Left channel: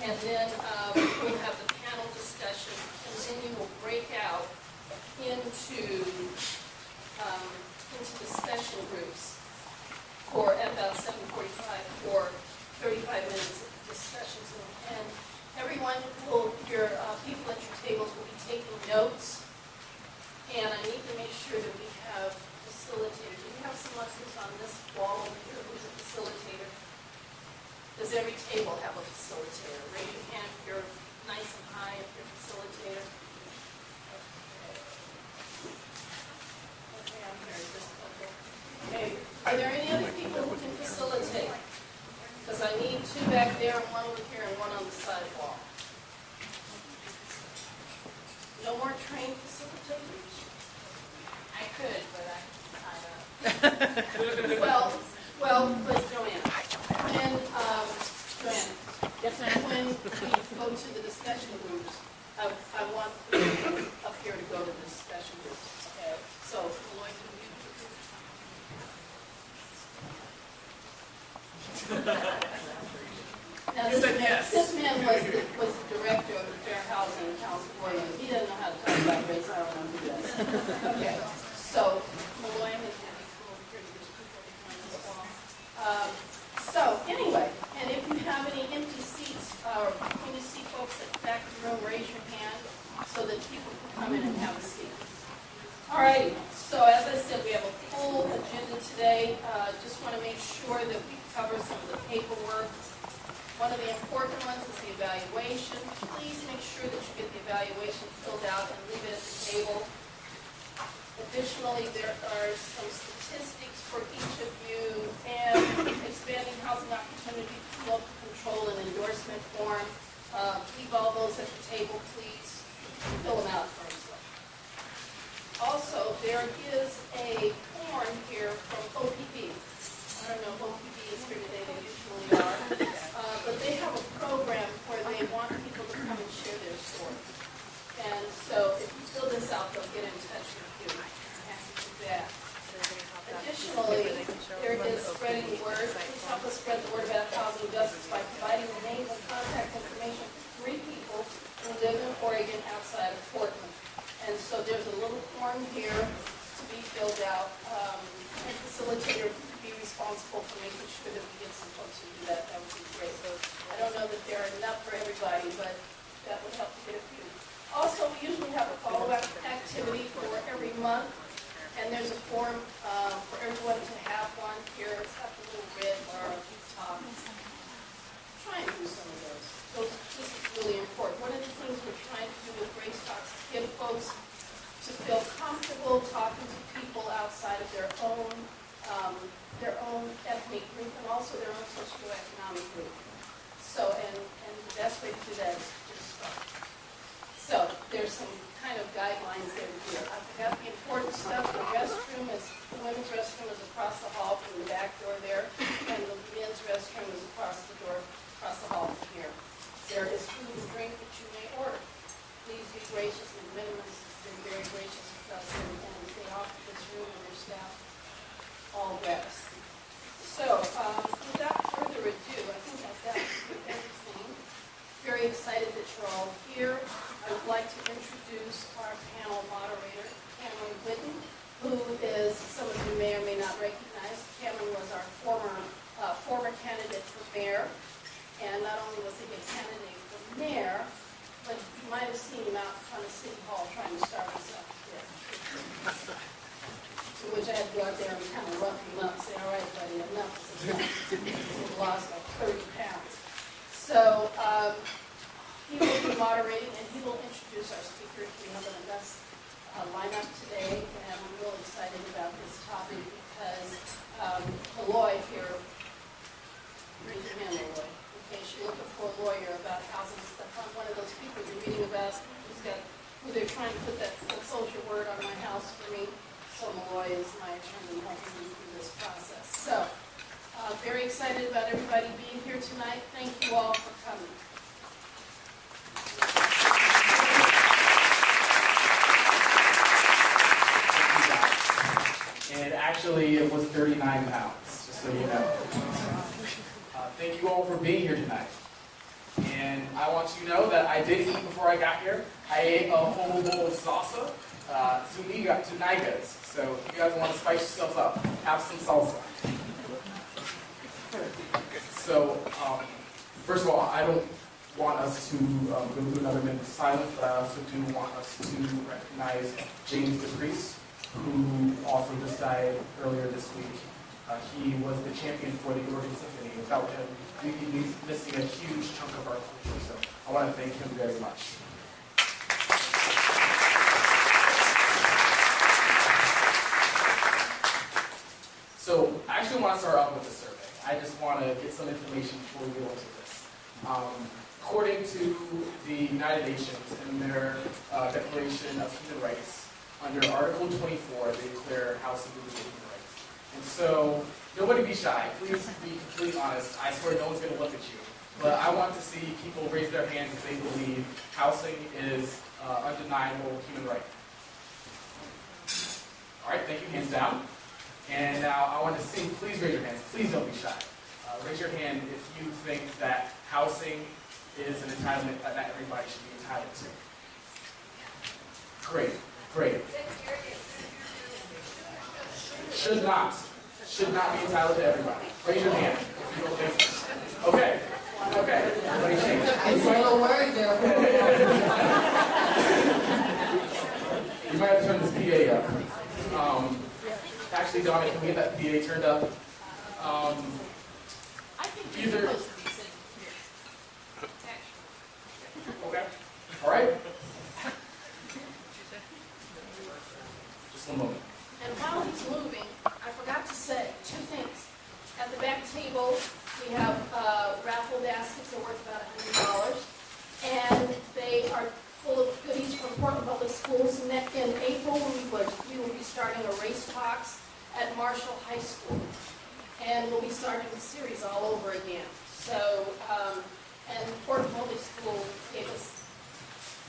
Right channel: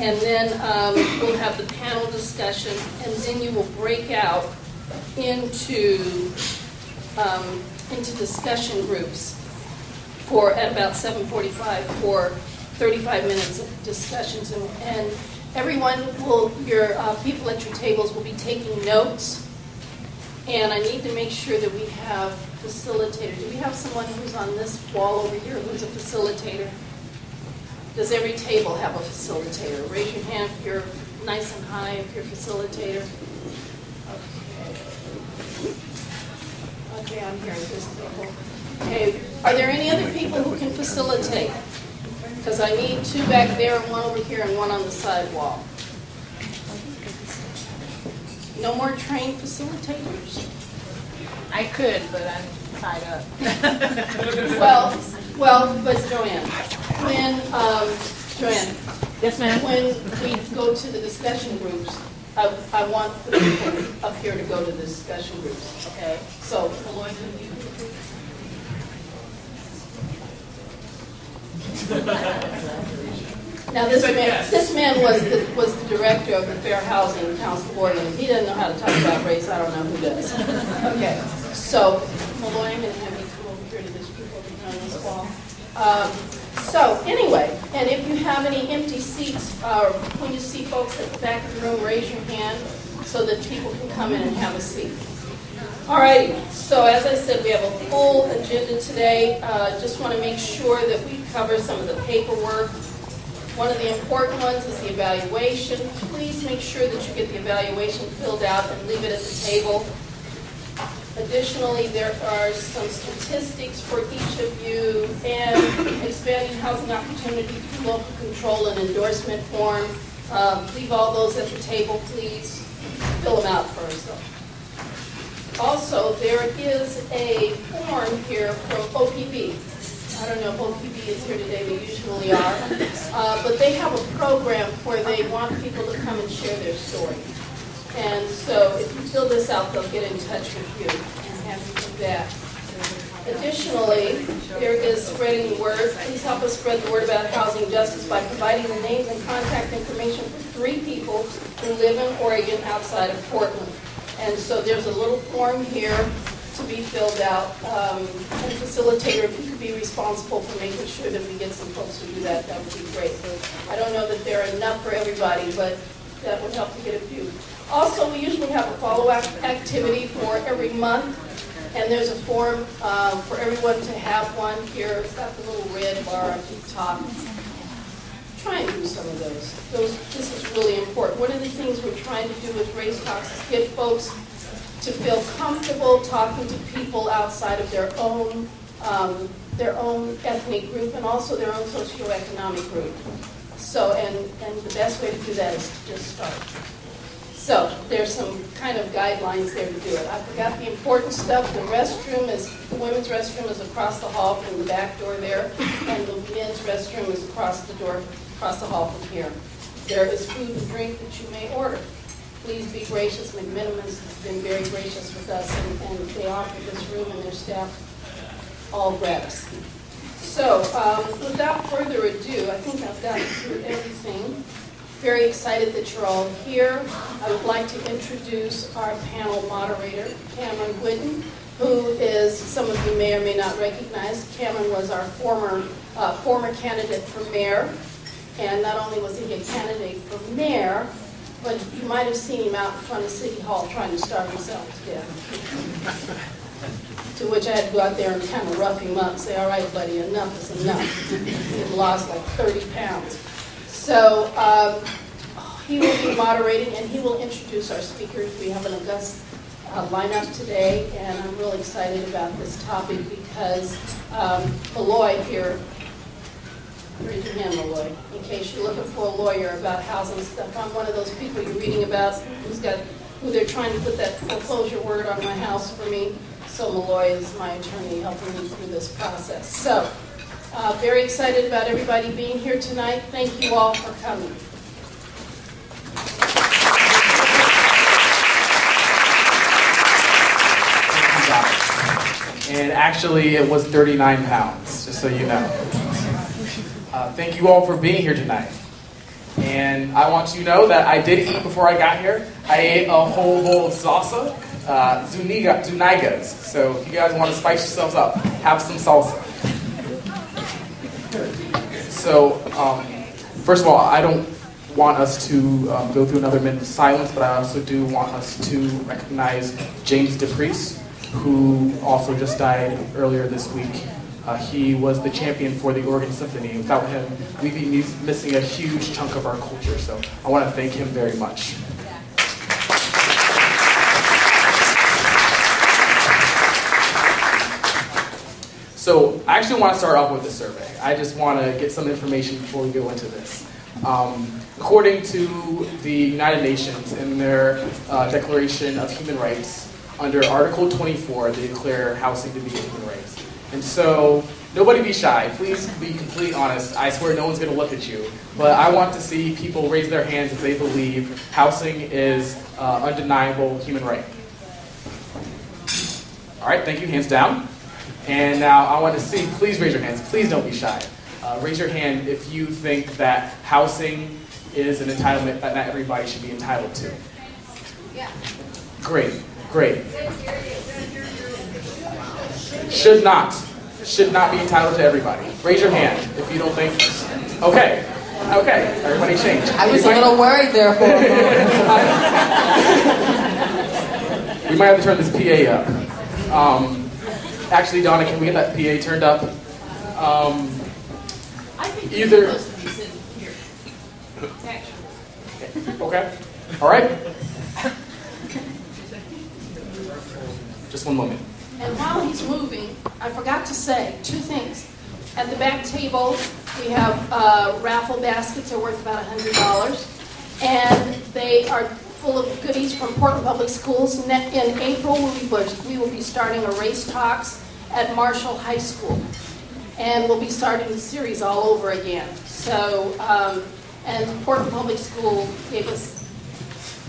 And then we'll have the panel discussion, and then you will break out into discussion groups for at about 7:45 for 35 minutes of discussions, and everyone will, your people at your tables will be taking notes. And I need to make sure that we have facilitators. Do we have someone who's on this wall over here who's a facilitator? Does every table have a facilitator? Raise your hand if you're nice and high, if you're a facilitator. Okay, I'm here with this table. Okay, are there any other people who can facilitate? Because I need two back there, and one over here, and one on the side wall. No more trained facilitators? I could, but I'm tied up. well, but Joanne, when, Joanne. Yes, ma'am. When we go to the discussion groups, I want the people up here to go to the discussion groups, okay? So, Maloy, now this man was the director of the Fair Housing Council Board, and he doesn't know how to talk about race. I don't know who does. Okay, so Maloy, I'm going to have you come over here to this group over here on this wall. So anyway, and if you have any empty seats, when you see folks at the back of the room, raise your hand so that people can come in and have a seat. All right, so as I said, we have a full agenda today. Just want to make sure that we cover some of the paperwork. One of the important ones is the evaluation. Please make sure that you get the evaluation filled out and leave it at the table. Additionally, there are some statistics for each of you, and expanding housing opportunity through local control and endorsement form. Leave all those at the table, please. Fill them out first, though. Also, there is a form here from OPB. I don't know if OPB is here today, they usually are. But they have a program where they want people to come and share their story. And so if you fill this out, they'll get in touch with you and have you do that. Additionally, there is spreading the word. Please help us spread the word about housing justice by providing the names and contact information for 3 people who live in Oregon outside of Portland. And so there's a little form here to be filled out. And facilitator, if you could be responsible for making sure that we get some folks to do that, that would be great. I don't know that there are enough for everybody, but that would help to get a few. Also, we usually have a follow-up activity for every month, and there's a form for everyone to have one here. It's got the little red bar up the top. Try and do some of those. This is really important. One of the things we're trying to do with Race Talks is get folks to feel comfortable talking to people outside of their own ethnic group and also their own socioeconomic group. So, and the best way to do that is to just start. So, there's some kind of guidelines there to do it. I forgot the important stuff. The women's restroom is across the hall from the back door there, and the men's restroom is across the hall from here. There is food and drink that you may order. Please be gracious. McMinimans has been very gracious with us, and they offer this room and their staff all gratis. So, without further ado, I think I've gotten through everything. Very excited that you're all here. I would like to introduce our panel moderator, Cameron Witten, who is, some of you may or may not recognize. Cameron was our former candidate for mayor, and not only was he a candidate for mayor, but you might have seen him out in front of City Hall trying to starve himself to death. To which I had to go out there and kind of rough him up and say, all right, buddy, enough is enough. He'd lost like 30 pounds. So he will be moderating, and he will introduce our speakers. We have an august lineup today, and I'm really excited about this topic because Maloy here, raise your hand, Maloy, in case you're looking for a lawyer about housing stuff. I'm one of those people you're reading about who they're trying to put that foreclosure word on my house for me. So Maloy is my attorney helping me through this process. So, very excited about everybody being here tonight. Thank you all for coming. And actually, it was 39 pounds, just so you know. Thank you all for being here tonight. And I want you to know that I did eat before I got here. I ate a whole bowl of salsa, zunigas. So if you guys want to spice yourselves up, have some salsa. So, first of all, I don't want us to go through another minute of silence, but I also do want us to recognize James DePriest, who also just died earlier this week. He was the champion for the Oregon Symphony. Without him, we'd be missing a huge chunk of our culture. So I want to thank him very much. So I actually want to start off with a survey. I just want to get some information before we go into this. According to the United Nations in their Declaration of Human Rights, under Article 24, they declare housing to be a human right. And so, nobody be shy. Please be completely honest. I swear no one's going to look at you. But I want to see people raise their hands if they believe housing is undeniable human right. All right, thank you. Hands down. And now I want to see, please raise your hands. Please don't be shy. Raise your hand if you think that housing is an entitlement that not everybody should be entitled to. Yeah. Great, great. Should not be entitled to everybody. Raise your hand if you don't think. Okay, everybody change. I was a little worried there for a moment. We might have to turn this PA up. Actually, Donna, can we get that PA turned up? I think Either. you're supposed to be sitting here. Actually. Okay. All right. Just one moment. And while he's moving, I forgot to say two things. At the back table, we have raffle baskets are worth about $100, and they are full of goodies from Portland Public Schools. In April, we will be starting a race talks at Marshall High School, and we'll be starting the series all over again. So, and Portland Public School gave us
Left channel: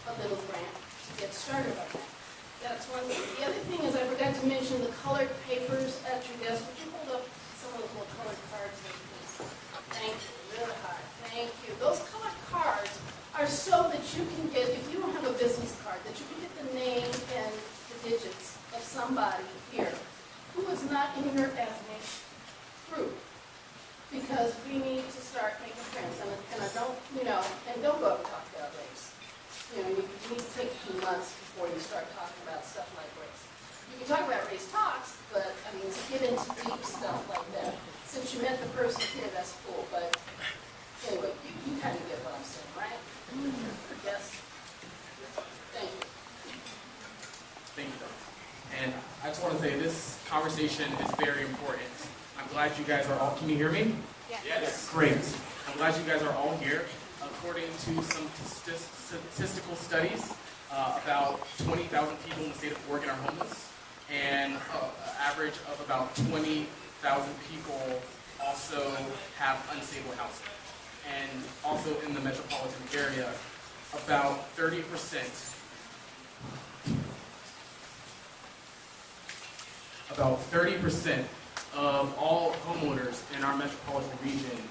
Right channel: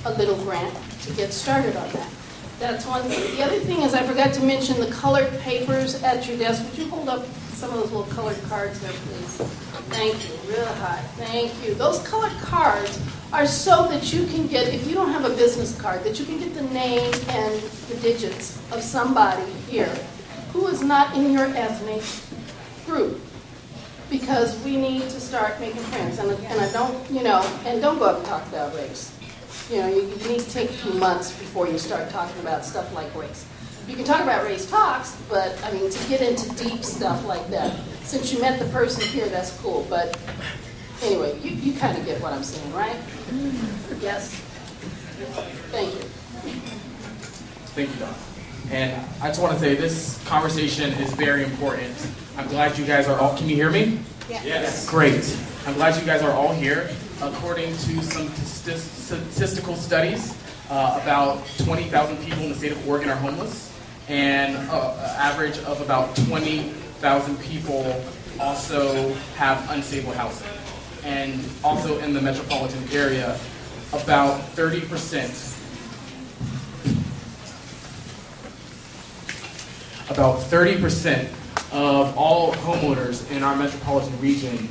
a little grant to get started on that. That's one thing. The other thing is I forgot to mention the colored papers at your desk. Would you hold up some of those little colored cards there, please? Thank you. Real high. Thank you. Those colored cards are so that you can get, if you don't have a business card, that you can get the name and the digits of somebody here who is not in your ethnic group. Because we need to start making friends. And I don't, and don't go up and talk about race. You need to take a few months before you start talking about stuff like race. You can talk about race talks, but I mean, to get into deep stuff like that, since you met the person here, that's cool. But anyway, you kind of get what I'm saying, right? Yes? Thank you. Thank you, Don. And I just want to say this conversation is very important. I'm glad you guys are all, can you hear me? Yes. Great. I'm glad you guys are all here. According to some statistical studies, about 20,000 people in the state of Oregon are homeless, and an average of about 20,000 people also have unstable housing. And also in the metropolitan area, about 30% of all homeowners in our metropolitan region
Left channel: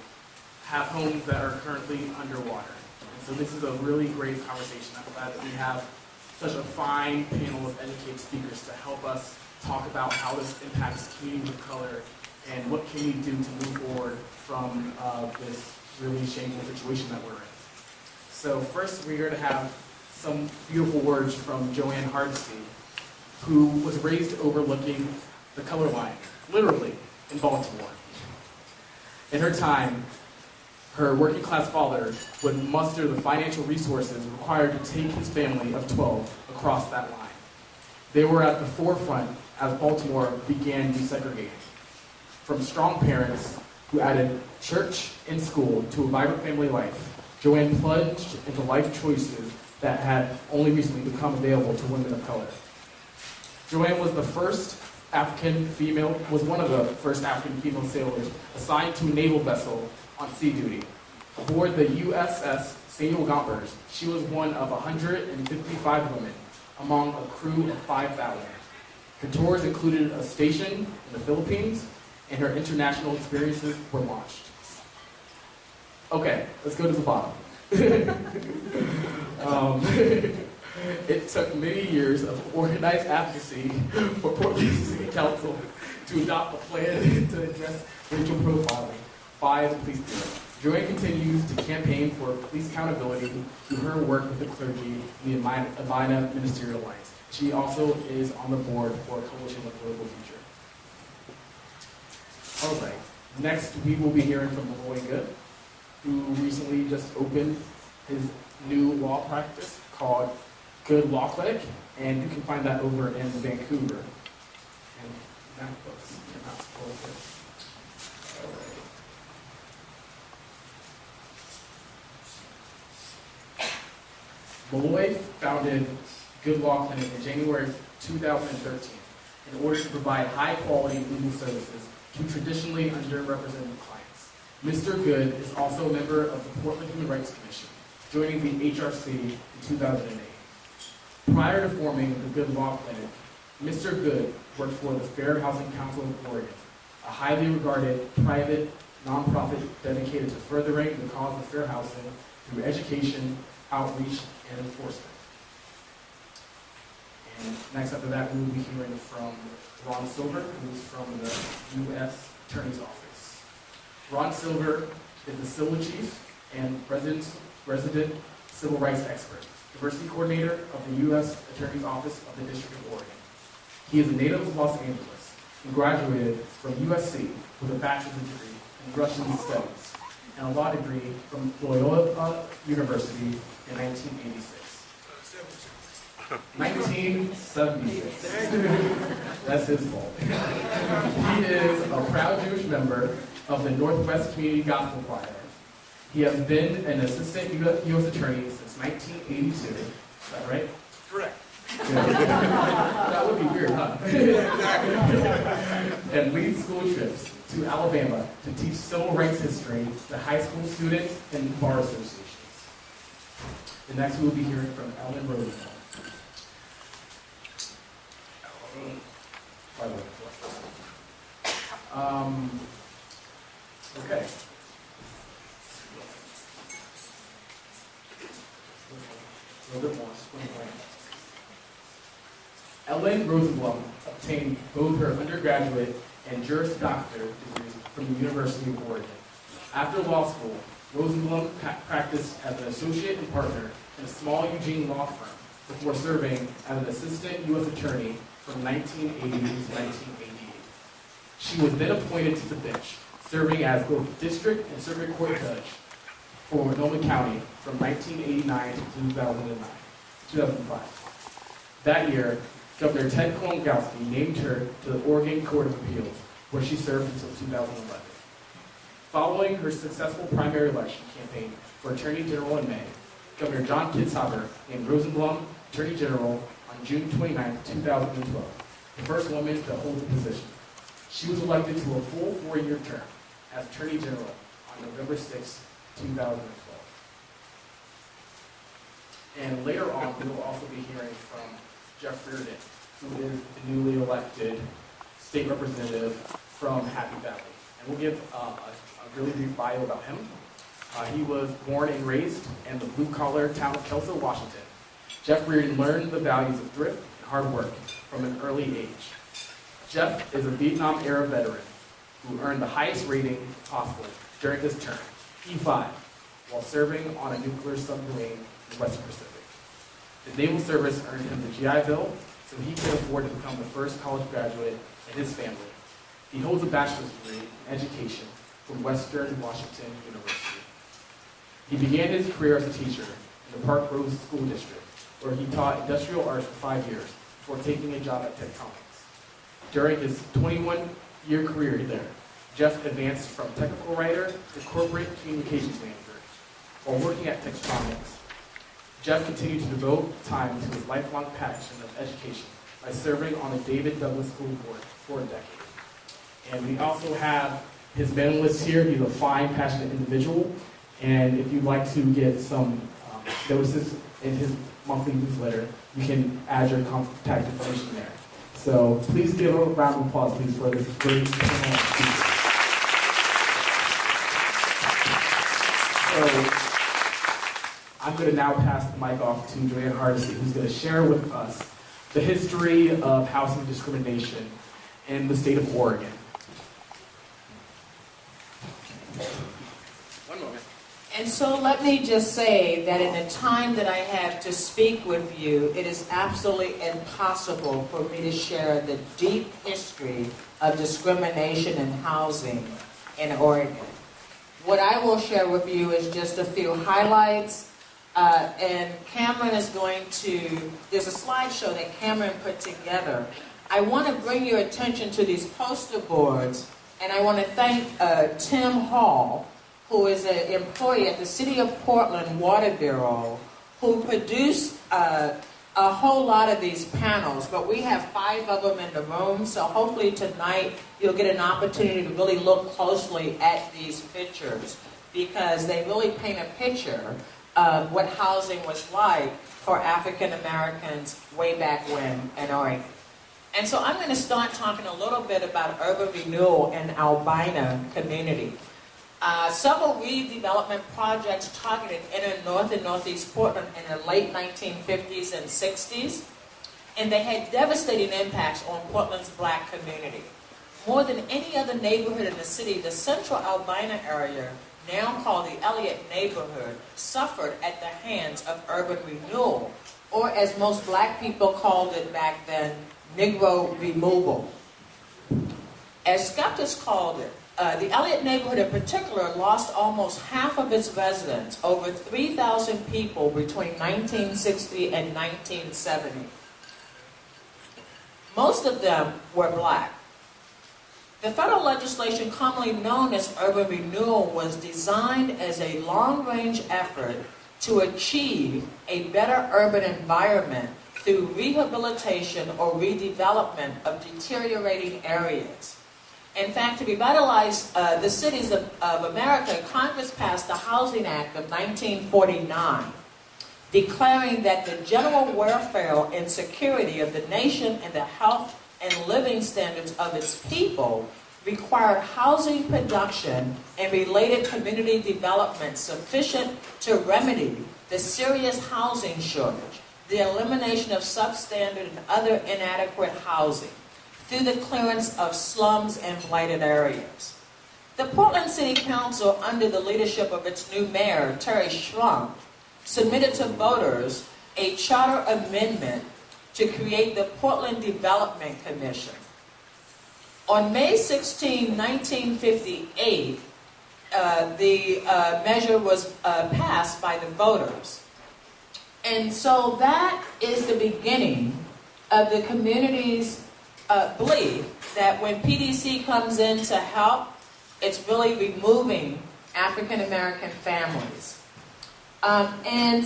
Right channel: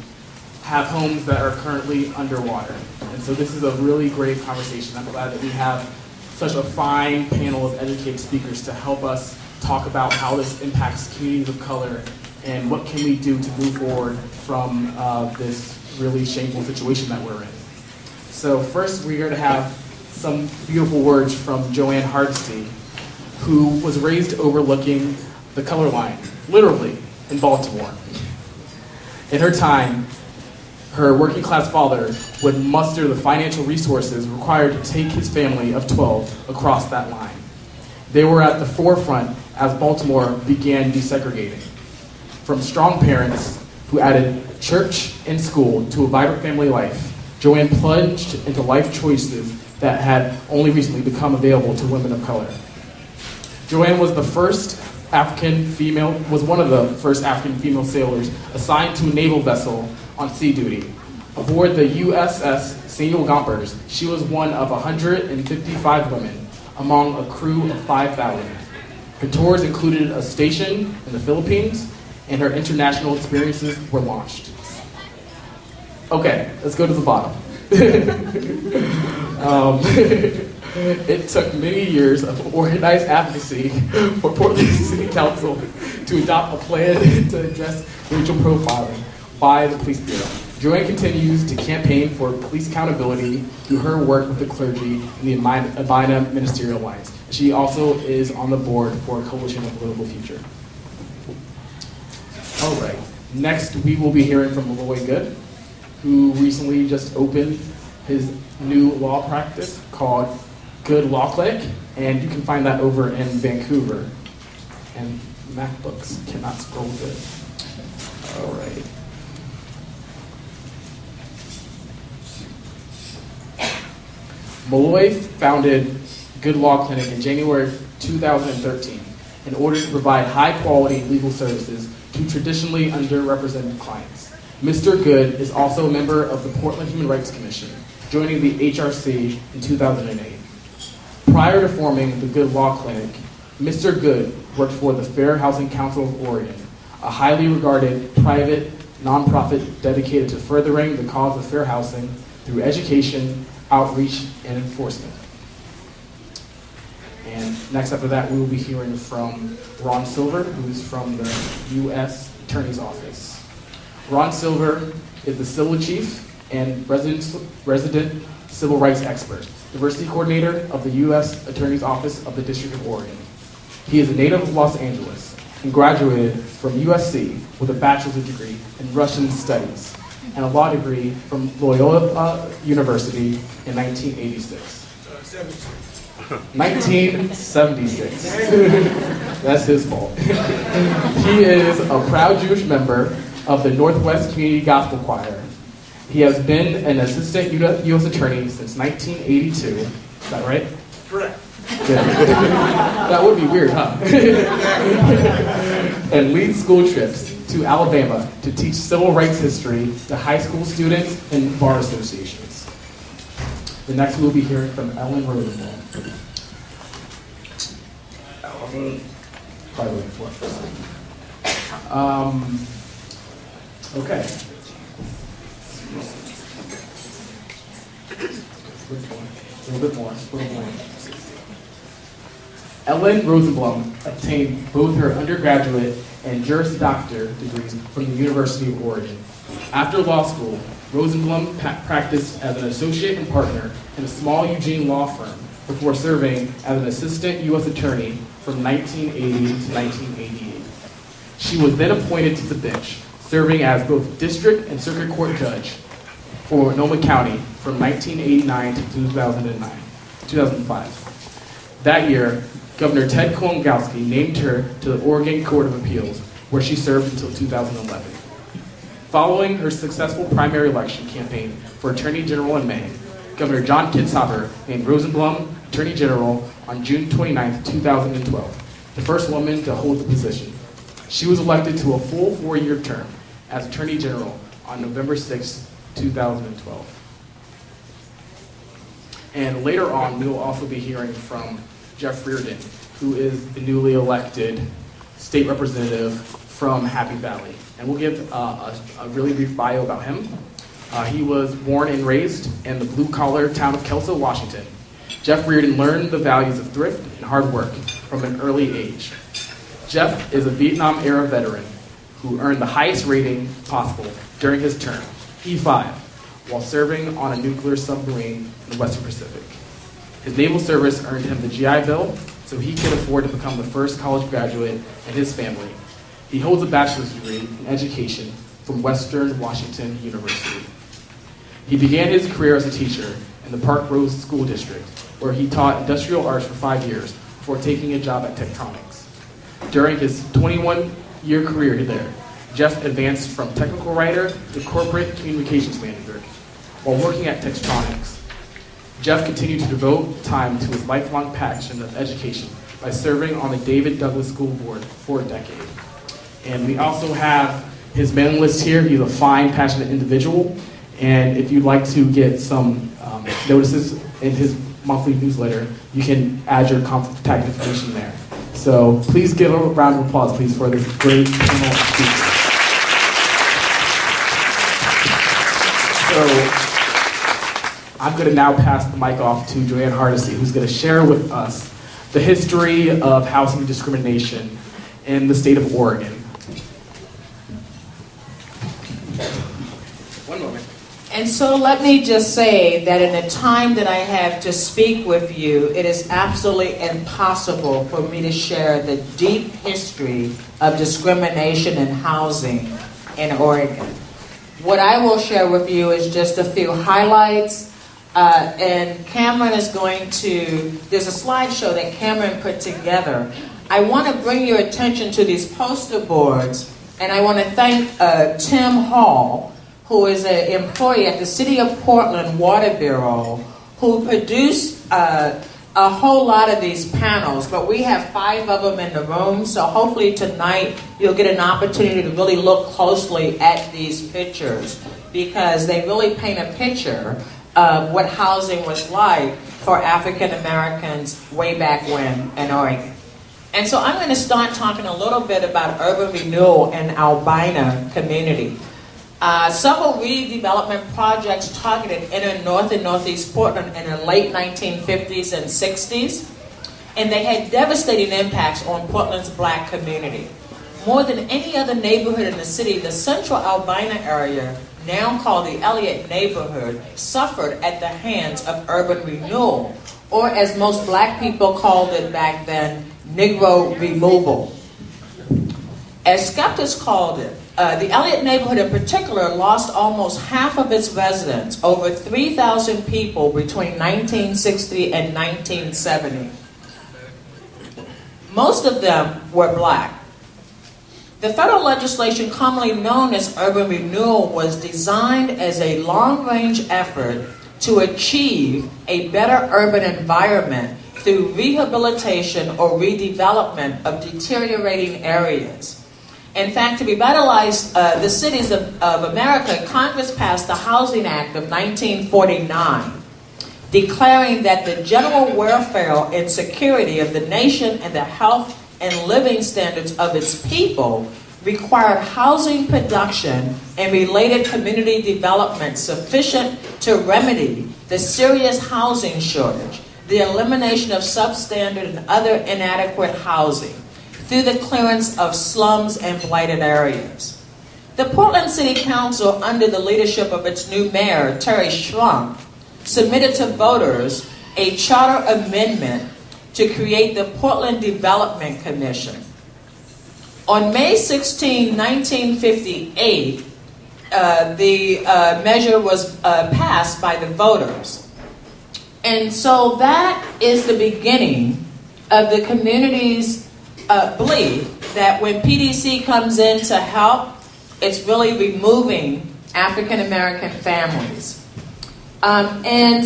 have homes that are currently underwater. And so this is a really great conversation. I'm glad that we have such a fine panel of educated speakers to help us talk about how this impacts communities of color and what can we do to move forward from this really shameful situation that we're in. So first we're going to have some beautiful words from Joanne Hardesty, who was raised overlooking the color line, literally, in Baltimore. In her time, her working class father would muster the financial resources required to take his family of 12 across that line. They were at the forefront as Baltimore began desegregating. From strong parents who added church and school to a vibrant family life, Joanne plunged into life choices that had only recently become available to women of color. Joanne was one of the first African female sailors assigned to a naval vessel on sea duty. Aboard the USS Samuel Gompers, she was one of 155 women among a crew of 5,000. Her tours included a station in the Philippines, and her international experiences were launched. Okay, let's go to the bottom. It took many years of organized advocacy for Portland City Council to adopt a plan to address racial profiling by the Police Bureau. Joanne continues to campaign for police accountability through her work with the clergy in the Abina Ministerial Alliance. She also is on the board for a Coalition of Political Future. All right, next we will be hearing from Maloy Good, who recently just opened his new law practice called Good Law Clinic, and you can find that over in Vancouver. And MacBooks cannot scroll good. All right. Maloy founded Good Law Clinic in January 2013 in order to provide high-quality legal services to traditionally underrepresented clients. Mr. Good is also a member of the Portland Human Rights Commission, joining the HRC in 2008. Prior to forming the Good Law Clinic, Mr. Good worked for the Fair Housing Council of Oregon, a highly regarded private nonprofit dedicated to furthering the cause of fair housing through education, outreach, and enforcement. And next after that, we will be hearing from Ron Silver, who's from the U.S. Attorney's Office. Ron Silver is the Civil Chief and resident civil rights expert, diversity coordinator of the U.S. Attorney's Office of the District of Oregon. He is a native of Los Angeles and graduated from USC with a bachelor's degree in Russian studies and a law degree from Loyola University in 1986. 1976. That's his fault. He is a proud Jewish member of the Northwest Community Gospel Choir. He has been an assistant U.S. attorney since 1982. Is that right? Correct. Good. That would be weird, huh? And leads school trips to Alabama to teach civil rights history to high school students and bar associations. The next we'll be hearing from Ellen Rosenblum. Probably looking for it. Okay. A little bit more. Ellen Rosenblum obtained both her undergraduate and Juris Doctor degrees from the University of Oregon. After law school, Rosenblum practiced as an associate and partner in a small Eugene law firm before serving as an assistant U.S. attorney from 1980 to 1988. She was then appointed to the bench, serving as both district and circuit court judge for Sonoma County from 1989 to 2005. That year, Governor Ted Kolongowski named her to the Oregon Court of Appeals, where she served until 2011. Following her successful primary election campaign for Attorney General in May, Governor John Kitzhaber named Rosenblum Attorney General on June 29, 2012, the first woman to hold the position. She was elected to a full 4-year term as Attorney General on November 6, 2012. And later on, we will also be hearing from Jeff Reardon, who is the newly elected state representative from Happy Valley. And we'll give a really brief bio about him. He was born and raised in the blue-collar town of Kelso, Washington. Jeff Reardon learned the values of thrift and hard work from an early age. Jeff is a Vietnam-era veteran who earned the highest rating possible during his term, E5, while serving on a nuclear submarine in the Western Pacific. His naval service earned him the GI Bill, so he could afford to become the first college graduate in his family. He holds a bachelor's degree in education from Western Washington University. He began his career as a teacher in the Park Rose School District, where he taught industrial arts for 5 years before taking a job at Tektronix. During his 21-year career there, Jeff advanced from technical writer to corporate communications manager. While working at Tektronix, Jeff continued to devote time to his lifelong passion of education by serving on the David Douglas School Board for a decade. And we also have his mailing list here. He's a fine, passionate individual. And if you'd like to get some notices in his monthly newsletter, you can add your contact information there. So please give a round of applause, please, for this great panel of speakers. So I'm going to now pass the mic off to Joanne Hardesty, who's going to share with us the history of housing discrimination in the state of Oregon. One moment. And so let me just say that in the time that I have to speak with you, it is absolutely impossible for me to share the deep history of discrimination in housing in Oregon. What I will share with you is just a few highlights, and Cameron is going to, there's a slideshow that Cameron put together. I want to bring your attention to these poster boards, and I want to thank Tim Hall, who is an employee at the City of Portland Water Bureau, who produced a whole lot of these panels, but we have 5 of them in the room, so hopefully tonight you'll get an opportunity to really look closely at these pictures, because they really paint a picture of what housing was like for African Americans way back when in Oregon. And so I'm going to start talking a little bit about urban renewal in Albina community. Several redevelopment projects targeted inner north and northeast Portland in the late 1950s and 60s, and they had devastating impacts on Portland's black community. More than any other neighborhood in the city, the central Albina area, now called the Elliott neighborhood, suffered at the hands of urban renewal, or as most black people called it back then, Negro removal. As skeptics called it, the Elliott neighborhood in particular lost almost half of its residents, over 3,000 people, between 1960 and 1970. Most of them were black. The federal legislation commonly known as urban renewal was designed as a long-range effort to achieve a better urban environment through rehabilitation or redevelopment of deteriorating areas. In fact, to revitalize the cities of America, Congress passed the Housing Act of 1949, declaring that the general welfare and security of the nation and the health and living standards of its people required housing production and related community development sufficient to remedy the serious housing shortage, the elimination of substandard and other inadequate housing, through the clearance of slums and blighted areas. The Portland City Council, under the leadership of its new mayor, Terry Schrunk, submitted to voters a charter amendment to create the Portland Development Commission. On May 16, 1958, the measure was passed by the voters. And so that is the beginning of the community's belief that when PDC comes in to help, it's really removing African American families. In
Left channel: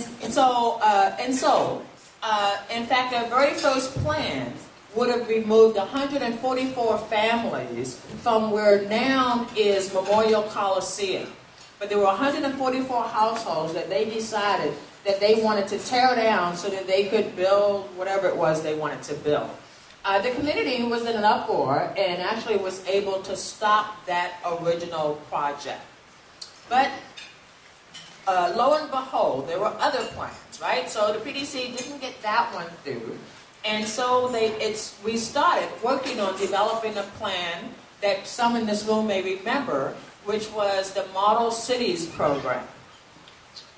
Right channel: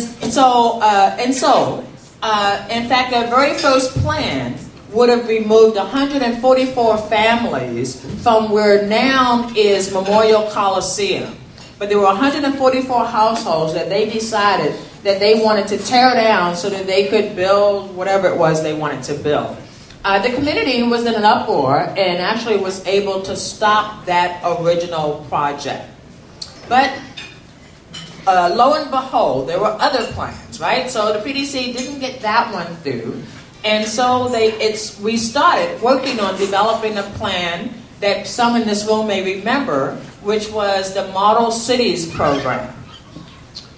fact, our very first plan would have removed 144 families from where now is Memorial Coliseum. But there were 144 households that they decided that they wanted to tear down so that they could build whatever it was they wanted to build. The community was in an uproar and actually was able to stop that original project. But lo and behold, there were other plans, right? So the PDC didn't get that one through. And so we started working on developing a plan that some in this room may remember, which was the Model Cities program.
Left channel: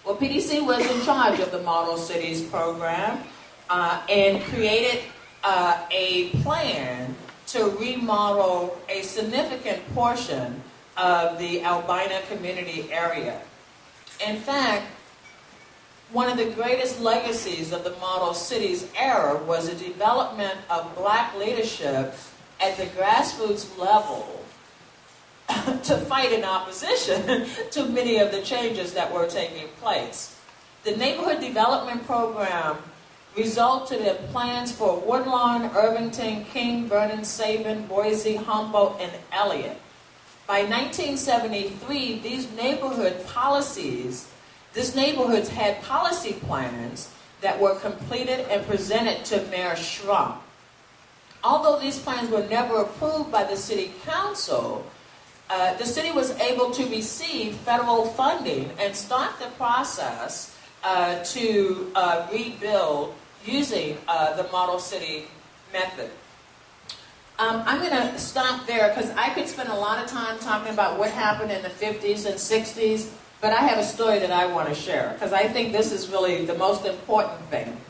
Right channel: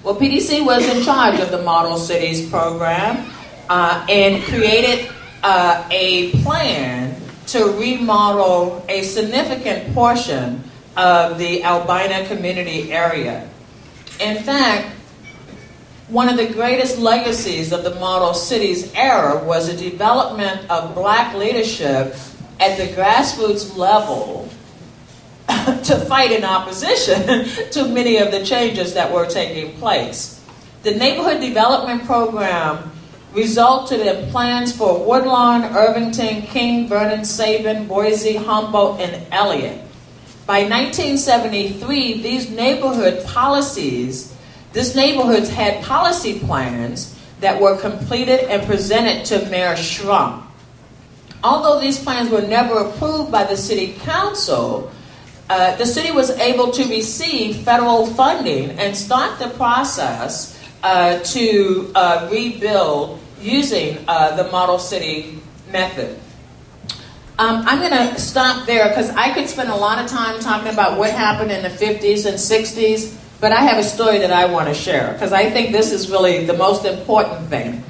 Well, PDC was in charge of the Model Cities program and created a plan to remodel a significant portion of the Albina community area. In fact, one of the greatest legacies of the Model Cities era was the development of black leadership at the grassroots level to fight in opposition to many of the changes that were taking place. The neighborhood development program resulted in plans for Woodlawn, Irvington, King, Vernon, Sabin, Boise, Humboldt, and Elliott. By 1973, these neighborhoods had policy plans that were completed and presented to Mayor Schrunk. Although these plans were never approved by the city council, the city was able to receive federal funding and start the process to rebuild using the model city method. I'm going to stop there because I could spend a lot of time talking about what happened in the 50s and 60s, but I have a story that I want to share because I think this is really the most important thing.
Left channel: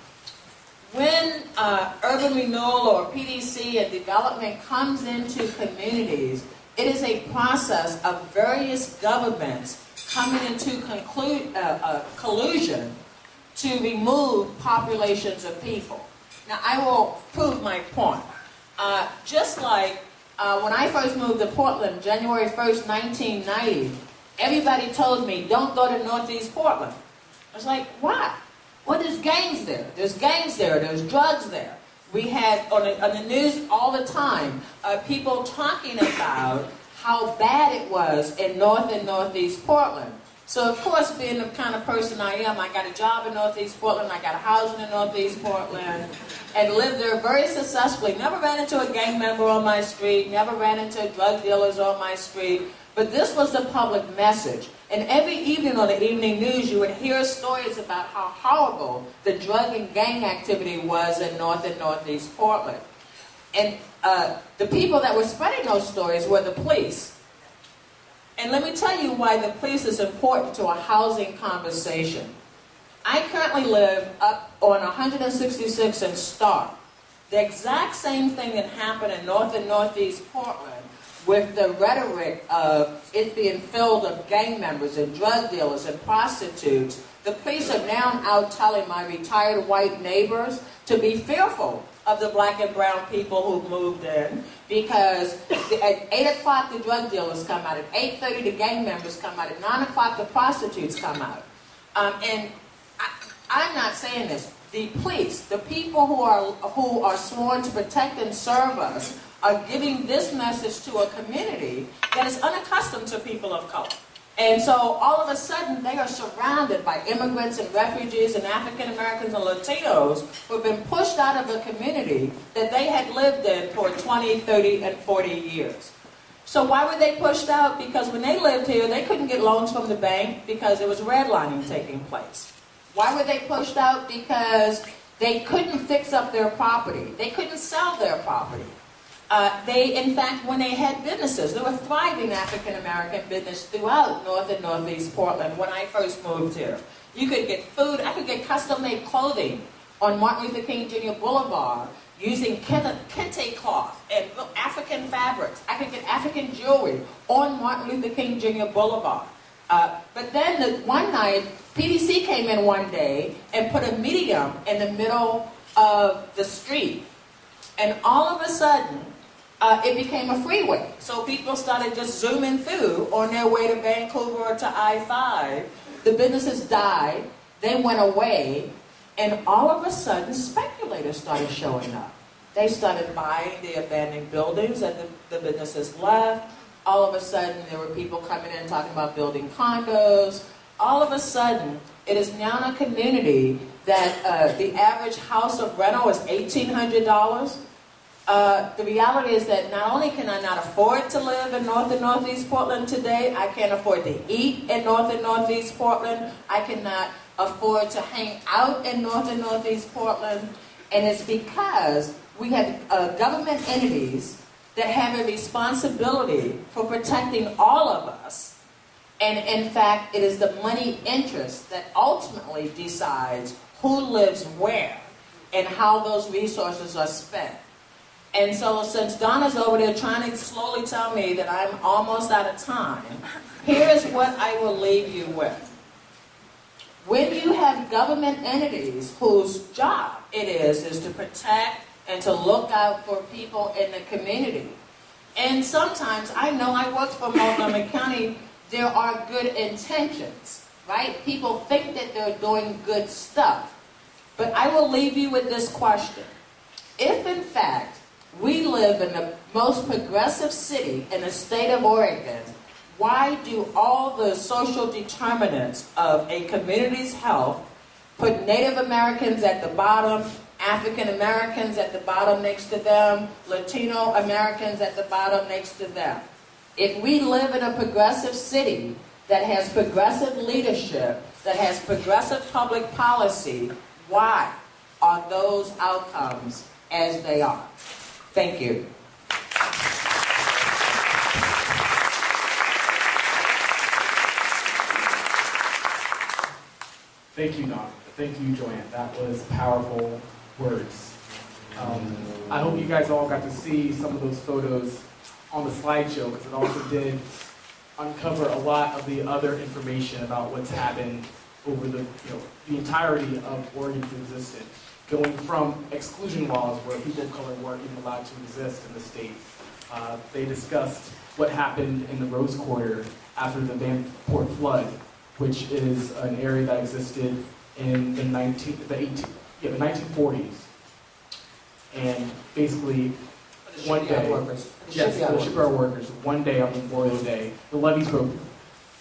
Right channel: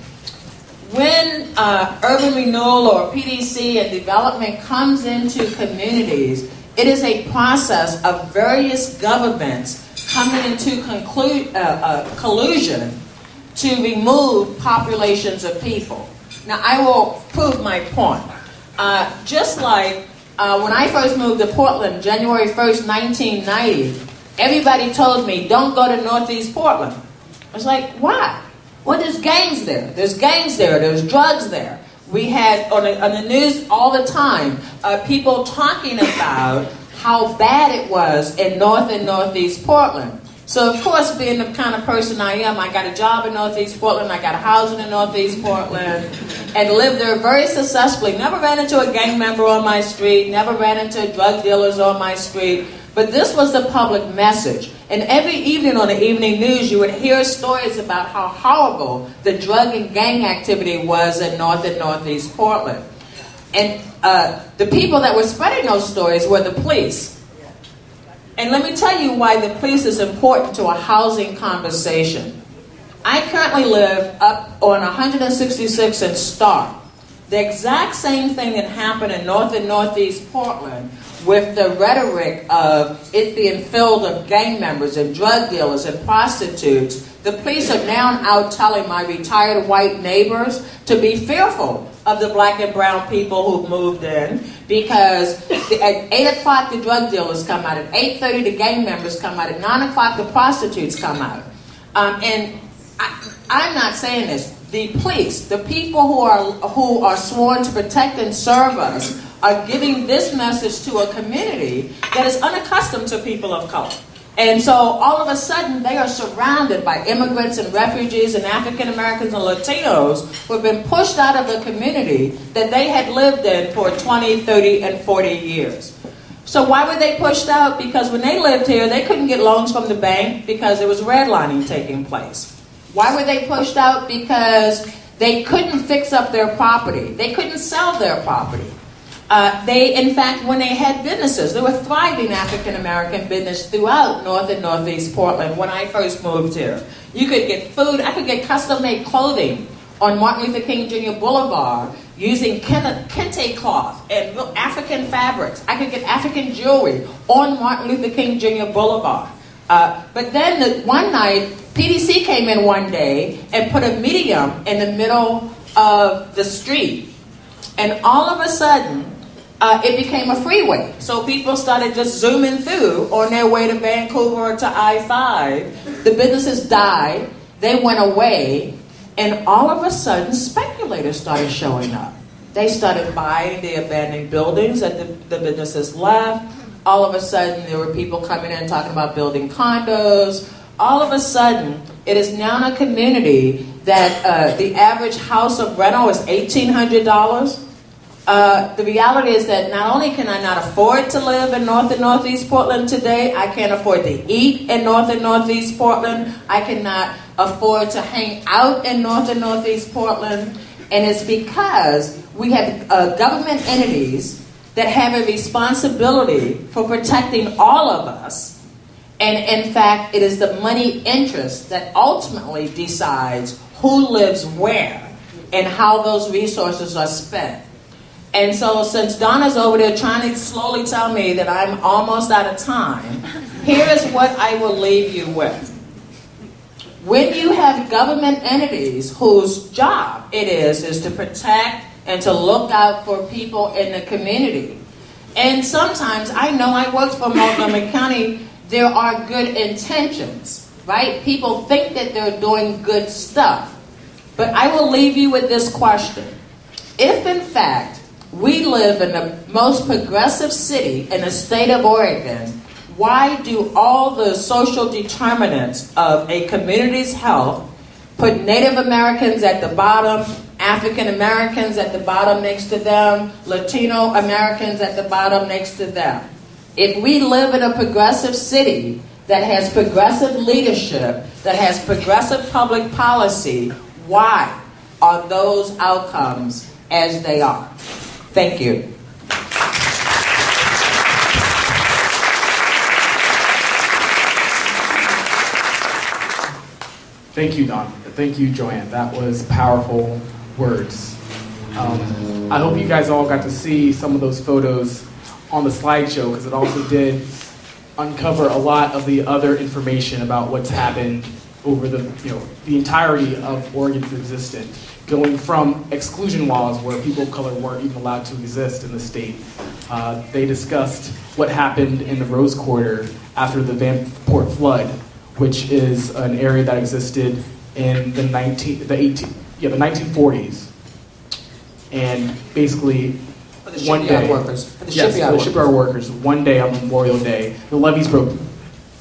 When urban renewal or PDC and development comes into communities, it is a process of various governments coming into collusion to remove populations of people. Now, I will prove my point. Just like when I first moved to Portland, January 1st, 1990, everybody told me, don't go to Northeast Portland. I was like, why? Well, there's gangs there. There's gangs there. There's drugs there. We had on the news all the time people talking about how bad it was in North and Northeast Portland. So, of course, being the kind of person I am, I got a job in Northeast Portland, I got a house in Northeast Portland, and lived there very successfully. Never ran into a gang member on my street, never ran into drug dealers on my street, but this was the public message. And every evening on the evening news, you would hear stories about how horrible the drug and gang activity was in North and Northeast Portland. And the people that were spreading those stories were the police. And let me tell you why the police is important to a housing conversation. I currently live up on 166 in Stark. The exact same thing that happened in North and Northeast Portland with the rhetoric of it being filled with gang members and drug dealers and prostitutes. The police are now out telling my retired white neighbors to be fearful of the black and brown people who've moved in, because at 8 o'clock the drug dealers come out, at 8:30 the gang members come out, at 9 o'clock the prostitutes come out. And I'm not saying this. The police, the people who are sworn to protect and serve us, are giving this message to a community that is unaccustomed to people of color. And so all of a sudden they are surrounded by immigrants and refugees and African Americans and Latinos who have been pushed out of the community that they had lived in for 20, 30, and 40 years. So why were they pushed out? Because when they lived here, they couldn't get loans from the bank because there was redlining taking place. Why were they pushed out? Because they couldn't fix up their property. They couldn't sell their property. In fact, when they had businesses, there were thriving African-American business throughout North and Northeast Portland when I first moved here. You could get food, I could get custom-made clothing on Martin Luther King Jr. Boulevard using kente cloth and African fabrics. I could get African jewelry on Martin Luther King Jr. Boulevard. But then one night, PDC came in one day and put a medium in the middle of the street. And all of a sudden, it became a freeway. So people started just zooming through on their way to Vancouver or to I-5. The businesses died. They went away. And all of a sudden, speculators started showing up. They started buying the abandoned buildings that the businesses left. All of a sudden, there were people coming in talking about building condos. All of a sudden, it is now in a community that the average house of rental is $1,800. The reality is that not only can I not afford to live in North and Northeast Portland today, I can't afford to eat in North and Northeast Portland. I cannot afford to hang out in North and Northeast Portland. And it's because we have government entities that have a responsibility for protecting all of us. And in fact, it is the money interest that ultimately decides who lives where and how those resources are spent. And so since Donna's over there trying to slowly tell me that I'm almost out of time, here is what I will leave you with. When you have government entities whose job it is to protect and to look out for people in the community, and sometimes, I know I worked for Montgomery County, there are good intentions, right? People think that they're doing good stuff. But I will leave you with this question. If, in fact, we live in the most progressive city in the state of Oregon, why do all the social determinants of a community's health put Native Americans at the bottom, African Americans at the bottom next to them, Latino Americans at the bottom next to them? If we live in a progressive city, that has progressive leadership, that has progressive public policy, why are those outcomes as they are? Thank you. Thank you, Don. Thank you, Joanne. That was powerful words. I hope you guys all got to see some of those photos on the slideshow, because it also did uncover a lot of the other information about what's happened over the entirety of Oregon's existence, going from exclusion laws where people of color weren't even allowed to exist in the state. They discussed what happened in the Rose Quarter after the Vanport flood, which is an area that existed in the 1940s. And basically, For the one shipyard day, workers. For the yes, shipyard for the shipyard workers, one day on Memorial Day, the levees broke.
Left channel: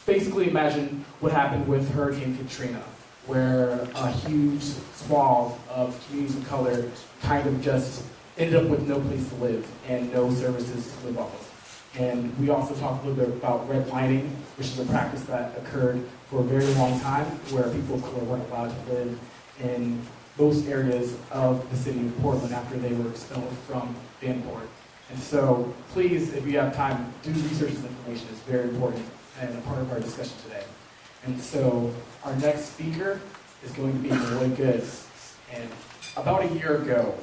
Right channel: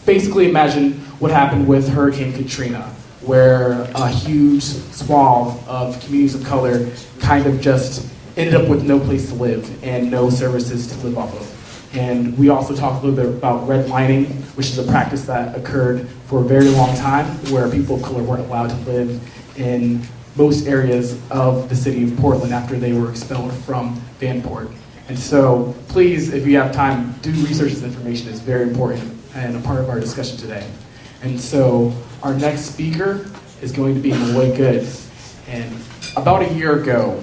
Basically, imagine what happened with Hurricane Katrina, where a huge swath of communities of color kind of just ended up with no place to live and no services to live off of. And we also talked a little bit about redlining, which is a practice that occurred for a very long time, where people of color weren't allowed to live in most areas of the city of Portland after they were expelled from Vanport. And so please, if you have time, do research this information. It's very important and a part of our discussion today. And so our next speaker is going to be Maloy Good. And about a year ago,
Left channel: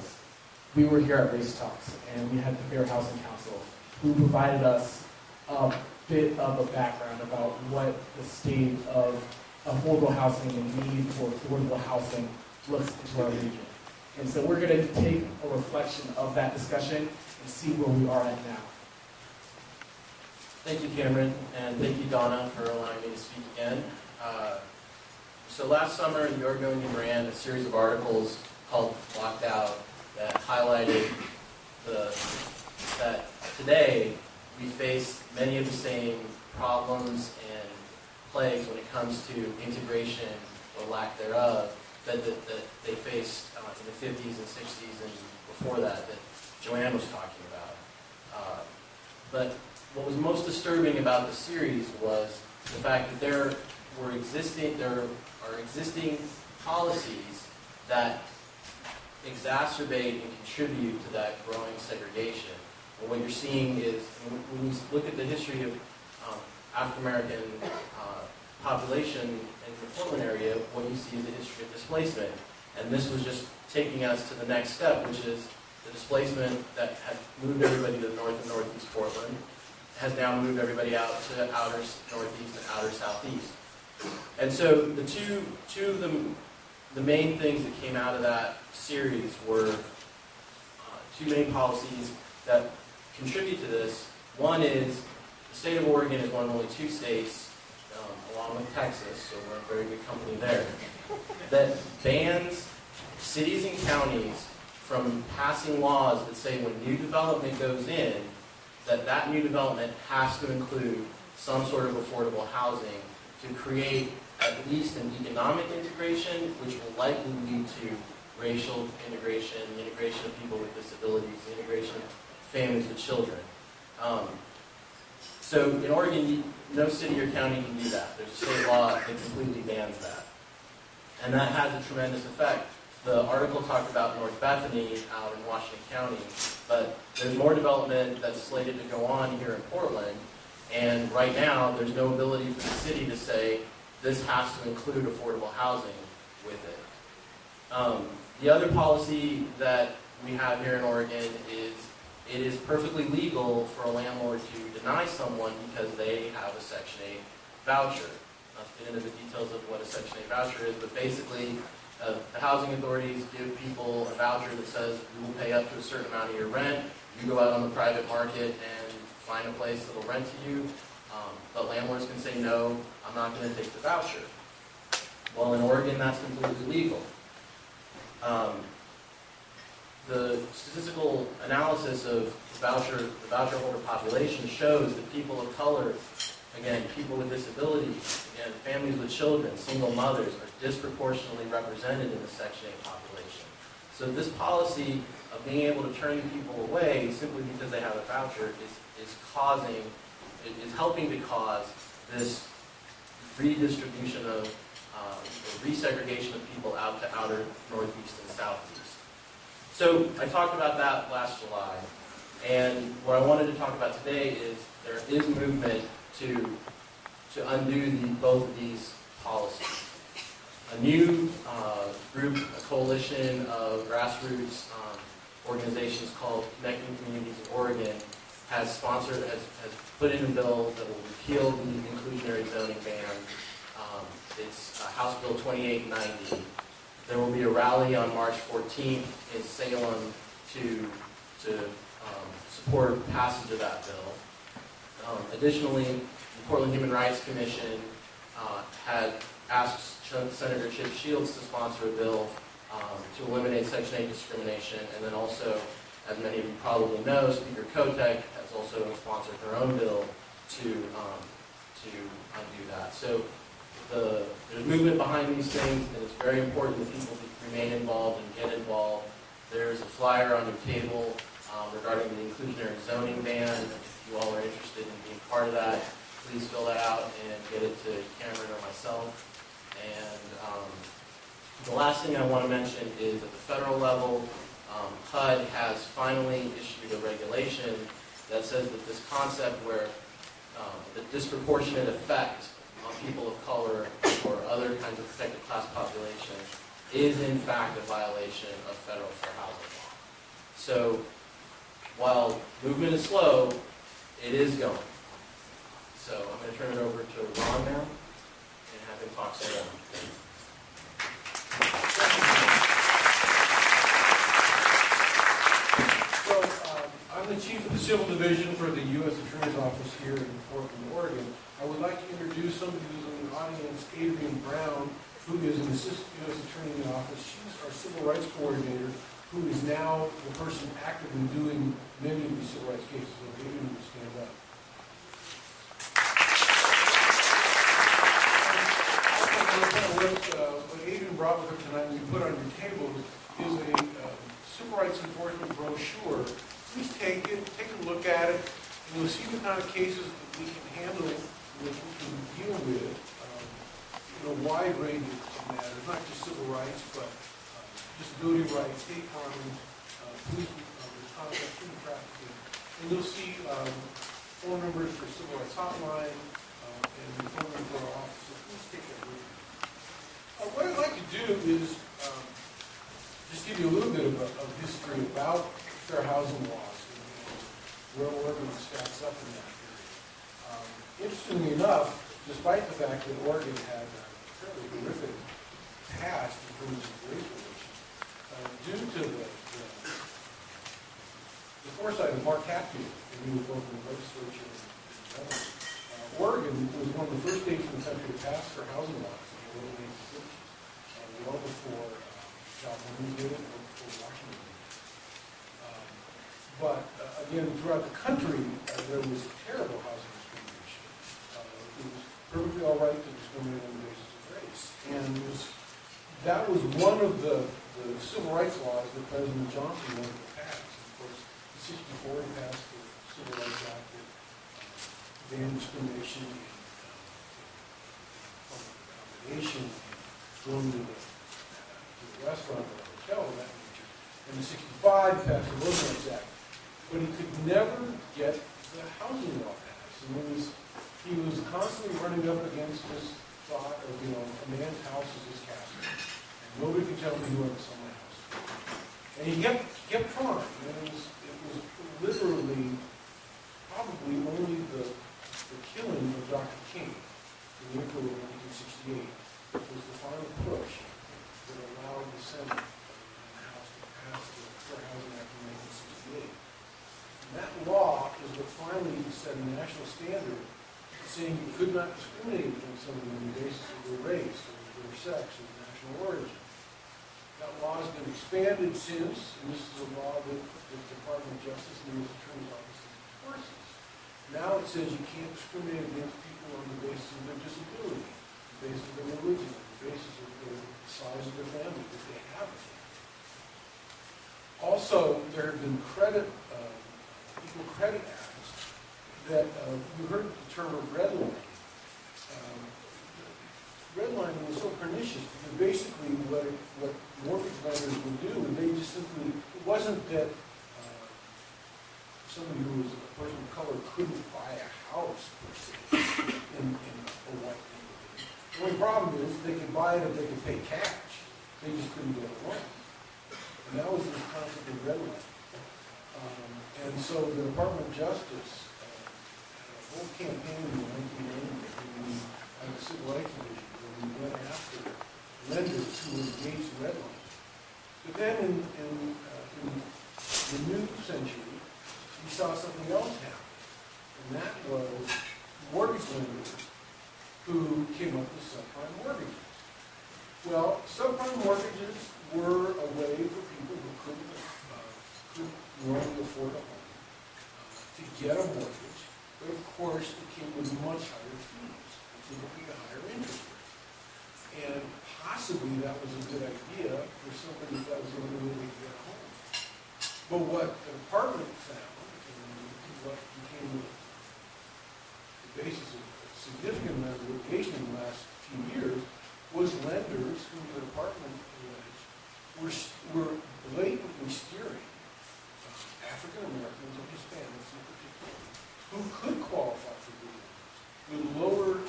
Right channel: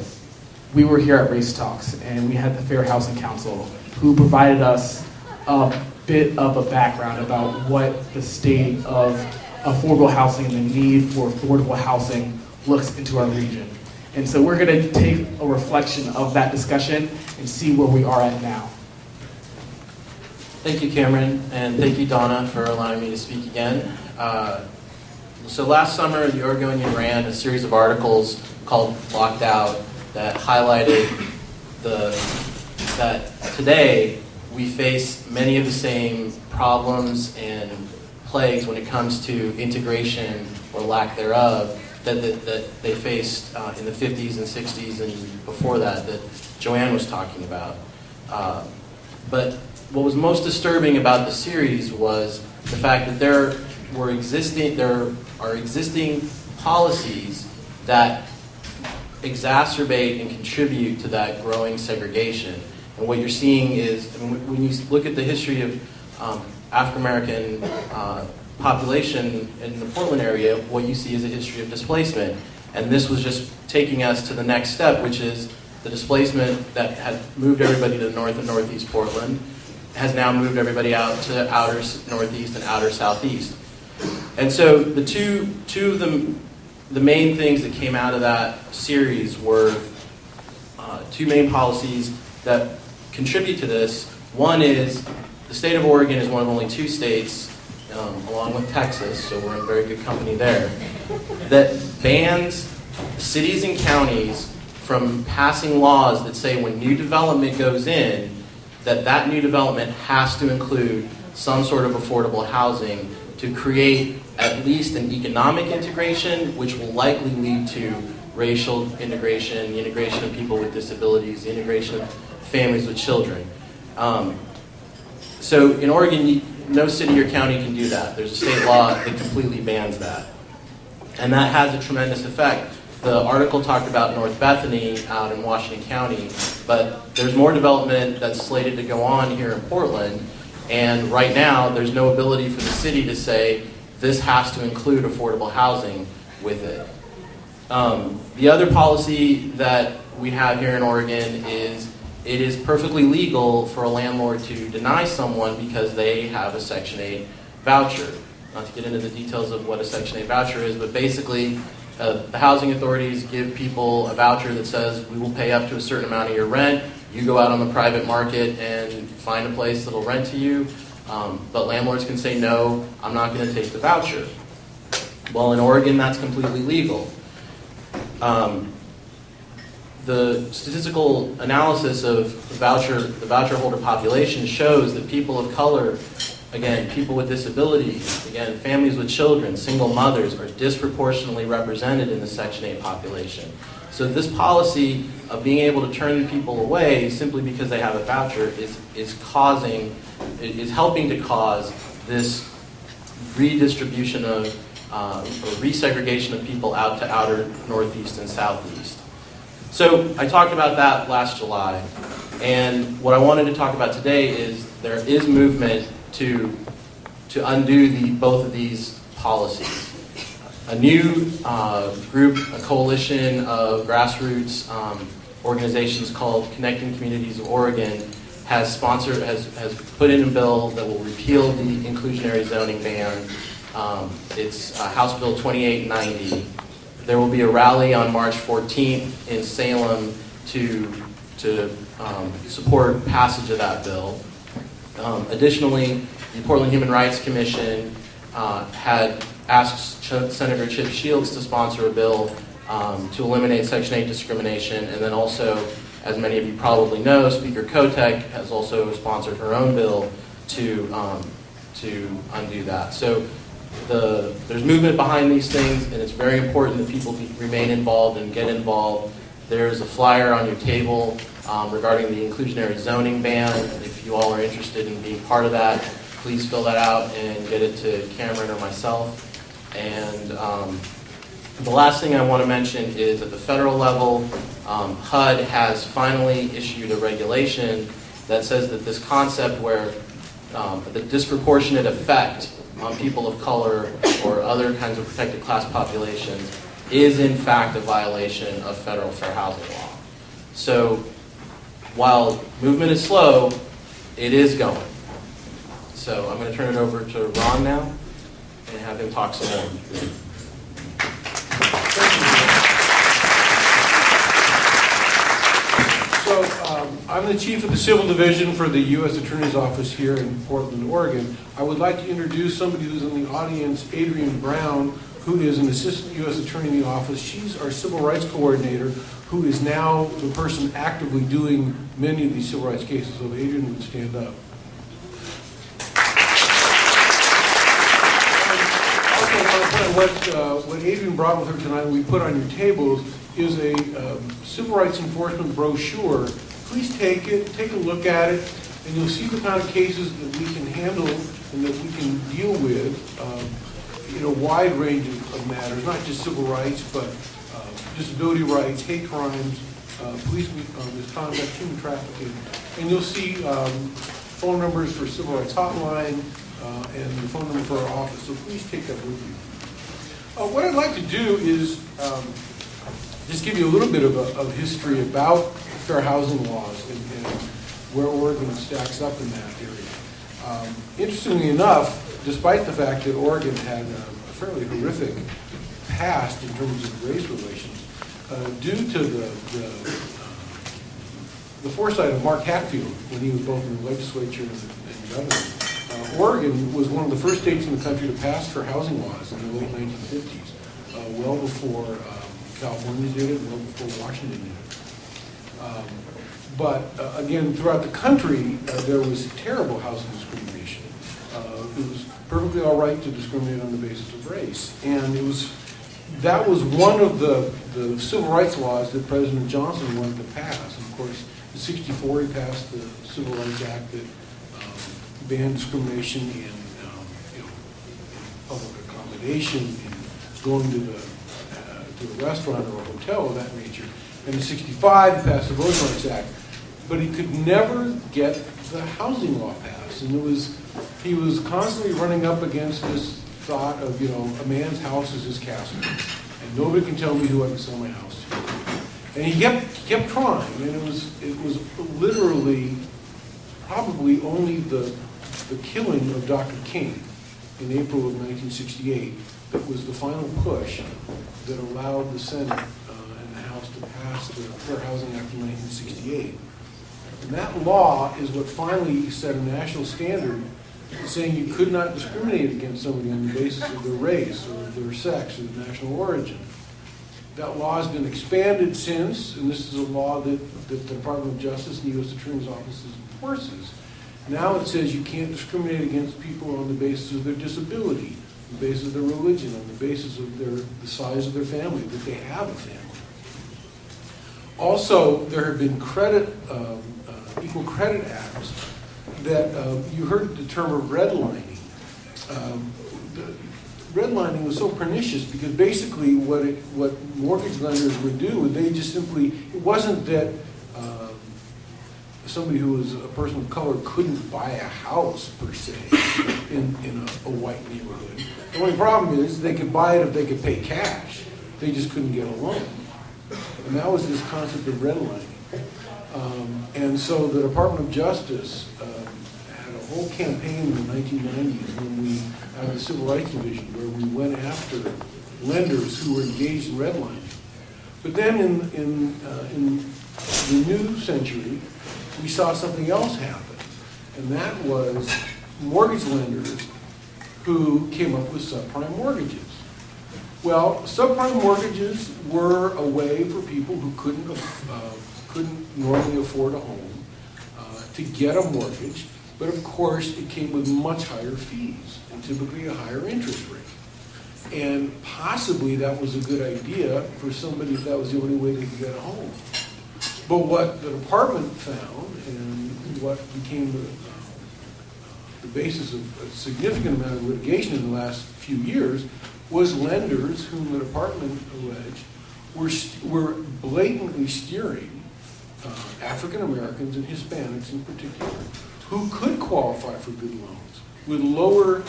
we were here at Race Talks, and we had the Fair Housing Council, who provided us a bit of a background about what the state of affordable housing and the need for affordable housing looks into our region. And so we're going to take a reflection of that discussion and see where we are at now. Thank you, Cameron, and thank you, Donna, for allowing me to speak again. So last summer, the Oregonian ran a series of articles called Locked Out that highlighted that today we face many of the same problems and plagues when it comes to integration or lack thereof that they faced in the 50s and 60s and before that Joanne was talking about. But what was most disturbing about the series was the fact that there are existing policies that exacerbate and contribute to that growing segregation. And what you're seeing is, when you look at the history of African American population in the Portland area, what you see is a history of displacement. And this was just taking us to the next step, which is the displacement that had moved everybody to North and Northeast Portland has now moved everybody out to outer Northeast and outer Southeast. And so the two of the main things that came out of that series were two main policies that contribute to this. One is the state of Oregon is one of only two states, along with Texas, so we're in very good company there, that bans cities and counties from passing laws that say when new development goes in, that new development has to include some sort of affordable housing to create at least an economic integration, which will likely lead to racial integration, the integration of people with disabilities, the integration of families with children. So in Oregon, no city or county can do that. There's a state law that completely bans that. And that has a tremendous effect. The article talked about North Bethany out in Washington County, but there's more development that's slated to go on here in Portland, and right now there's no ability for the city to say this has to include affordable housing with it. The other policy that we have here in Oregon is it is perfectly legal for a landlord to deny someone because they have a Section 8 voucher. Not to get into the details of what a Section 8 voucher is, but basically the housing authorities give people a voucher that says we will pay up to a certain amount of your rent. You go out on the private market and find a place that'll rent to you. But landlords can say, no, I'm not going to take the voucher. Well, in Oregon, that's completely legal. The statistical analysis of the voucher holder population shows that people of color, again, people with disabilities, again, families with children, single mothers, are disproportionately represented in the Section 8 population. So this policy of being able to turn people away simply because they have a voucher is helping to cause this redistribution of or resegregation of people out to outer northeast and southeast. So I talked about that last July, and what I wanted to talk about today is there is movement to undo both of these policies. A new group, a coalition of grassroots organizations called Connecting Communities of Oregon has put in a bill that will repeal the inclusionary zoning ban. It's House Bill 2890. There will be a rally on March 14th in Salem to support passage of that bill. Additionally, the Portland Human Rights Commission had asked Senator Chip Shields to sponsor a bill to eliminate Section 8 discrimination, and then also, as many of you probably know, Speaker Kotek has also sponsored her own bill to undo that. So there's movement behind these things, and it's very important that people remain involved and get involved. There's a flyer on your table regarding the inclusionary zoning ban. If you all are interested in being part of that, please fill that out and get it to Cameron or myself. And the last thing I want to mention is at the federal level, HUD has finally issued a regulation that says that this concept where the disproportionate effect on people of color or other kinds of protected class populations is in fact a violation of federal fair housing law. So while movement is slow, it is going. So I'm going to turn it over to Ron now and have him talk some more. So I'm the chief of the Civil Division for the U.S. Attorney's Office here in Portland, Oregon. I would like to introduce somebody who's in the audience, Adrienne Brown, who is an assistant U.S. attorney in the office. She's our civil rights coordinator, who is now the person actively doing many of these civil rights cases. So Adrienne would stand up. What Adrienne brought with her tonight, we put on your tables, is a civil rights enforcement brochure. Please take it, take a look at it, and you'll see the kind of cases that we can handle and that we can deal with in a wide range of matters, not just civil rights, but disability rights, hate crimes, police misconduct, human trafficking. And you'll see phone numbers for Civil Rights Hotline and the phone number for our office, so please take that with you. What I'd like to do is just give you a little bit of history about fair housing laws and where Oregon stacks up in that area. Interestingly enough, despite the fact that Oregon had a fairly horrific past in terms of race relations, due to the foresight of Mark Hatfield when he was both in the legislature and governor, Oregon was one of the first states in the country to pass fair housing laws in the late 1950s, well before California did it, well before Washington did it. But again, throughout the country, there was terrible housing discrimination. It was perfectly all right to discriminate on the basis of race, and that was one of the civil rights laws that President Johnson wanted to pass. And of course, in '64 he passed the Civil Rights Act that banned discrimination in public accommodation, in going to a restaurant or a hotel of that nature. And in '65 he passed the Voting Rights Act, but he could never get the housing law passed. And he was constantly running up against this thought of, a man's house is his castle, and nobody can tell me who I can sell my house to. And he kept trying, and it was literally probably only the killing of Dr. King in April of 1968 that was the final push that allowed the Senate and the House to pass the Fair Housing Act of 1968. And that law is what finally set a national standard saying you could not discriminate against somebody on the basis of their race or their sex or their national origin. That law has been expanded since, and this is a law that the Department of Justice and the U.S. Attorney's Office enforces. Now it says you can't discriminate against people on the basis of their disability, on the basis of their religion, on the basis of the size of their family, that they have a family. Also, there have been equal credit acts that you heard the term of redlining. redlining was so pernicious because basically what mortgage lenders would do, they just simply, it wasn't that somebody who was a person of color couldn't buy a house per se in a white neighborhood. The only problem is they could buy it if they could pay cash. They just couldn't get a loan. And that was this concept of redlining. And so the Department of Justice had a whole campaign in the 1990s when we had the Civil Rights Division where we went after lenders who were engaged in redlining. But then in the new century, we saw something else happen, and that was mortgage lenders who came up with subprime mortgages. Well, subprime mortgages were a way for people who couldn't normally afford a home to get a mortgage, but of course it came with much higher fees and typically a higher interest rate. And possibly that was a good idea for somebody if that was the only way they could get a home. But what the department found, and what became the basis of a significant amount of litigation in the last few years, was lenders whom the department alleged were blatantly steering African Americans and Hispanics in particular, who could qualify for good loans with lower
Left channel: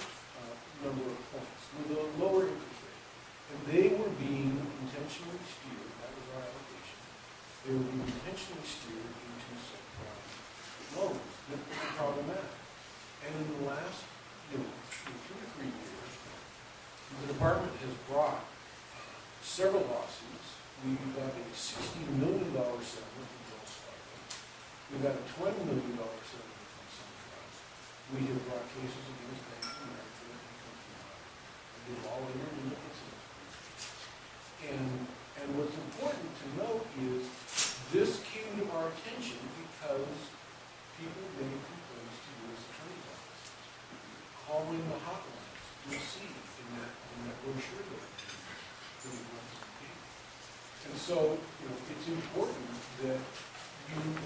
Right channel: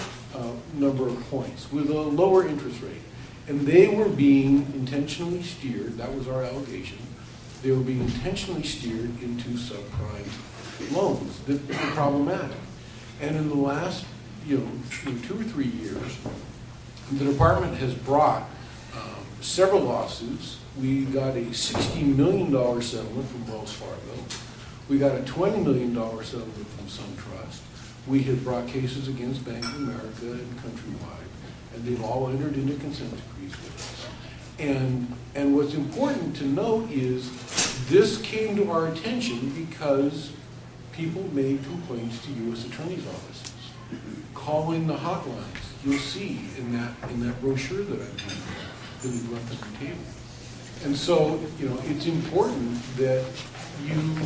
number of points, with a lower interest rate. And they were being intentionally steered, that was our allegation, they were being intentionally steered into subprime loans that were problematic. And in the last, in 2 or 3 years, the department has brought several lawsuits. We got a $60 million settlement from Wells Fargo. We got a $20 million settlement from SunTrust. We have brought cases against Bank of America and Countrywide, and they've all entered into consent decrees with us. And what's important to note is this came to our attention because people made complaints to U.S. attorneys' offices, calling the hotlines you'll see in that brochure that I've given you, that we've left on the table. And so, it's important that you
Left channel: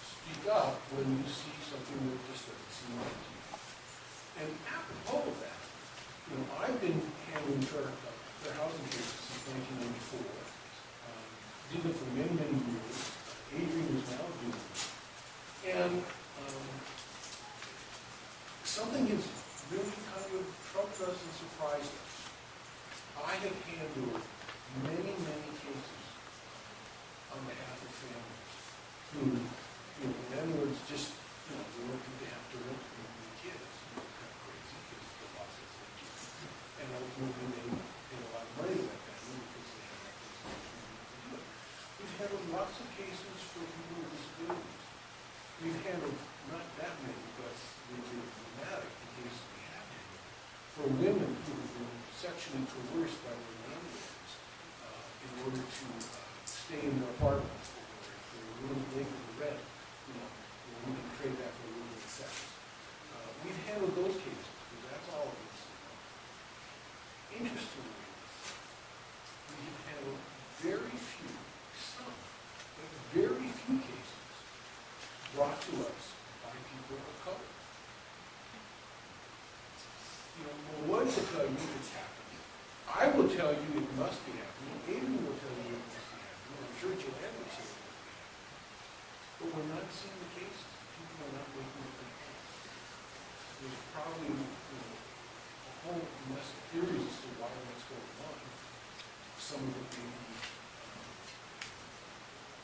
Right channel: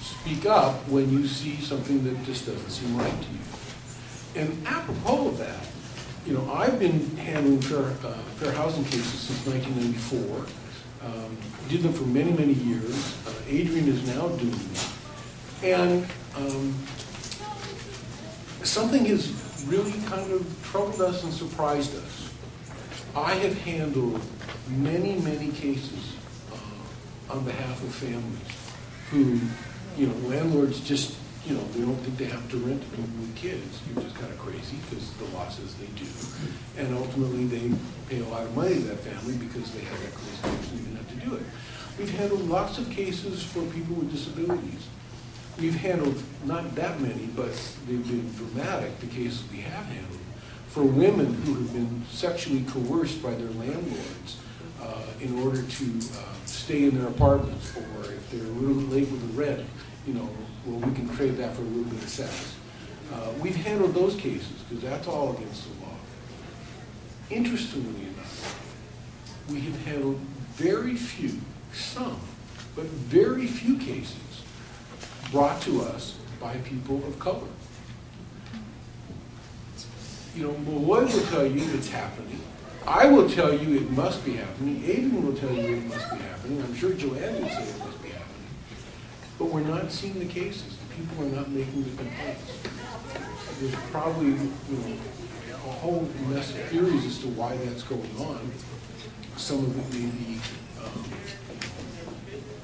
speak up when you see something that just doesn't seem right to you. And apropos of that, I've been handling fair housing cases since 1994. Did them for many, many years. Adrian is now doing them. And something has really kind of troubled us and surprised us. I have handled many, many cases on behalf of families who, landlords just, they don't think they have to rent to people with kids, which is kind of crazy because the law says they do. And ultimately they pay a lot of money to that family because they have that crazy person who have to do it. We've handled lots of cases for people with disabilities. We've handled not that many, but they've been dramatic, the cases we have handled, for women who have been sexually coerced by their landlords in order to stay in their apartments, or if they're a little late with the rent, well, we can trade that for a little bit of sex. We've handled those cases because that's all against the law. Interestingly enough, we have handled very few, some, but very few cases brought to us by people of color. Maloy will tell you it's happening. I will tell you it must be happening. Adrian will tell you it must be happening. I'm sure Joanne will say it must be happening. But we're not seeing the cases. The people are not making the complaints. There's probably, a whole mess of theories as to why that's going on. Some of it may be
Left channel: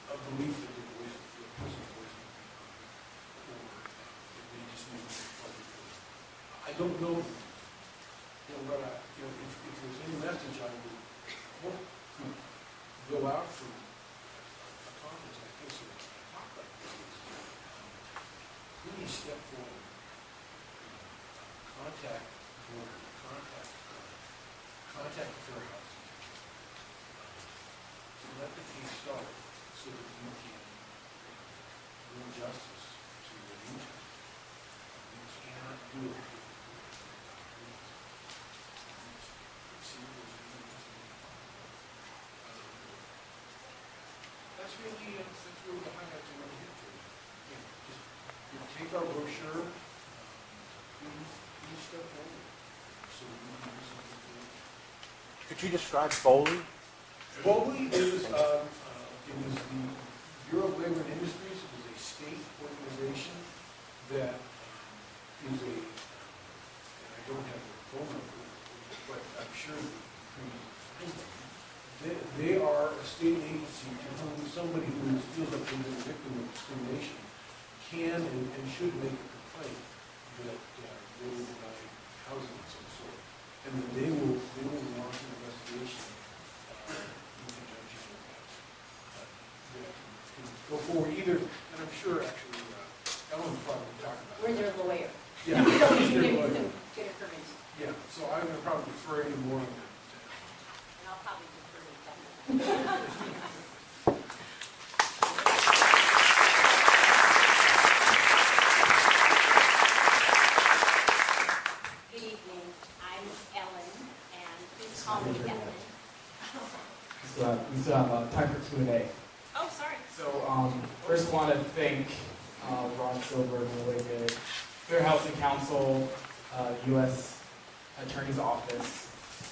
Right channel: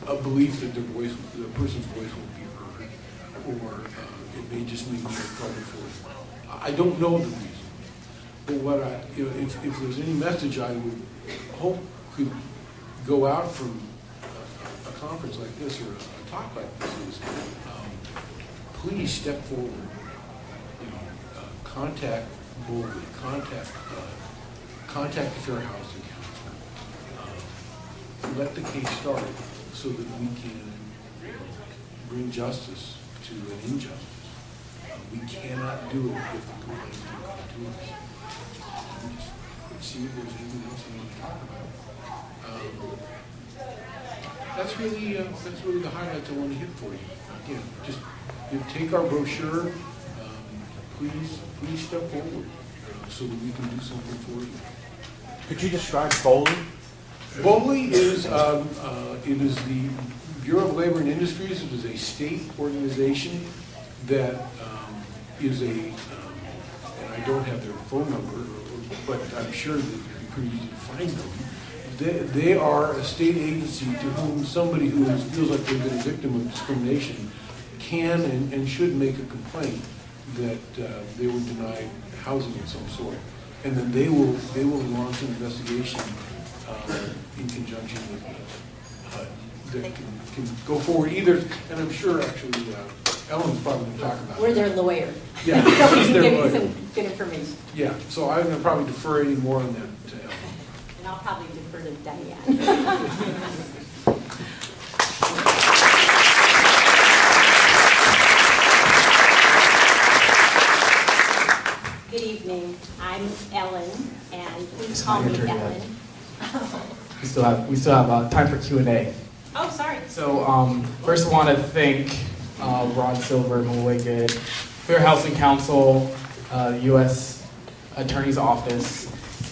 a belief that the person's voice won't be heard, or it may just mean they're trouble for it. I don't know the reason. But what if there's any message I would hope could go out from a conference like this or a talk like this is, please step forward. Contact boldly. Contact the Fair Housing Council. Let the case start so that we can bring justice to an injustice. We cannot do it if the complaints don't come to us. Let's see if there's anything else you want to talk about. That's really the highlights I want to hit for you. Again, just take our brochure. Please step forward. so that we can do something for you. Could you describe bowling? BOLI is, it is the Bureau of Labor and Industries. It is a state organization that is and I don't have their phone number, but I'm sure that it'd be pretty easy to find them. They are a state agency to whom somebody who feels like they've been a victim of discrimination can and should make a complaint that they were denied housing of some sort. And then they will launch an investigation in conjunction with that can go forward either, and I'm sure actually Ellen's probably going to talk about it. We're their lawyer. Yeah, So we she's can their give you lawyer. some good information. Yeah, so I'm going to probably defer any more on that to Ellen. And I'll probably defer to Diane. Good evening. I'm Ellen, and please It's call not me your turn Ellen. We still have time for Q&A. Oh, sorry. So first I want to thank Ron Silver, Maloy, Fair Housing Council, the U.S. Attorney's Office,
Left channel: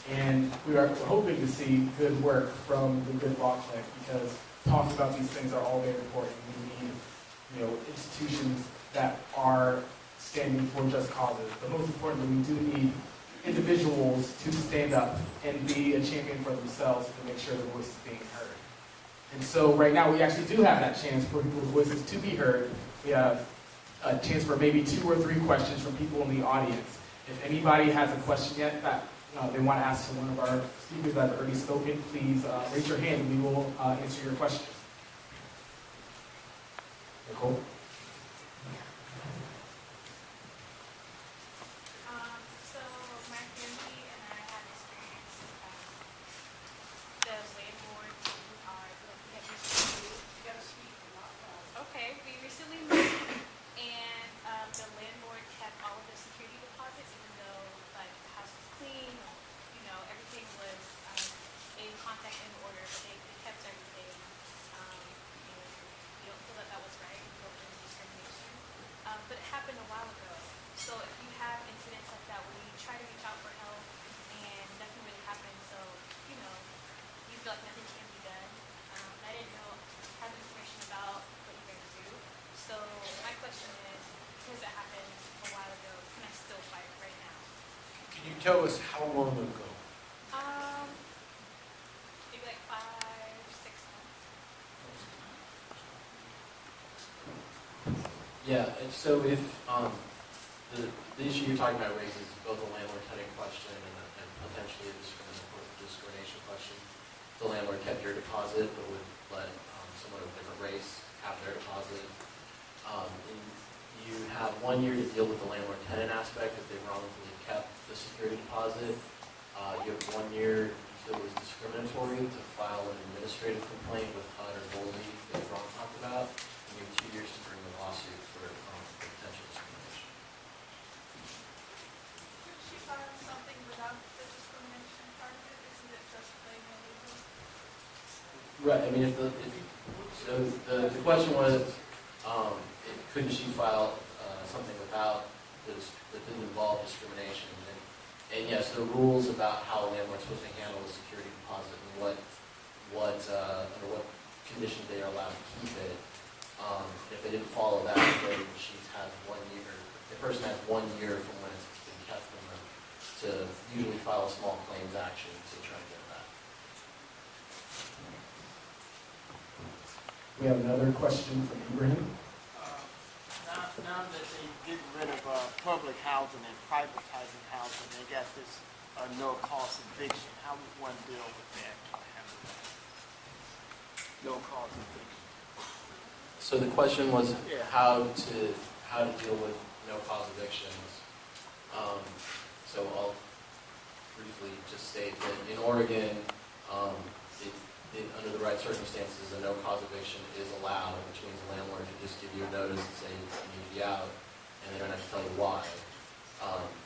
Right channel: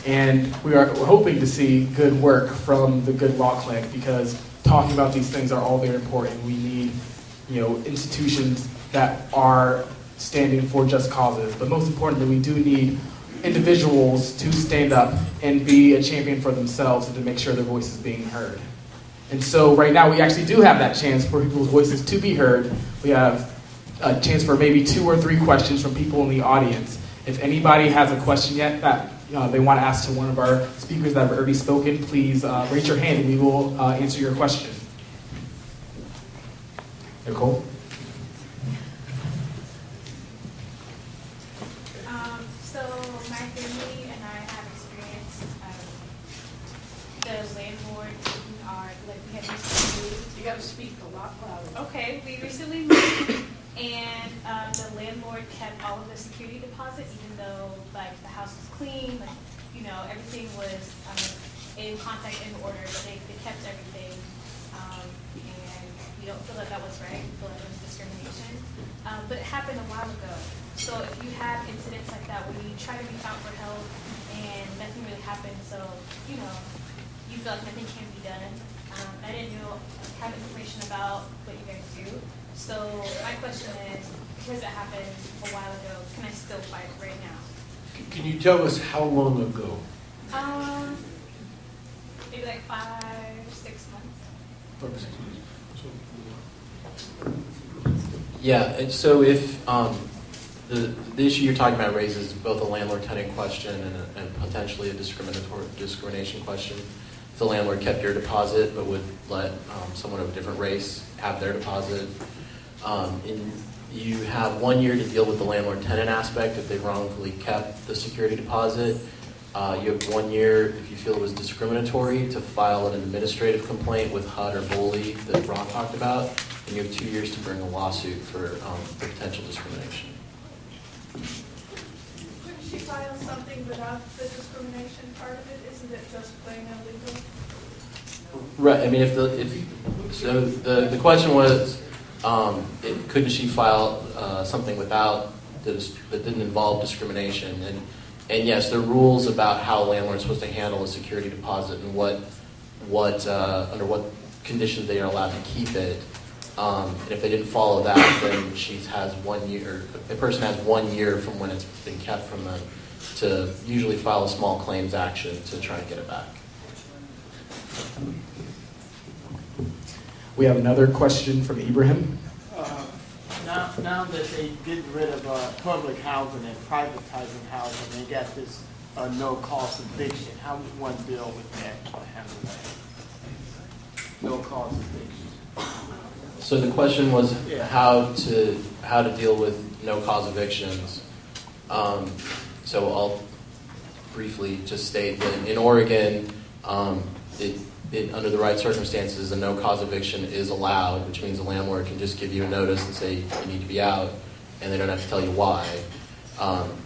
and we're hoping to see good work from the Good Law Clinic, because talking about these things are all very important. We need, institutions that are standing for just causes, but most importantly, we do need individuals to stand up and be a champion for themselves and to make sure their voice is being heard. And so right now we actually do have that chance for people's voices to be heard. We have a chance for maybe 2 or 3 questions from people in the audience. If anybody has a question yet that they want to ask to one of our speakers that have already spoken, please raise your hand and we will answer your question. Nicole? So my family and I have experienced the landlord we had recently moved. You got to speak a lot louder. Okay, we recently moved, and the landlord kept all of the security deposits, even though the house was clean, everything was in contact in order, but they kept everything, and we don't feel that was right. We feel like it was discrimination, but it happened a while ago. So if you have incidents like that where you try to reach out for help and nothing really happens, so you feel like nothing can be done. I didn't have information about what you guys do. So my question is, because it happened a while ago, can I still fight it right now? Can you tell us how long ago? Maybe like 5 or 6 months. Yeah, and so if the issue you're talking about raises both a landlord-tenant question and potentially a discrimination question. If the landlord kept your deposit but would let someone of a different race have their deposit, and you have 1 year to deal with the landlord-tenant aspect if they wrongfully kept the security deposit. You have 1 year, if you feel it was discriminatory, to file an administrative complaint with HUD or BOLI that Ron talked about, and you have 2 years to bring a lawsuit for potential discrimination. Couldn't she file something without the discrimination part of it? Isn't it just plain illegal? Right. I mean, the question was, couldn't she file something without that didn't involve discrimination? And yes, there are rules about how landlords are supposed to handle a security deposit and under what conditions they are allowed to keep it. And if they didn't follow that, then she has 1 year. The person has 1 year from when it's been kept from them to usually file a small claims action to try and get it back. We have another question from Ibrahim. Now that they getting rid of public housing and privatizing housing, they got this no-cost eviction. How would one deal with that or handle that? No-cost eviction. So the question was Yeah. how to deal with no-cause evictions. So I'll briefly just state that in Oregon, under the right circumstances, a no-cause eviction is allowed, which means the landlord can just give you a notice and say you need to be out, and they don't have to tell you why.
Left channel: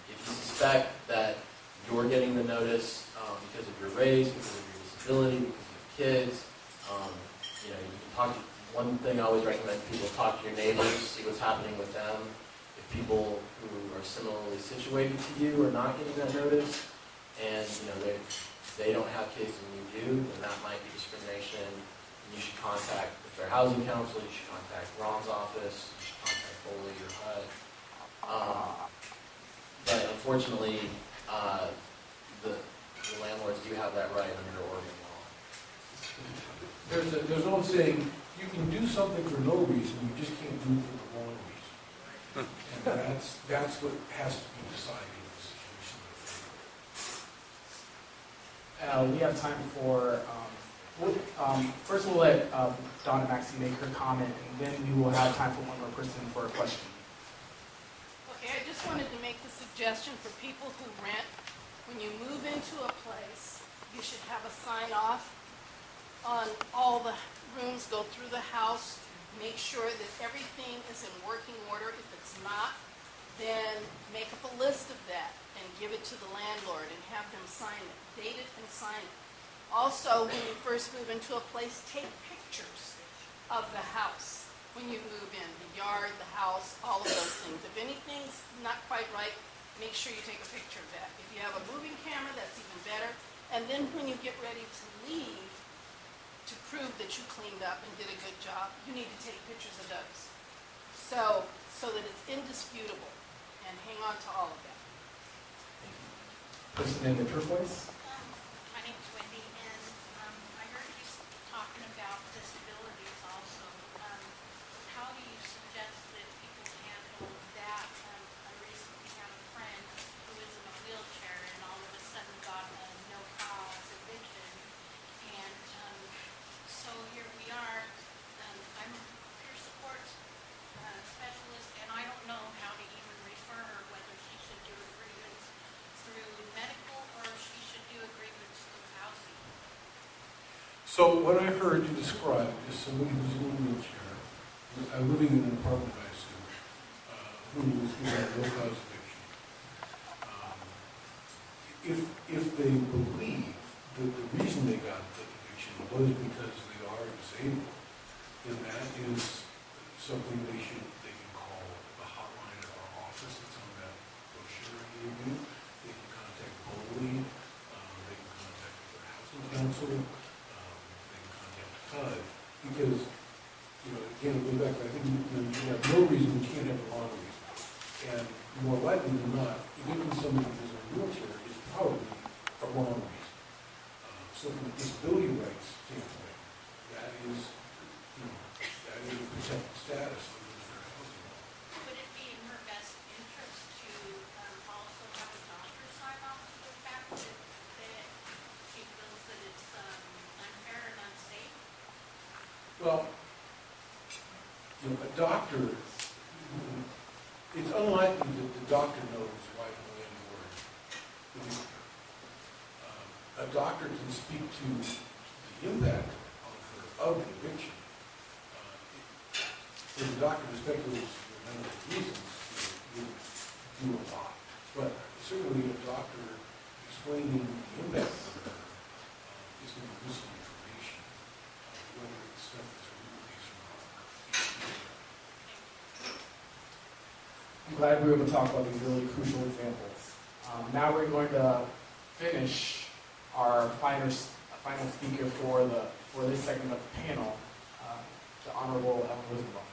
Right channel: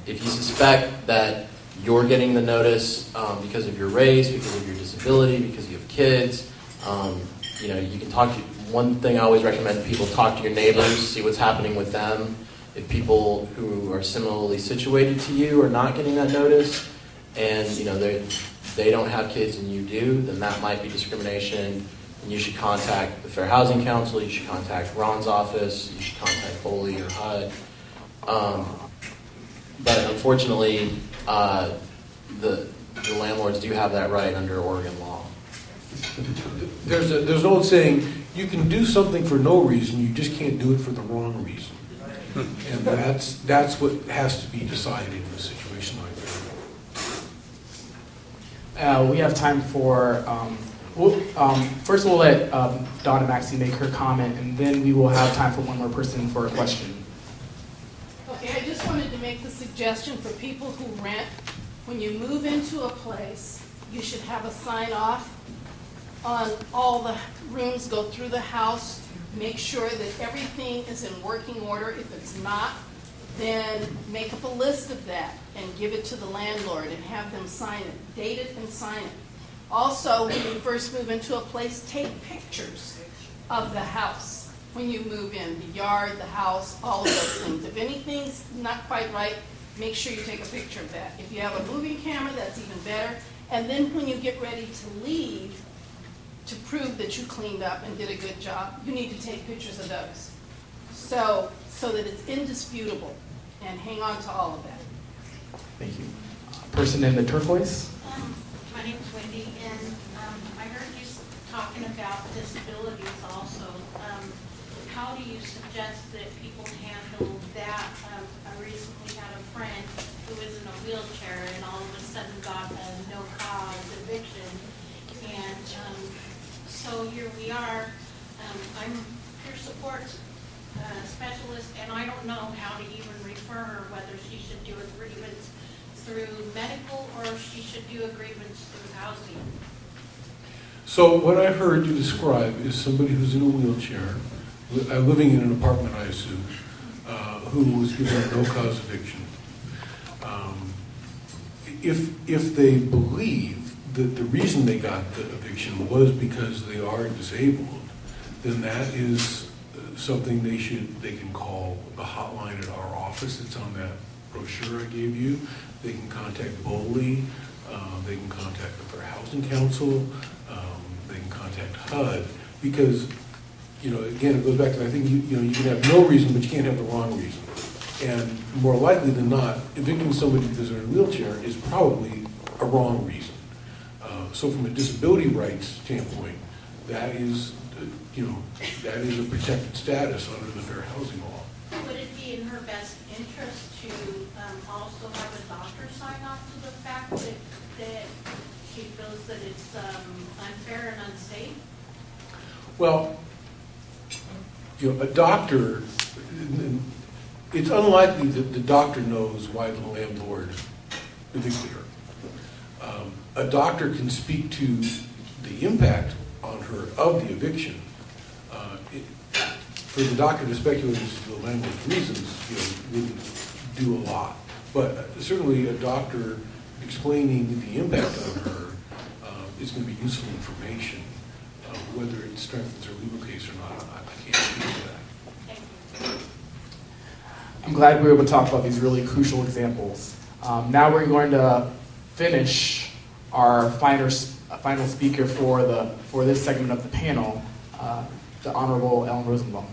If you suspect that you're getting the notice because of your race, because of your disability, because you have kids, you can talk to. One thing I always recommend people talk to your neighbors, see what's happening with them. if people who are similarly situated to you are not getting that notice, and they don't have kids and you do, then that might be discrimination. And you should contact the Fair Housing Council. You should contact Ron's office. You should contact Foley or HUD. But unfortunately, the landlords do have that right under Oregon law. There's an old saying, you can do something for no reason, you just can't do it for the wrong reason. And that's what has to be decided in a situation like that. We have time for, first we'll let Donna Maxey make her comment, and then we will have time for one more person for a question. Okay, I just wanted to make the suggestion for people who rent, when you move into a place, you should have a sign off on all the rooms, go through the house, make sure that everything is in working order. If it's not, then make up a list of that and give it to the landlord and have them sign it, date it and sign it. Also, when you first move into a place, take pictures of the house when you move in, the yard, the house, all of those things. If anything's not quite right, make sure you take a picture of that. If you have a moving camera, that's even better. And then when you get ready to leave, to prove that you cleaned up and did a good job, you need to take pictures of those. So that it's indisputable, and hang on to all of that. Thank you. Person in the turquoise. My name is Wendy, and I heard you talking about disabilities also. How do you suggest that people handle that? I recently had a friend who is in a wheelchair and all of a sudden got a no-cause eviction. And so here we are. I'm peer support specialist, and I don't know how to even refer her, whether she should do a grievance through medical or if she should do a grievance through housing. So what I heard you describe is somebody who's in a wheelchair, living in an apartment, I assume, who was given a no-cause eviction. If they believe that the reason they got the eviction was because they are disabled, then that is something they can call the hotline at our office. It's on that brochure I gave you. They can contact BOLI. They can contact the Fair Housing Council. They can contact HUD, because again, it goes back to, I think you can have no reason, but you can't have the wrong reason. And more likely than not, evicting somebody because they're in a wheelchair is probably a wrong reason. So from a disability rights standpoint, that is a protected status under the Fair Housing Law. Would it be in her best interest to also have a doctor sign off to the fact that she feels that it's unfair and unsafe? Well, a doctor, it's unlikely that the doctor knows why the landlord evicted her. A doctor can speak to the impact on her of the eviction. For the doctor to speculate as to the landlord's reasons, wouldn't do a lot. But certainly a doctor explaining the impact on her is going to be useful information. Whether it strengthens her legal case or not, I can't speak to that. I'm glad we were able to talk about these really crucial examples. Now we're going to finish our final speaker for this segment of the panel, the Honorable Ellen Rosenblum.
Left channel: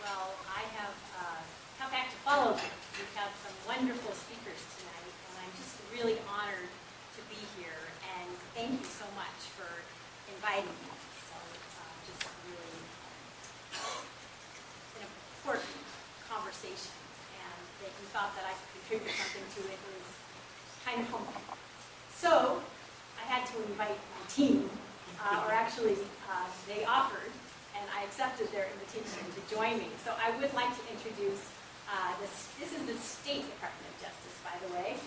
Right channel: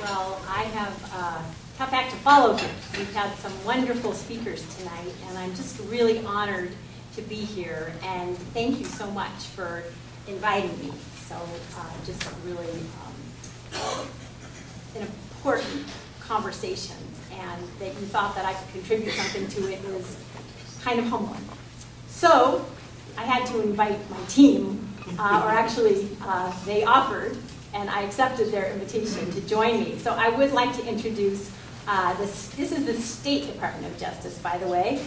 Well, I have a tough act to follow here. We've had some wonderful speakers tonight, and I'm just really honored to be here. And thank you so much for inviting me. So just really an important conversation, and that you thought that I could contribute something to it was kind of humbling. So I had to invite my team, or actually they offered, and I accepted their invitation to join me. So I would like to introduce this is the State Department of Justice, by the way.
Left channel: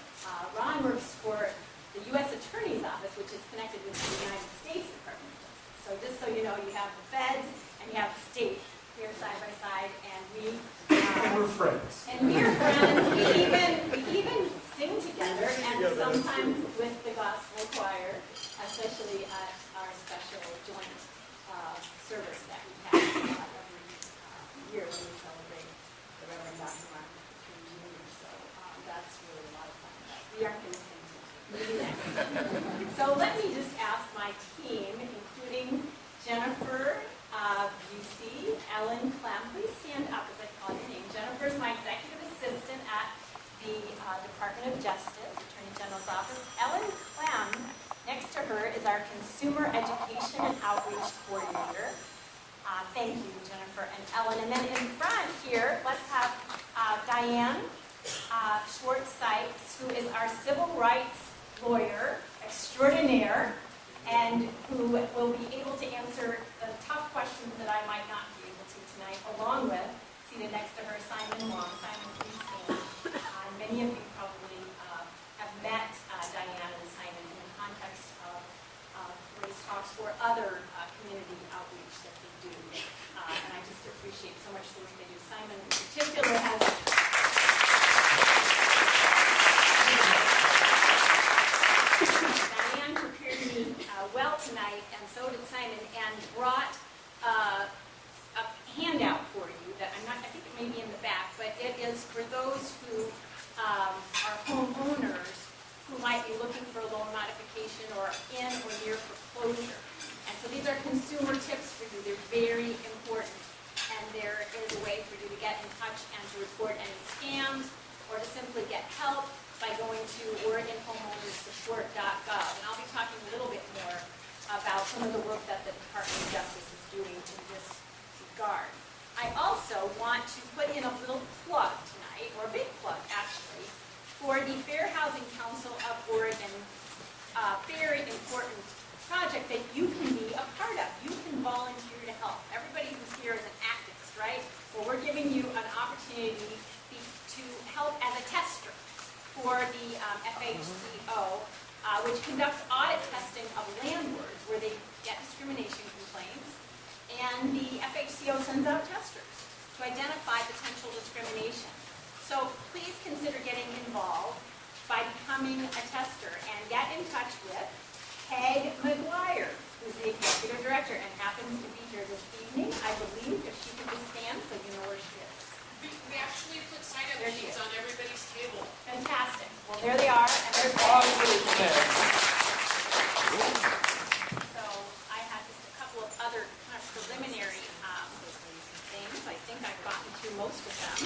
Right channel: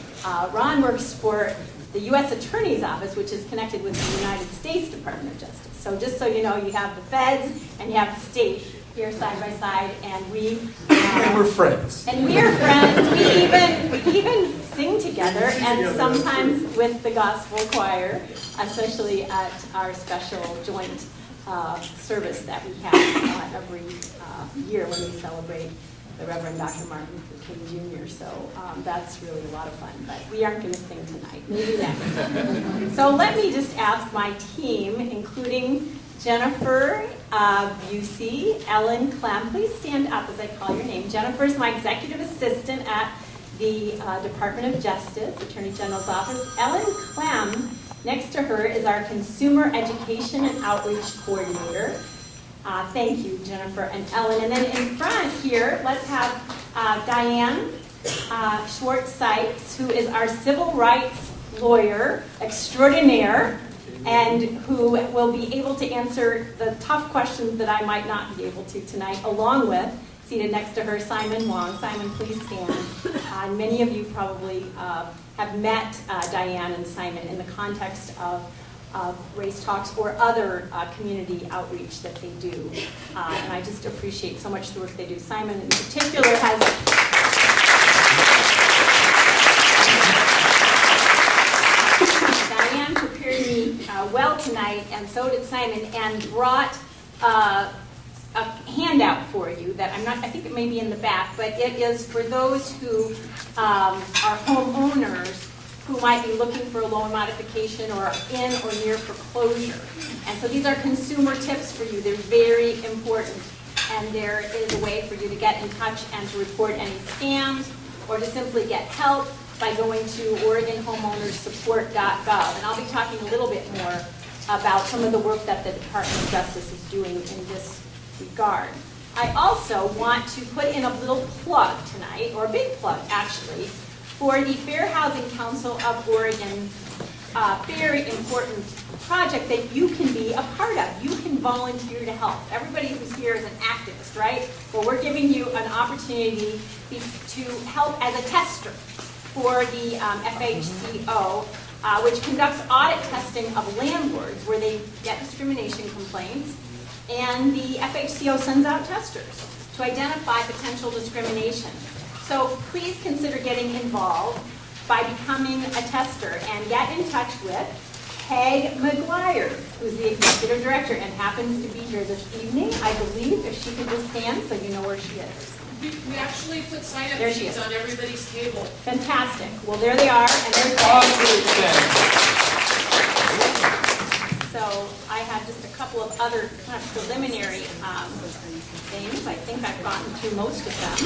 Ron works for the U.S. Attorney's Office, which is connected with the United States Department of Justice. So just so you know, you have the feds and you have the state here side by side, and we... and we're friends. And we're friends. We even sing together, and sometimes with the gospel choir, especially at our special joint service that we have every year when we celebrate the Reverend Dr. Martin Luther King Jr. So that's really a lot of fun, but we aren't going to sing tonight, maybe next. So let me just ask my team, including Jennifer Busey, Ellen Clem, please stand up as I call your name. Jennifer is my executive assistant at the Department of Justice, Attorney General's Office. Ellen Clem, next to her, is our Consumer Education and Outreach Coordinator. Thank you, Jennifer and Ellen. And then in front here, let's have Diane Schwartz-Sykes, who is our civil rights lawyer extraordinaire, and who will be able to answer the tough questions that I might not be able to tonight, along with, seated next to her, Simon Wong. Simon, please stand. Many of you probably have met Diane and Simon in the context of race talks or other community outreach that they do. And I just appreciate so much the work they do. Simon in particular has... Diane prepared me well tonight, and so did Simon, and brought a handout for you that I think it may be in the back, but it is for those who are homeowners who might be looking for a loan modification or in or near foreclosure. And so these are consumer tips for you. They're very important. And there is a way for you to get in touch and to report any scams or to simply get help by going to OregonHomeownersSupport.gov. And I'll be talking a little bit more about some of the work that the Department of Justice is doing in this regard. I also want to put in a little plug tonight, or a big plug actually, for the Fair Housing Council of Oregon, very important project that you can be a part of. You can volunteer to help. Everybody who's here is an activist, right? Well, we're giving you an opportunity to help as a tester for the FHCO, which conducts audit testing of landlords where they get discrimination complaints, and the FHCO sends out testers to identify potential discrimination. So please consider getting involved by becoming a tester and get in touch with Peg McGuire, who's the executive director and happens to be here this evening, I believe, if she could just stand so you know where she is. We actually put sign-up There she sheets is. on everybody's table. Fantastic. Well, there they are. And there's so I have just a couple of other kind of preliminary things. I think I've gotten through most of them.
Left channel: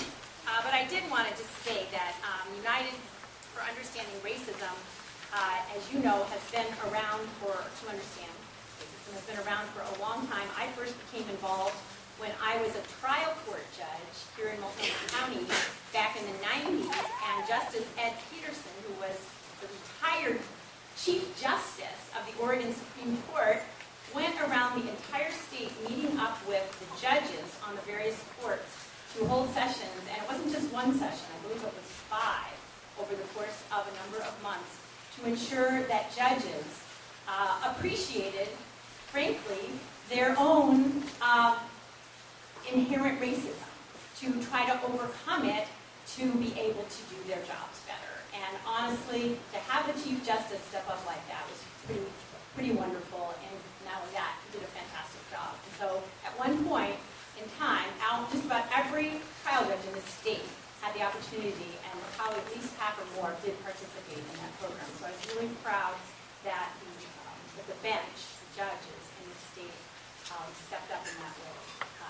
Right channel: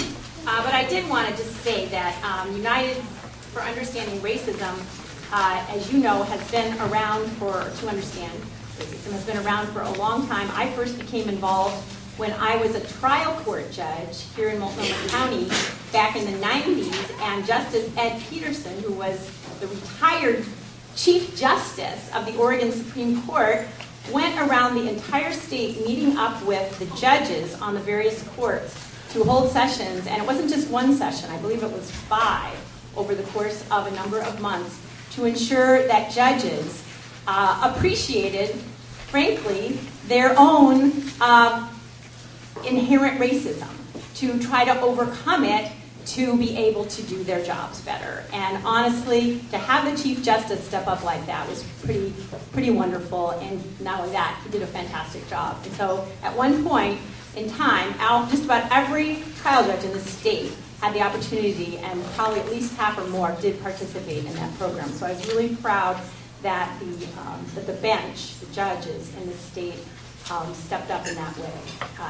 But I did want to just say that United for Understanding Racism, as you know, has been around to understand racism, has been around for a long time. I first became involved when I was a trial court judge here in Multnomah County back in the 90s, and Justice Ed Peterson, who was the retired Chief Justice of the Oregon Supreme Court, went around the entire state meeting up with the judges on the various courts to hold sessions, and it wasn't just one session, I believe it was 5 over the course of a number of months, to ensure that judges appreciated, frankly, their own inherent racism, to try to overcome it, to be able to do their jobs better. And honestly, to have the Chief Justice step up like that was pretty wonderful, and not only that, he did a fantastic job. And so at one point in time, just about every trial judge in the state had the opportunity, and probably at least half or more did participate in that program. So I was really proud that the bench, the judges in the state, stepped up in that way.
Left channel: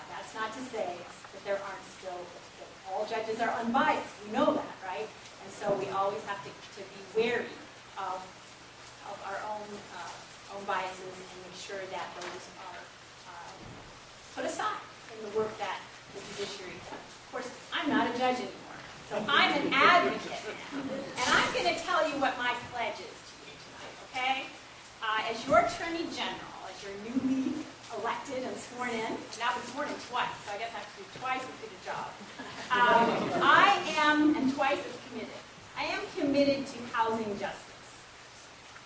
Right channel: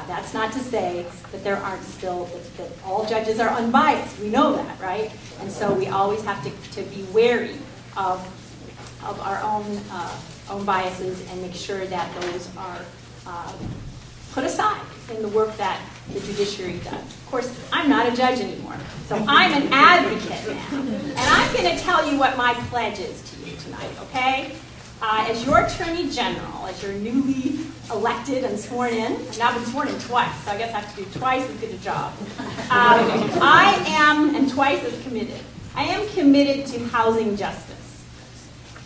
That's not to say that there aren't still, that all judges are unbiased. We know that, right? And so we always have to be wary of our own biases and make sure that those are put aside in the work that the judiciary does. Of course, I'm not a judge anymore, so I'm an advocate now. And I'm going to tell you what my pledge is to you tonight, okay? As your Attorney General, as your newly elected and sworn in, I've now been sworn in twice, so I guess I have to do twice as good a job. I am, and twice as committed, I am committed to housing justice.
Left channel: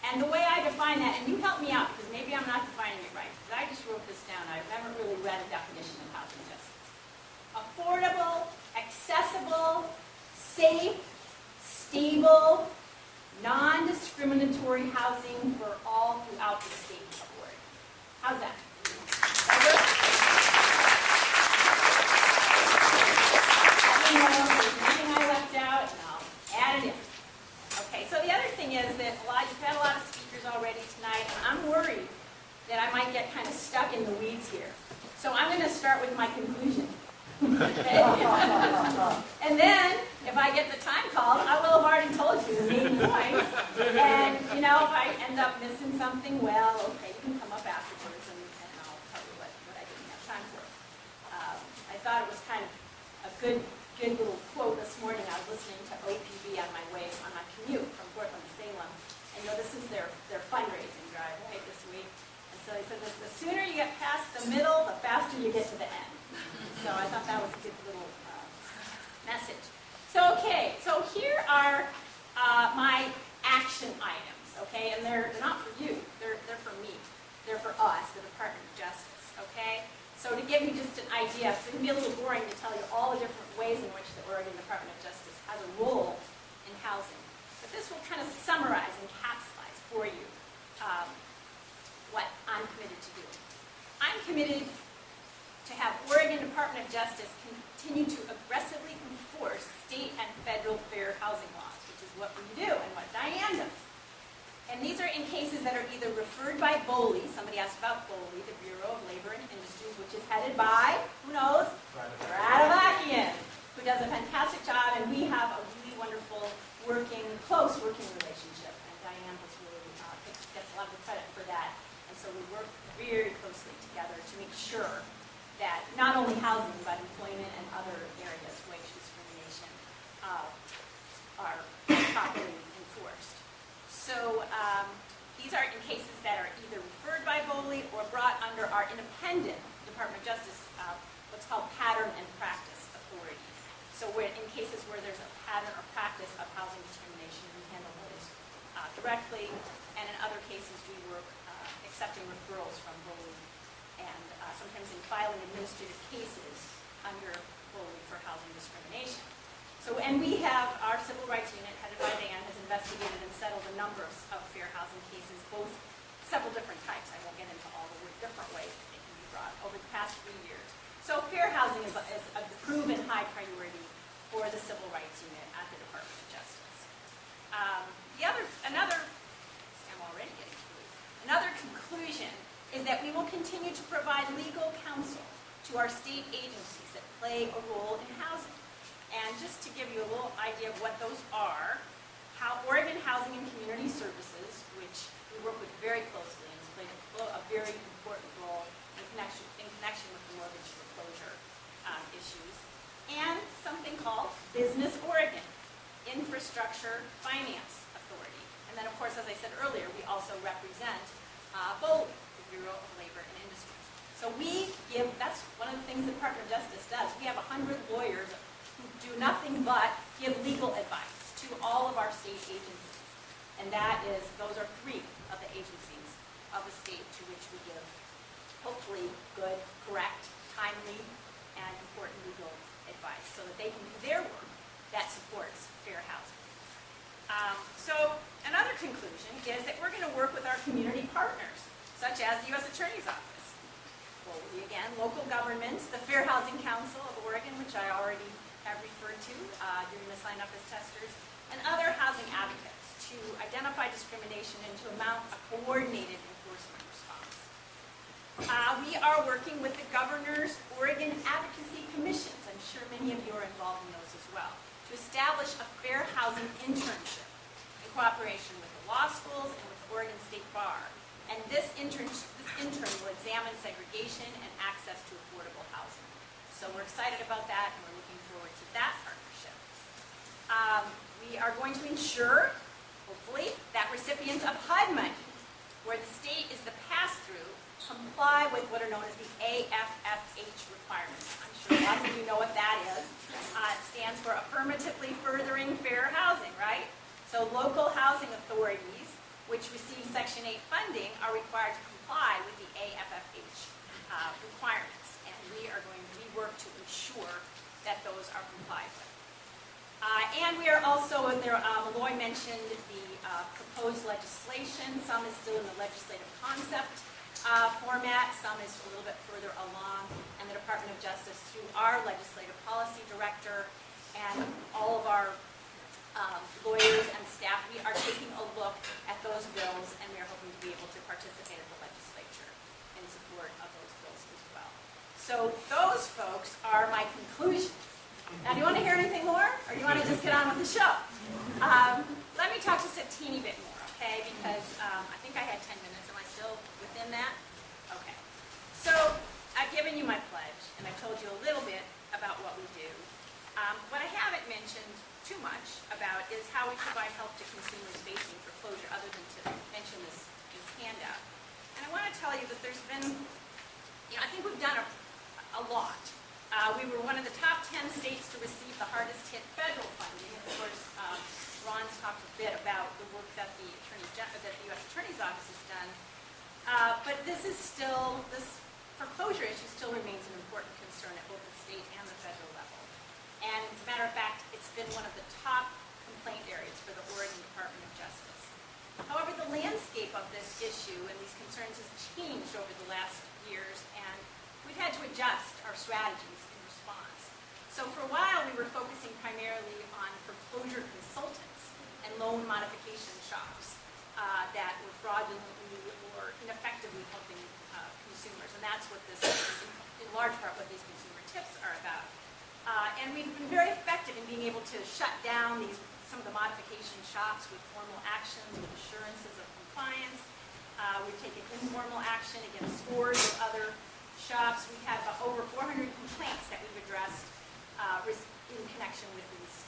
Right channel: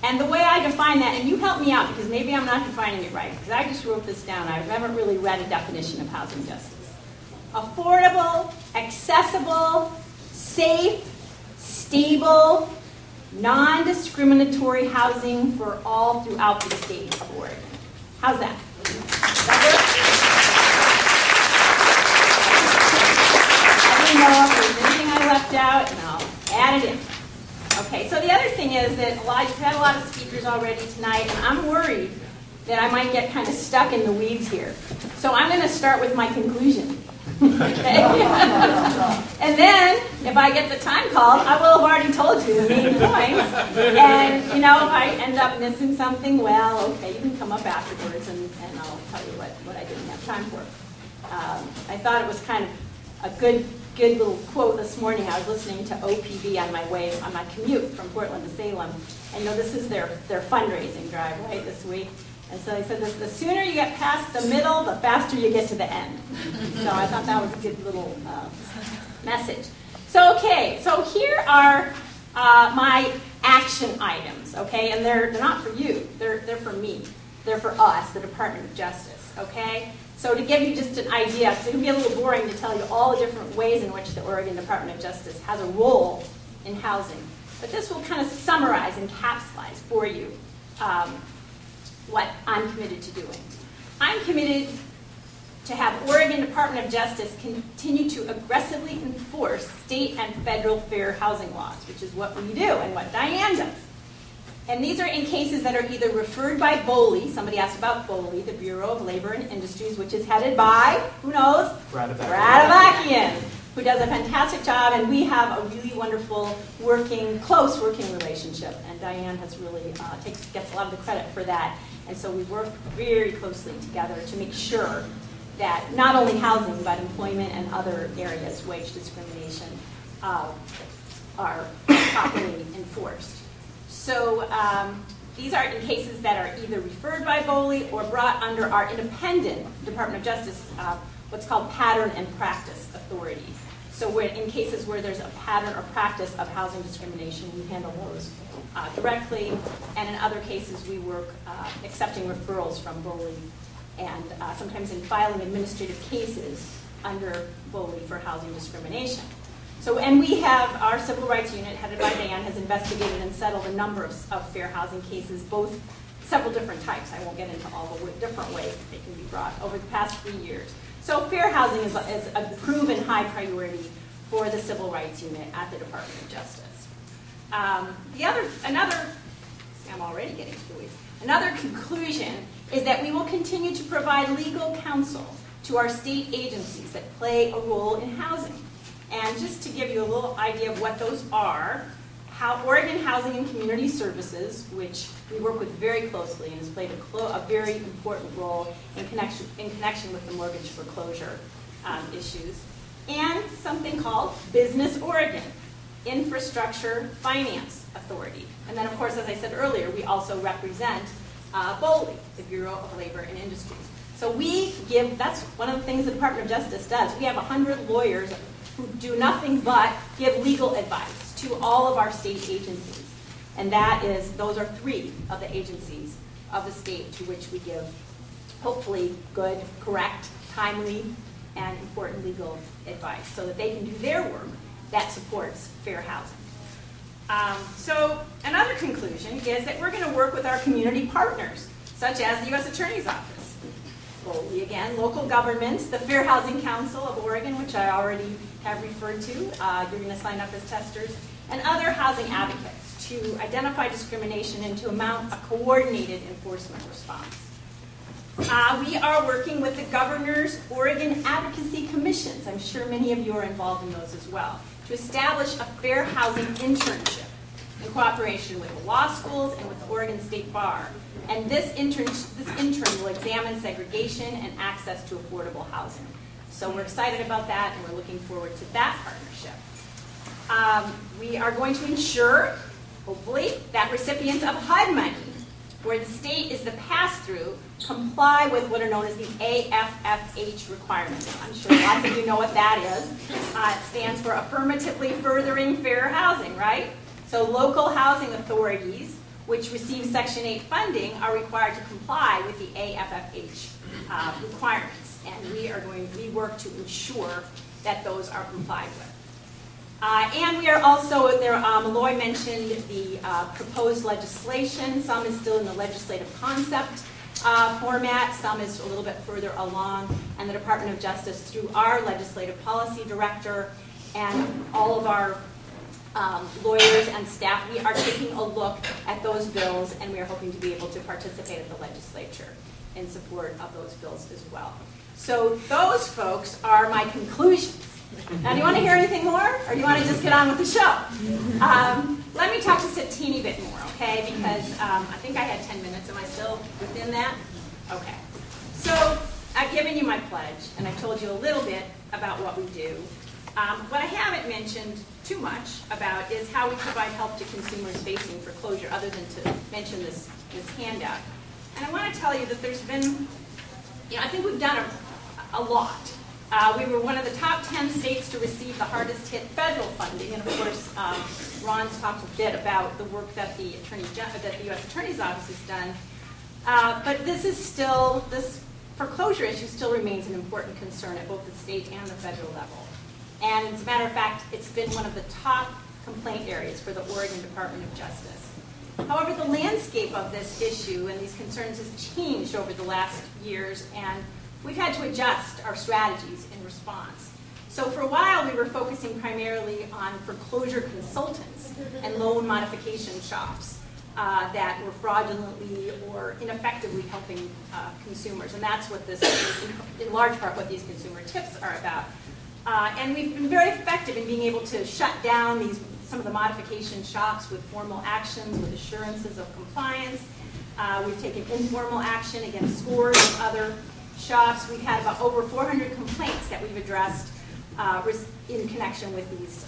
And the way I define that, and you help me out because maybe I'm not defining it right, because I just wrote this down. I haven't really read a definition of housing justice. Affordable, accessible, safe, stable, non-discriminatory housing for all throughout the state of Oregon. How's that? Let me know if there's anything I left out, and I'll add it in. Okay, so the other thing is that you've had a lot of speakers already tonight, and I'm worried that I might get kind of stuck in the weeds here. So I'm going to start with my conclusion. Okay? And then, if I get the time called, I will have already told you the main points. And, you know, if I end up missing something, well, okay, you can come up afterwards and I'll tell you what I didn't have time for. I thought it was kind of a good little quote this morning. I was listening to OPB on my commute from Portland to Salem. And, you know, this is their fundraising drive, right, this week. And so they said, the sooner you get past the middle, the faster you get to the end. So I thought that was a good little message. So, okay, so here are my action items, okay? And they're not for you, they're for me. They're for us, the Department of Justice, okay? So to give you just an idea, because it can be a little boring to tell you all the different ways in which the Oregon Department of Justice has a role in housing. But this will kind of summarize and capsulize for you what I'm committed to doing. I'm committed to have Oregon Department of Justice continue to aggressively enforce state and federal fair housing laws, which is what we do and what Diane does. And these are in cases that are either referred by BOLI, somebody asked about BOLI, the Bureau of Labor and Industries, which is headed by, who knows? Brad, who does a fantastic job, and we have a really wonderful close working relationship. And Diane has really gets a lot of the credit for that. And so we work very closely together to make sure that not only housing, but employment and other areas, wage discrimination, are properly enforced. So these are in cases that are either referred by BOLI or brought under our independent Department of Justice, what's called pattern and practice authority. So in cases where there's a pattern or practice of housing discrimination, we handle those directly, and in other cases we work accepting referrals from BOLI and sometimes in filing administrative cases under BOLI for housing discrimination. So, and we have our civil rights unit headed by Dan has investigated and settled a number of fair housing cases, several different types. I won't get into all the different ways that they can be brought over the past 3 years. So fair housing is a proven high priority for the civil rights unit at the Department of Justice. I'm already getting to the weeds. Another conclusion is that we will continue to provide legal counsel to our state agencies that play a role in housing. And just to give you a little idea of what those are, Oregon Housing and Community Services, which we work with very closely and has played a very important role in connection with the mortgage foreclosure issues, and something called Business Oregon, Infrastructure Finance Authority. And then, of course, as I said earlier, we also represent BOLI, the Bureau of Labor and Industries. So that's one of the things the Department of Justice does. We have 100 lawyers who do nothing but give legal advice to all of our state agencies. And those are 3 of the agencies of the state to which we give, hopefully, good, correct, timely, and important legal advice so that they can do their work that supports fair housing. So another conclusion is that we're going to work with our community partners, such as the U.S. Attorney's Office, BOLI again, local governments, the Fair Housing Council of Oregon, which I already have referred to. You're going to sign up as testers, and other housing advocates to identify discrimination and to mount a coordinated enforcement response. We are working with the Governor's Oregon Advocacy Commissions. I'm sure many of you are involved in those as well, to establish a fair housing internship in cooperation with the law schools and with the Oregon State Bar. And this intern will examine segregation and access to affordable housing. So we're excited about that, and we're looking forward to that partnership. We are going to ensure, hopefully, that recipients of HUD money, where the state is the pass-through, comply with what are known as the AFFH requirements. I'm sure lots of you know what that is. It stands for Affirmatively Furthering Fair Housing, right? So local housing authorities, which receive Section 8 funding, are required to comply with the AFFH requirements. And we work to ensure that those are complied with. And we are also, Maloy mentioned the proposed legislation. Some is still in the legislative concept format, some is a little bit further along, and the Department of Justice, through our legislative policy director and all of our lawyers and staff, we are taking a look at those bills, and we are hoping to be able to participate at the legislature in support of those bills as well. So those, folks, are my conclusions. Now, do you want to hear anything more, or do you want to just get on with the show? Let me talk just a teeny bit more, okay? Because I think I had 10 minutes. Am I still within that? Okay. So I've given you my pledge, and I've told you a little bit about what we do. What I haven't mentioned too much about is how we provide help to consumers facing foreclosure, other than to mention this handout. And I want to tell you that there's been, I think we've done a lot. We were one of the top 10 states to receive the hardest hit federal funding, and of course, Ron's talked a bit about the work that the U.S. Attorney's Office has done. But this foreclosure issue still remains an important concern at both the state and the federal level. And as a matter of fact, it's been one of the top complaint areas for the Oregon Department of Justice. However, the landscape of this issue and these concerns has changed over the last years, and we've had to adjust our strategies in response. So for a while, we were focusing primarily on foreclosure consultants and loan modification shops that were fraudulently or ineffectively helping consumers. And that's what this is, in large part, what these consumer tips are about. And we've been very effective in being able to shut down some of the modification shops with formal actions, with assurances of compliance. We've taken informal action against scores of other shops. We've had about over 400 complaints that we've addressed in connection with these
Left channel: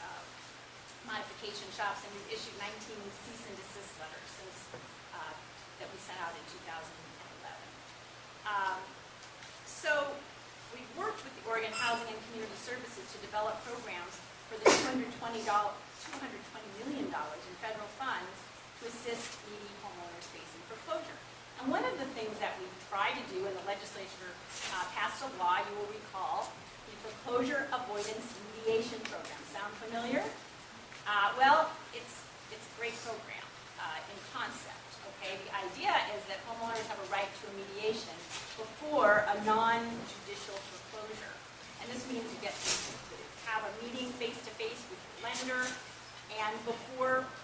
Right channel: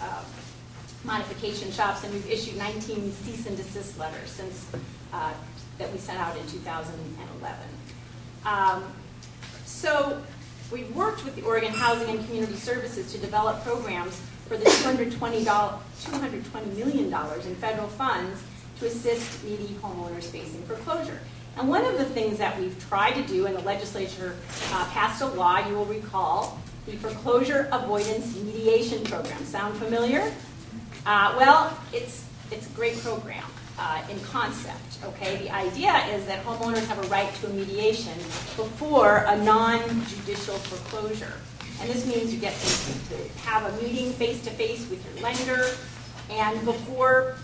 modification shops, and we've issued 19 cease and desist letters since that we sent out in 2011. So we've worked with the Oregon Housing and Community Services to develop programs for the $220 million in federal funds to assist needy homeowners facing foreclosure. And one of the things that we've tried to do, and the legislature passed a law, you will recall, the Foreclosure Avoidance Mediation Program. Sound familiar? Well, it's a great program in concept, okay? The idea is that homeowners have a right to a mediation before a non-judicial foreclosure. And this means you get to have a meeting face-to-face with your lender, and before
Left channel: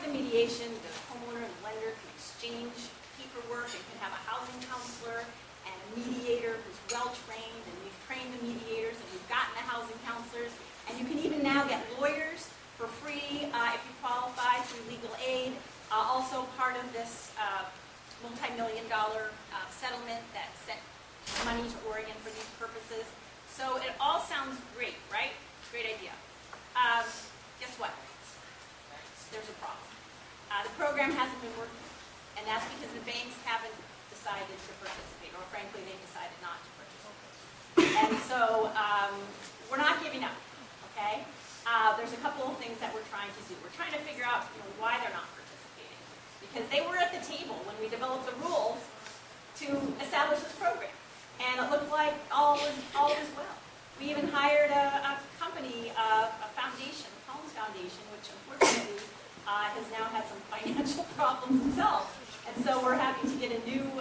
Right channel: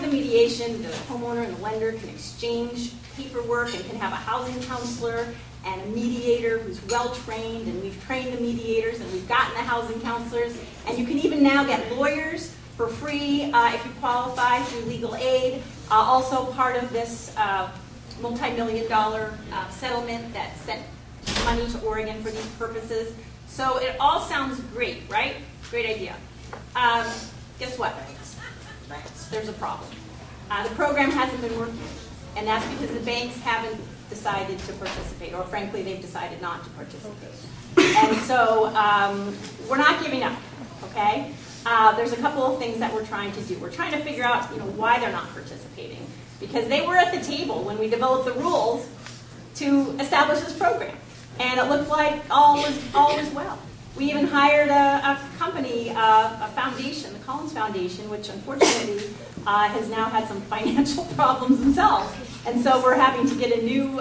the mediation, the homeowner and the lender can exchange paperwork and can have a housing counselor and a mediator who's well-trained, and we've trained the mediators, and we've gotten the housing counselors, and you can even now get lawyers for free if you qualify through legal aid. Also part of this multi-million-dollar settlement that sent money to Oregon for these purposes. So it all sounds great, right? Great idea. Guess what? There's a problem. The program hasn't been working, and that's because the banks haven't decided to participate, or frankly, they've decided not to participate. And so we're not giving up, okay? There's a couple of things that we're trying to do. We're trying to figure out, why they're not participating, because they were at the table when we developed the rules to establish this program, and it looked like all was well. We even hired a company, a foundation, the Collins Foundation, which unfortunately has now had some financial problems themselves. And so we're having to get a new,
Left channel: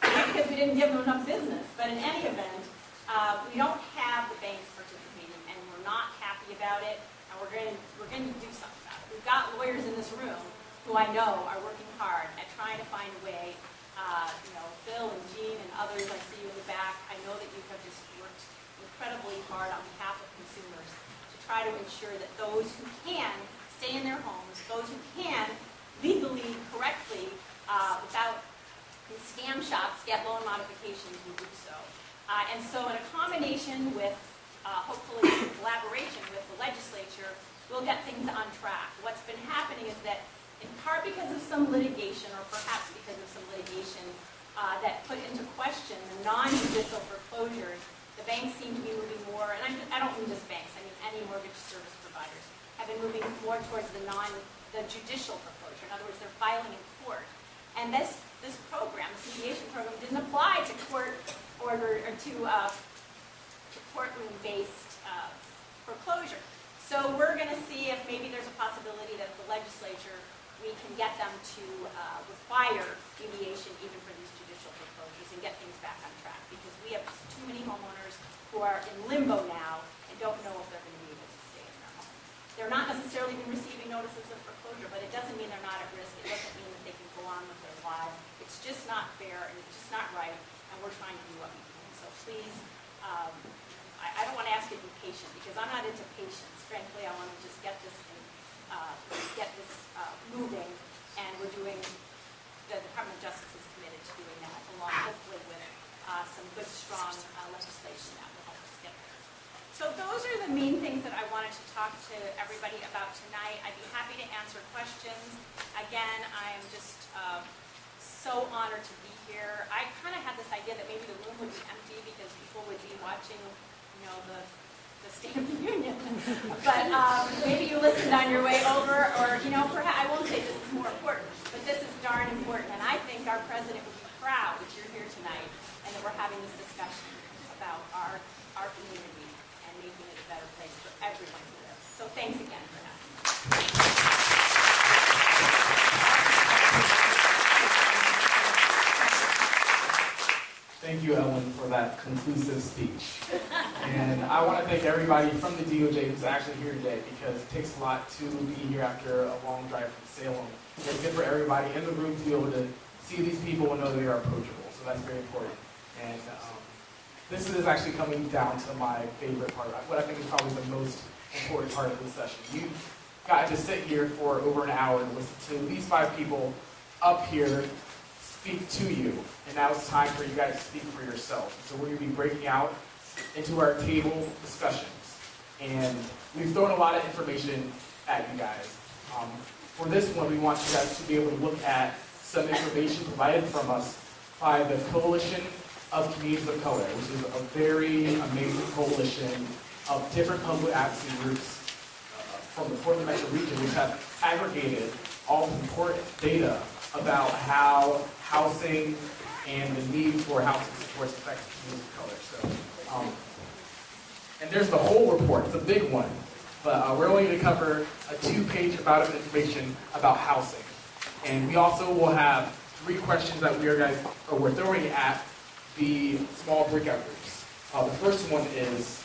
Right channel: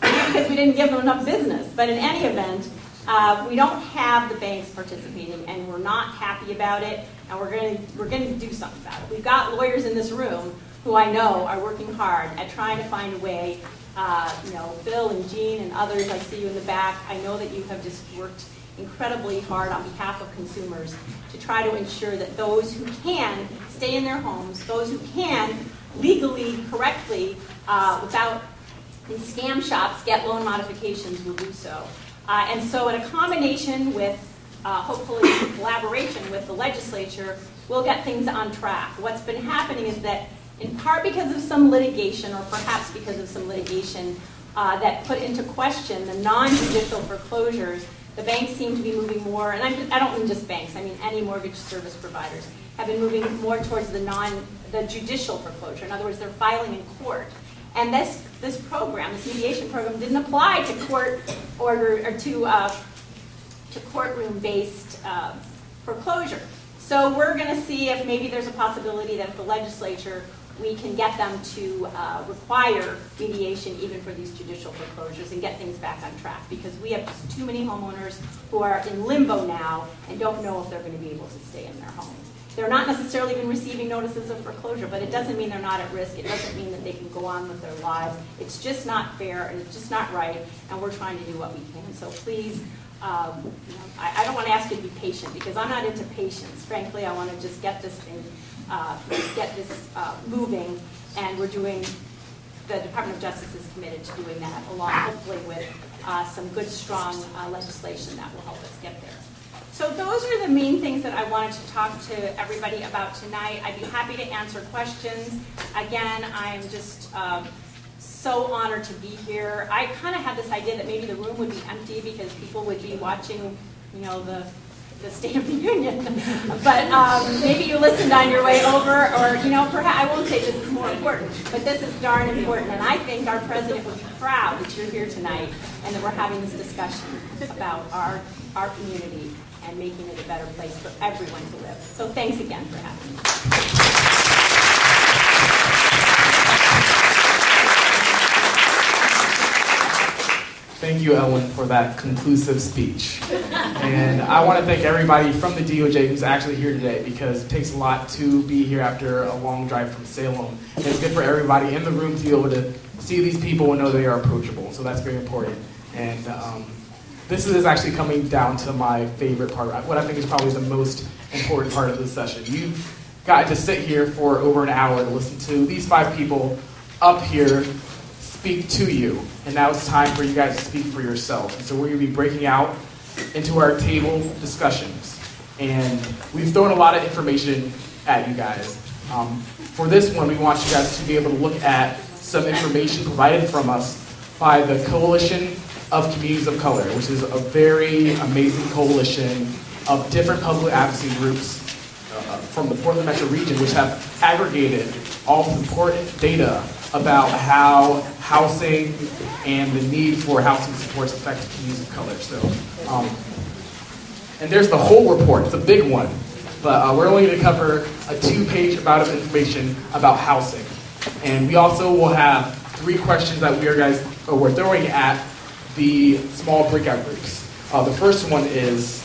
because we didn't give them enough business. But in any event, we don't have the banks participating, and we're not happy about it, and we're going to do something about it. We've got lawyers in this room who I know are working hard at trying to find a way. Bill and Jean and others, I see you in the back. I know that you have just worked incredibly hard on behalf of consumers to try to ensure that those who can stay in their homes, those who can legally, correctly, without these scam shops get loan modifications, will do so. And so in a combination with, hopefully in collaboration with the legislature, we'll get things on track. What's been happening is that in part because of some litigation, or perhaps because of some litigation that put into question the non-judicial foreclosures, the banks seem to be moving more, and I don't mean just banks, I mean any mortgage service providers, have been moving more towards the judicial foreclosure. In other words, they're filing in court. And this program, this mediation program, didn't apply to court order or to to courtroom-based foreclosure. So we're going to see if maybe there's a possibility that if the legislature, we can get them to require mediation even for these judicial foreclosures and get things back on track, because we have just too many homeowners who are in limbo now and don't know if they're going to be able to stay in their homes. They're not necessarily even receiving notices of foreclosure, but it doesn't mean they're not at risk. It doesn't mean that they can go on with their lives. It's just not fair, and it's just not right, and we're trying to do what we can. So please, I don't want to ask you to be patient, because I'm not into patience. Frankly, I want to just get this thing, moving, and we're doing, the Department of Justice is committed to doing that, along hopefully with some good, strong legislation that will help us get there. So those are the main things that I wanted to talk to everybody about tonight. I'd be happy to answer questions. Again, I'm just so honored to be here. I kind of had this idea that maybe the room would be empty because people would be watching, you know, the State of the Union. But maybe you listened on your way over, or, you know, perhaps, I won't say this is more important, but this is darn important. And I think our president would be proud that you're here tonight and that we're having this discussion about our community and making it a better place for everyone to live. So thanks again for having me. Thank you, Ellen, for that conclusive speech. And I want to thank everybody from the DOJ who's actually here today, because it takes a lot to be here after a long drive from Salem. And it's good for everybody in the room to be able to see these people and know they are approachable. So that's very important. And this is actually coming down to my favorite part, what I think is probably the most important part of this session. You've got to sit here for over an hour to listen to these 5 people up here speak to you. And now it's time for you guys to speak for yourself. And so we're going to be breaking out into our table discussions. And we've thrown a lot of information at you guys. For this one, we want you guys to be able to look at some information provided from us by the Coalition of Communities of Color, which is a very amazing coalition of different public advocacy groups from the Portland Metro region, which have aggregated all the important data about how housing and the need for housing supports affect communities of color. So, and there's the whole report. It's a big one, but we're only going to cover a 2-page amount of information about housing. And we also will have 3 questions that we're throwing at the small breakout groups. The first one is,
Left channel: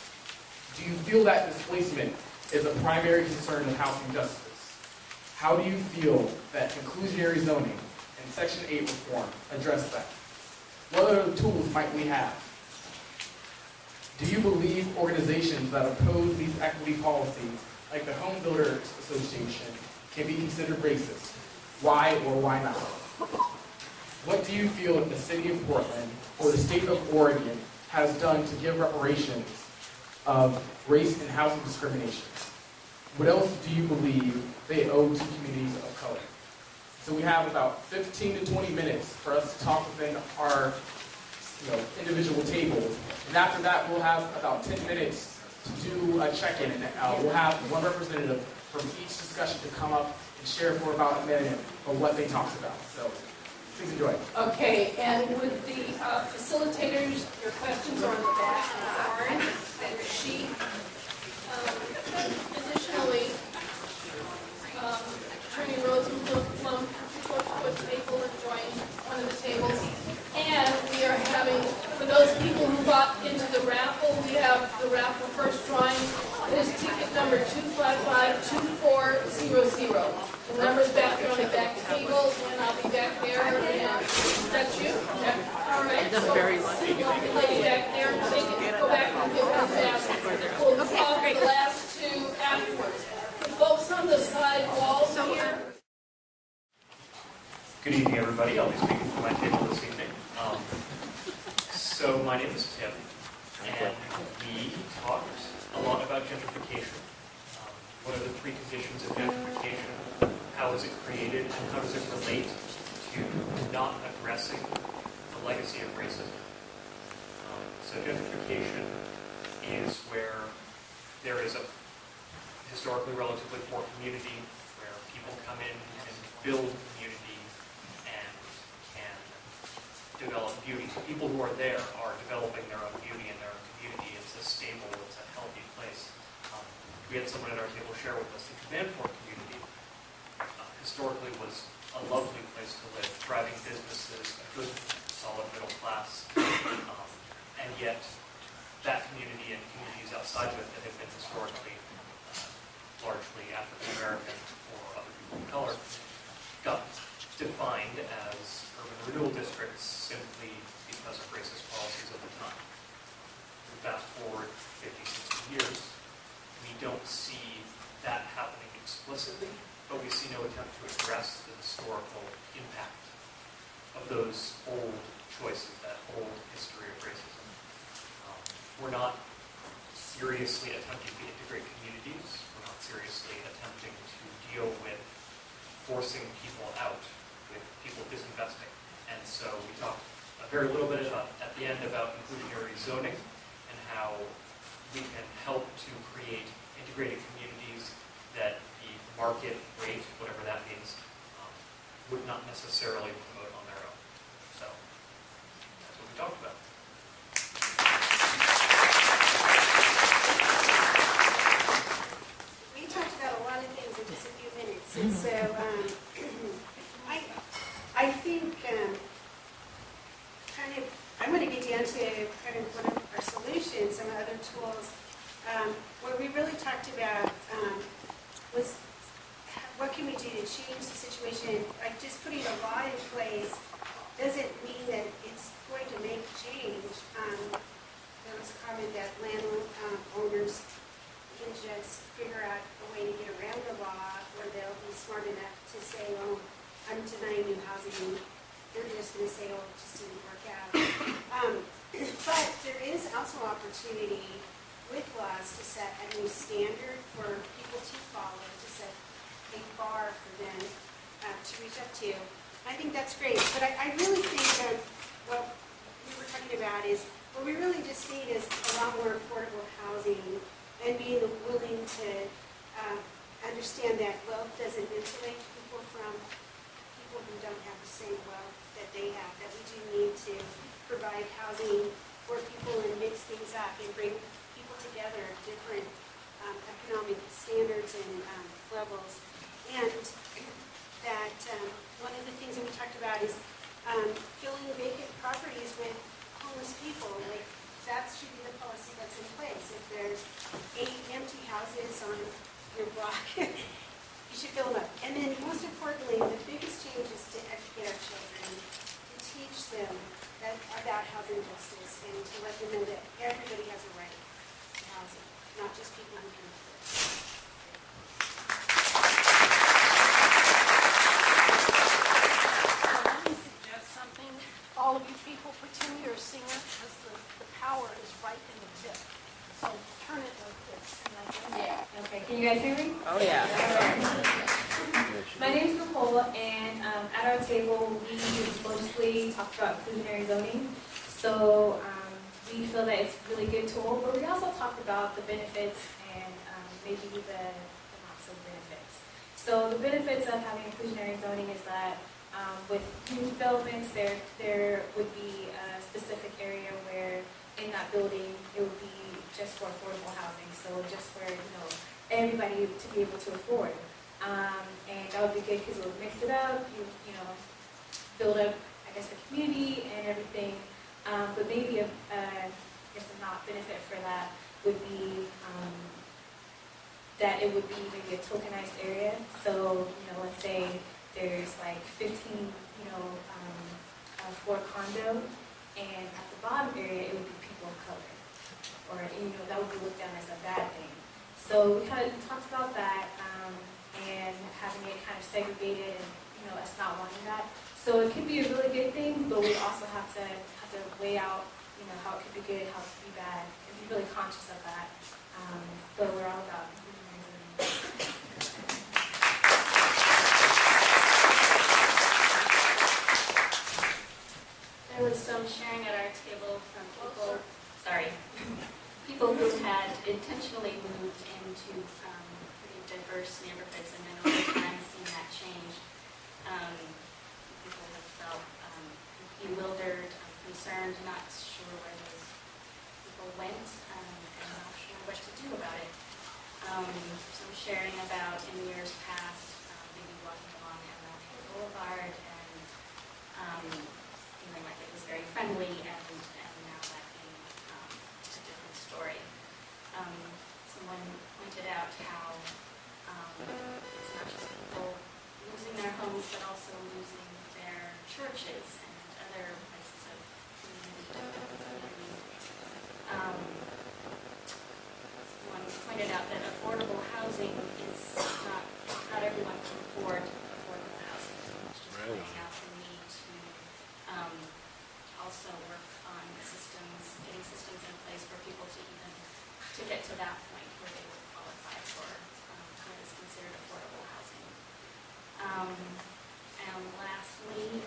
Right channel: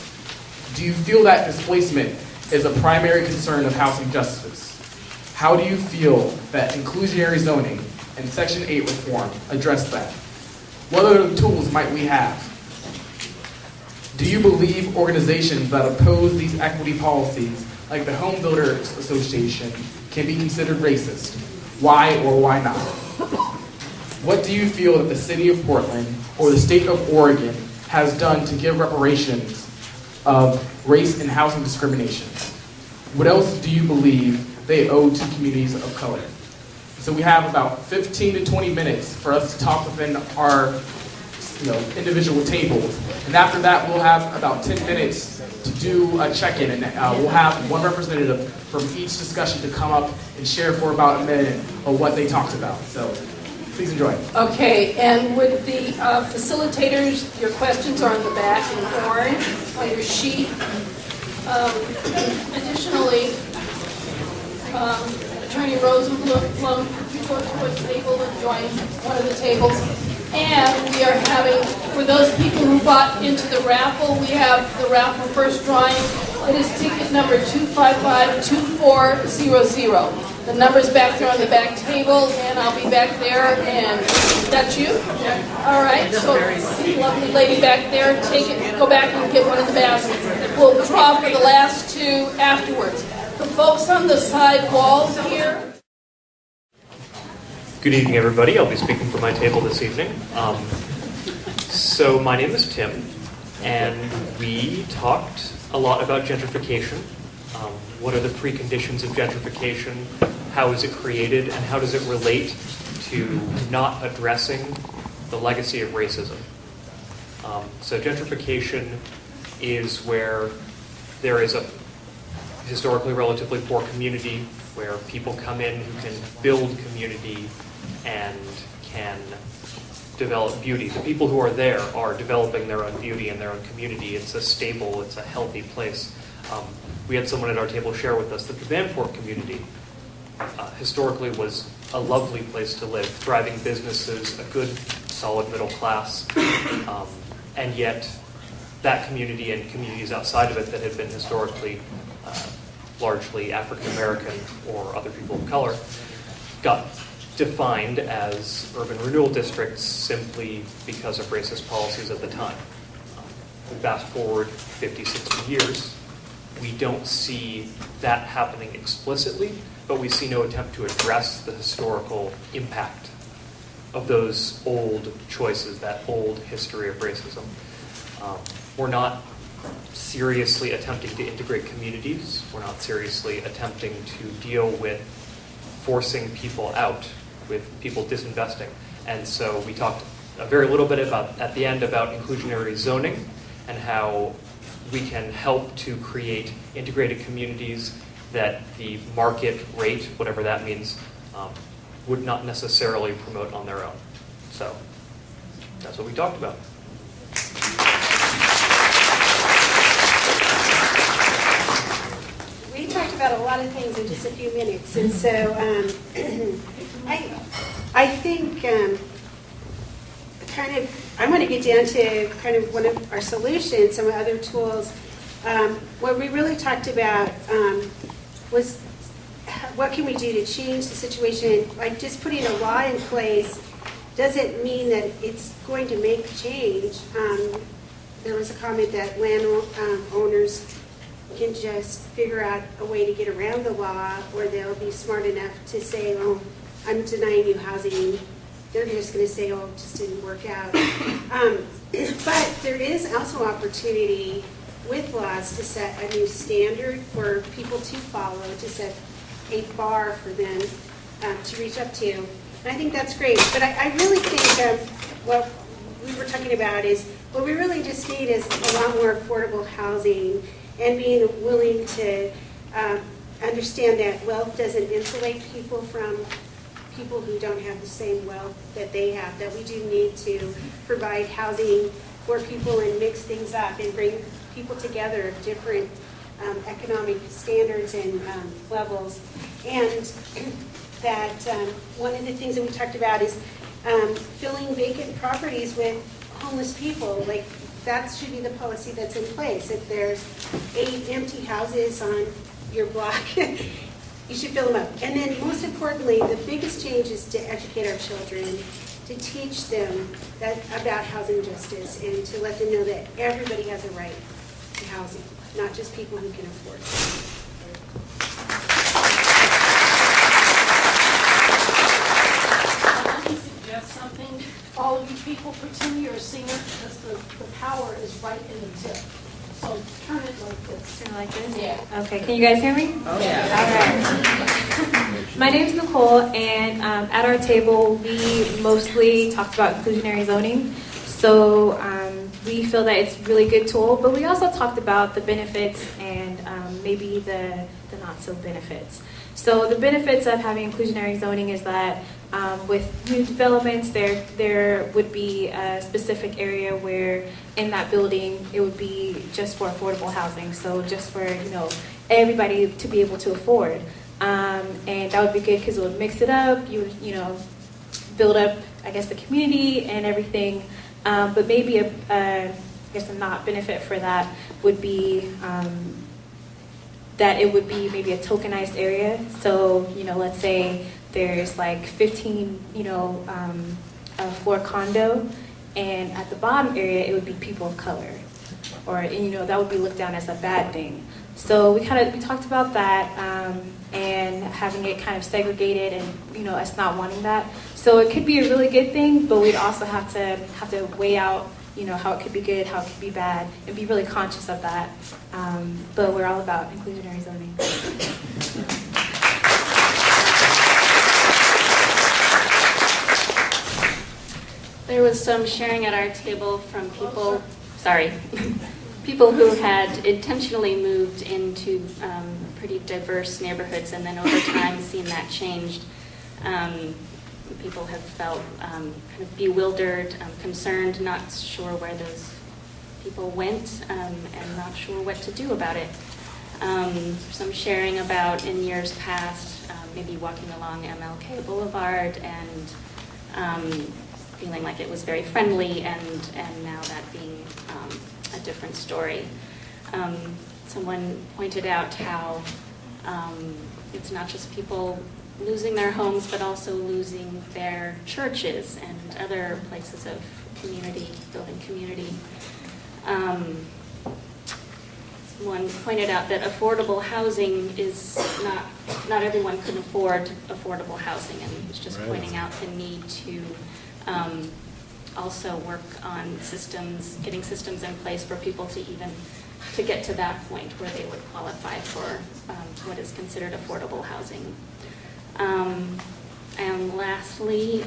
do you feel that displacement is a primary concern of housing justice? How do you feel that inclusionary zoning and Section 8 reform address that? What other tools might we have? Do you believe organizations that oppose these equity policies, like the Home Builders Association, can be considered racist? Why or why not? What do you feel that the city of Portland or the state of Oregon has done to give reparations of race and housing discrimination? What else do you believe they owe to communities of color? So we have about 15 to 20 minutes for us to talk within our individual tables. And after that, we'll have about 10 minutes to do a check-in. And we'll have one representative from each discussion to come up and share for about a minute of what they talked about. So please enjoy. Okay, and with the facilitators, your questions are on the back in orange on your sheet. Additionally, Attorney Rosenblum reports to the table and joined one of the tables. And we are having, for those people who bought into the raffle, we have the raffle first drawing. It is ticket number 2552400. The number's back there on the back table, and I'll be back there. And that's you? All right. So, lovely lady back there, take it, go back and get one of the baskets. We'll draw for the last 2 afterwards. The folks on the side walls here. Good evening, everybody. I'll be speaking from my table this evening. So my name is Tim, and we talked a lot about gentrification. What are the preconditions of gentrification? How is it created? And how does it relate to not addressing the legacy of racism? So gentrification is where there is a historically relatively poor community where people come in who can build community and can develop beauty. The people who are there are developing their own beauty in their own community. It's a stable, it's a healthy place. We had someone at our table share with us that the Vanport community historically was a lovely place to live, thriving businesses, a good, solid middle class, and yet that community and communities outside of it that had been historically largely African American or other people of color got defined as urban renewal districts simply because of racist policies at the time. We fast forward 50, 60 years, we don't see that happening explicitly, but we see no attempt to address the historical impact of those old choices, that old history of racism. We're not seriously attempting to integrate communities. We're not seriously attempting to deal with forcing people out, with people disinvesting. And so we talked a very little bit about, at the end, about inclusionary zoning and how we can help to create integrated communities that the market rate, whatever that means, would not necessarily promote on their own. So that's what we talked about. We talked about a lot of things in just a few minutes, and so I think kind of I'm going to get down to kind of one of our solutions, some other tools. What we really talked about was what can we do to change the situation. Like just putting a law in place doesn't mean that it's going to make change. There was a comment that landowners can just figure out a way to get around the law, or they'll be smart enough to say, oh, I'm denying you housing. They're just going to say, oh, it just didn't work out. But there is also opportunity with laws to set a new standard for people to follow, to set a bar for them to reach up to. And I think that's great. But I really think what we were talking about is what we really just need is a lot more affordable housing and being willing to understand that wealth doesn't insulate people from people who don't have the same wealth that they have, that we do need to provide housing for people and mix things up and bring people together of different economic standards and levels. And that one of the things that we talked about is filling vacant properties with homeless people. Like that should be the policy that's in place. If there's 8 empty houses on your block, you should fill them up. And then most importantly, the biggest change is to educate our children, to teach them about housing justice and to let them know that everybody has a right to housing, not just people who can afford it. Let me suggest something. All of you people, pretend you're a singer because the power is right in the tip. So turn it like this. Turn it like this? Yeah. Okay, can you guys hear me? Oh, yeah. All right. My name is Nicole, and at our table, we mostly talked about inclusionary zoning. So we feel that it's a really good tool, but we also talked about the benefits and maybe the not so benefits. So the benefits of having inclusionary zoning is that with new developments, there would be a specific area where in that building it would be just for affordable housing. So just for everybody to be able to afford, and that would be good because it would mix it up. You build up, I guess, the community and everything. But maybe I guess a not benefit for that would be that it would be maybe a tokenized area. So let's say there's like 15 for a condo, and at the bottom area it would be people of color, or that would be looked down as a bad thing. So we talked about that and having it kind of segregated, and us not wanting that. So it could be a really good thing, but we'd also have to weigh out how it could be good, how it could be bad, and be really conscious of that. But we're all about inclusionary zoning. There was some sharing at our table from people who had intentionally moved into pretty diverse neighborhoods and then over time seen that changed. people have felt kind of bewildered, concerned, not sure where those people went, and not sure what to do about it. Some sharing about in years past, maybe walking along MLK Boulevard and feeling like it was very friendly, and now that being a different story. Someone pointed out how it's not just people losing their homes, but also losing their churches and other places of community, building community. Someone pointed out that affordable housing is not everyone can afford affordable housing, and was just pointing out the need to also work on systems, getting systems in place for people to get to that point where they would qualify for what is considered affordable housing. And lastly,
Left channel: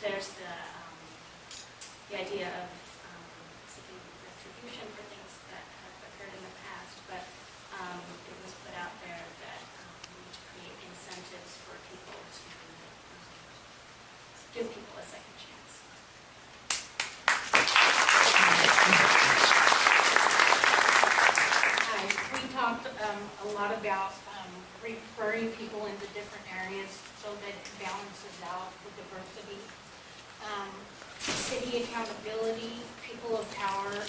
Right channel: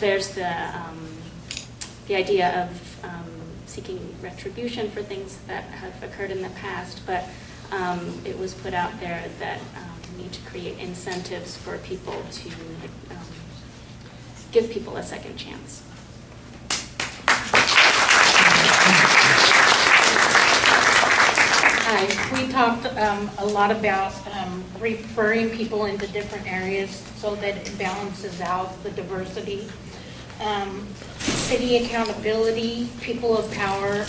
there's the idea of seeking retribution for things that have occurred in the past, but it was put out there that we need to create incentives for people to give people a second chance. We talked a lot about referring people into different areas so that it balances out the diversity. City accountability, people of power,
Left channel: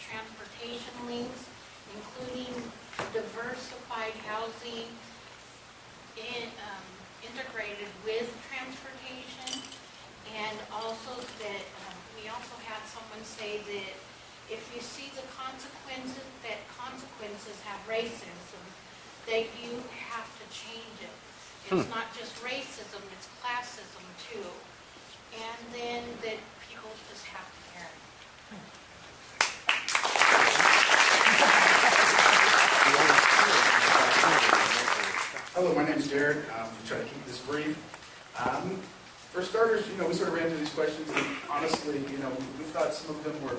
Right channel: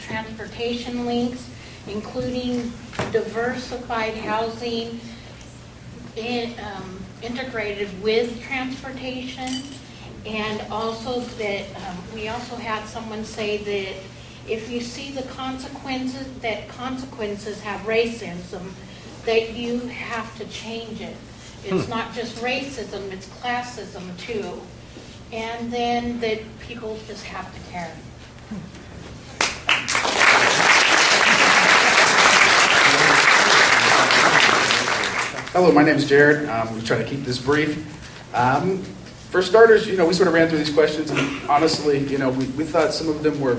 transportation links, including diversified housing integrated with transportation, and also that we also had someone say that if you see the consequences, that consequences have racism, that you have to change it. It's not just racism, it's classism too. And then that people just have to care. Hello, my name is Jared. I'm trying to keep this brief. For starters, we sort of ran through these questions, and honestly, we thought some of them were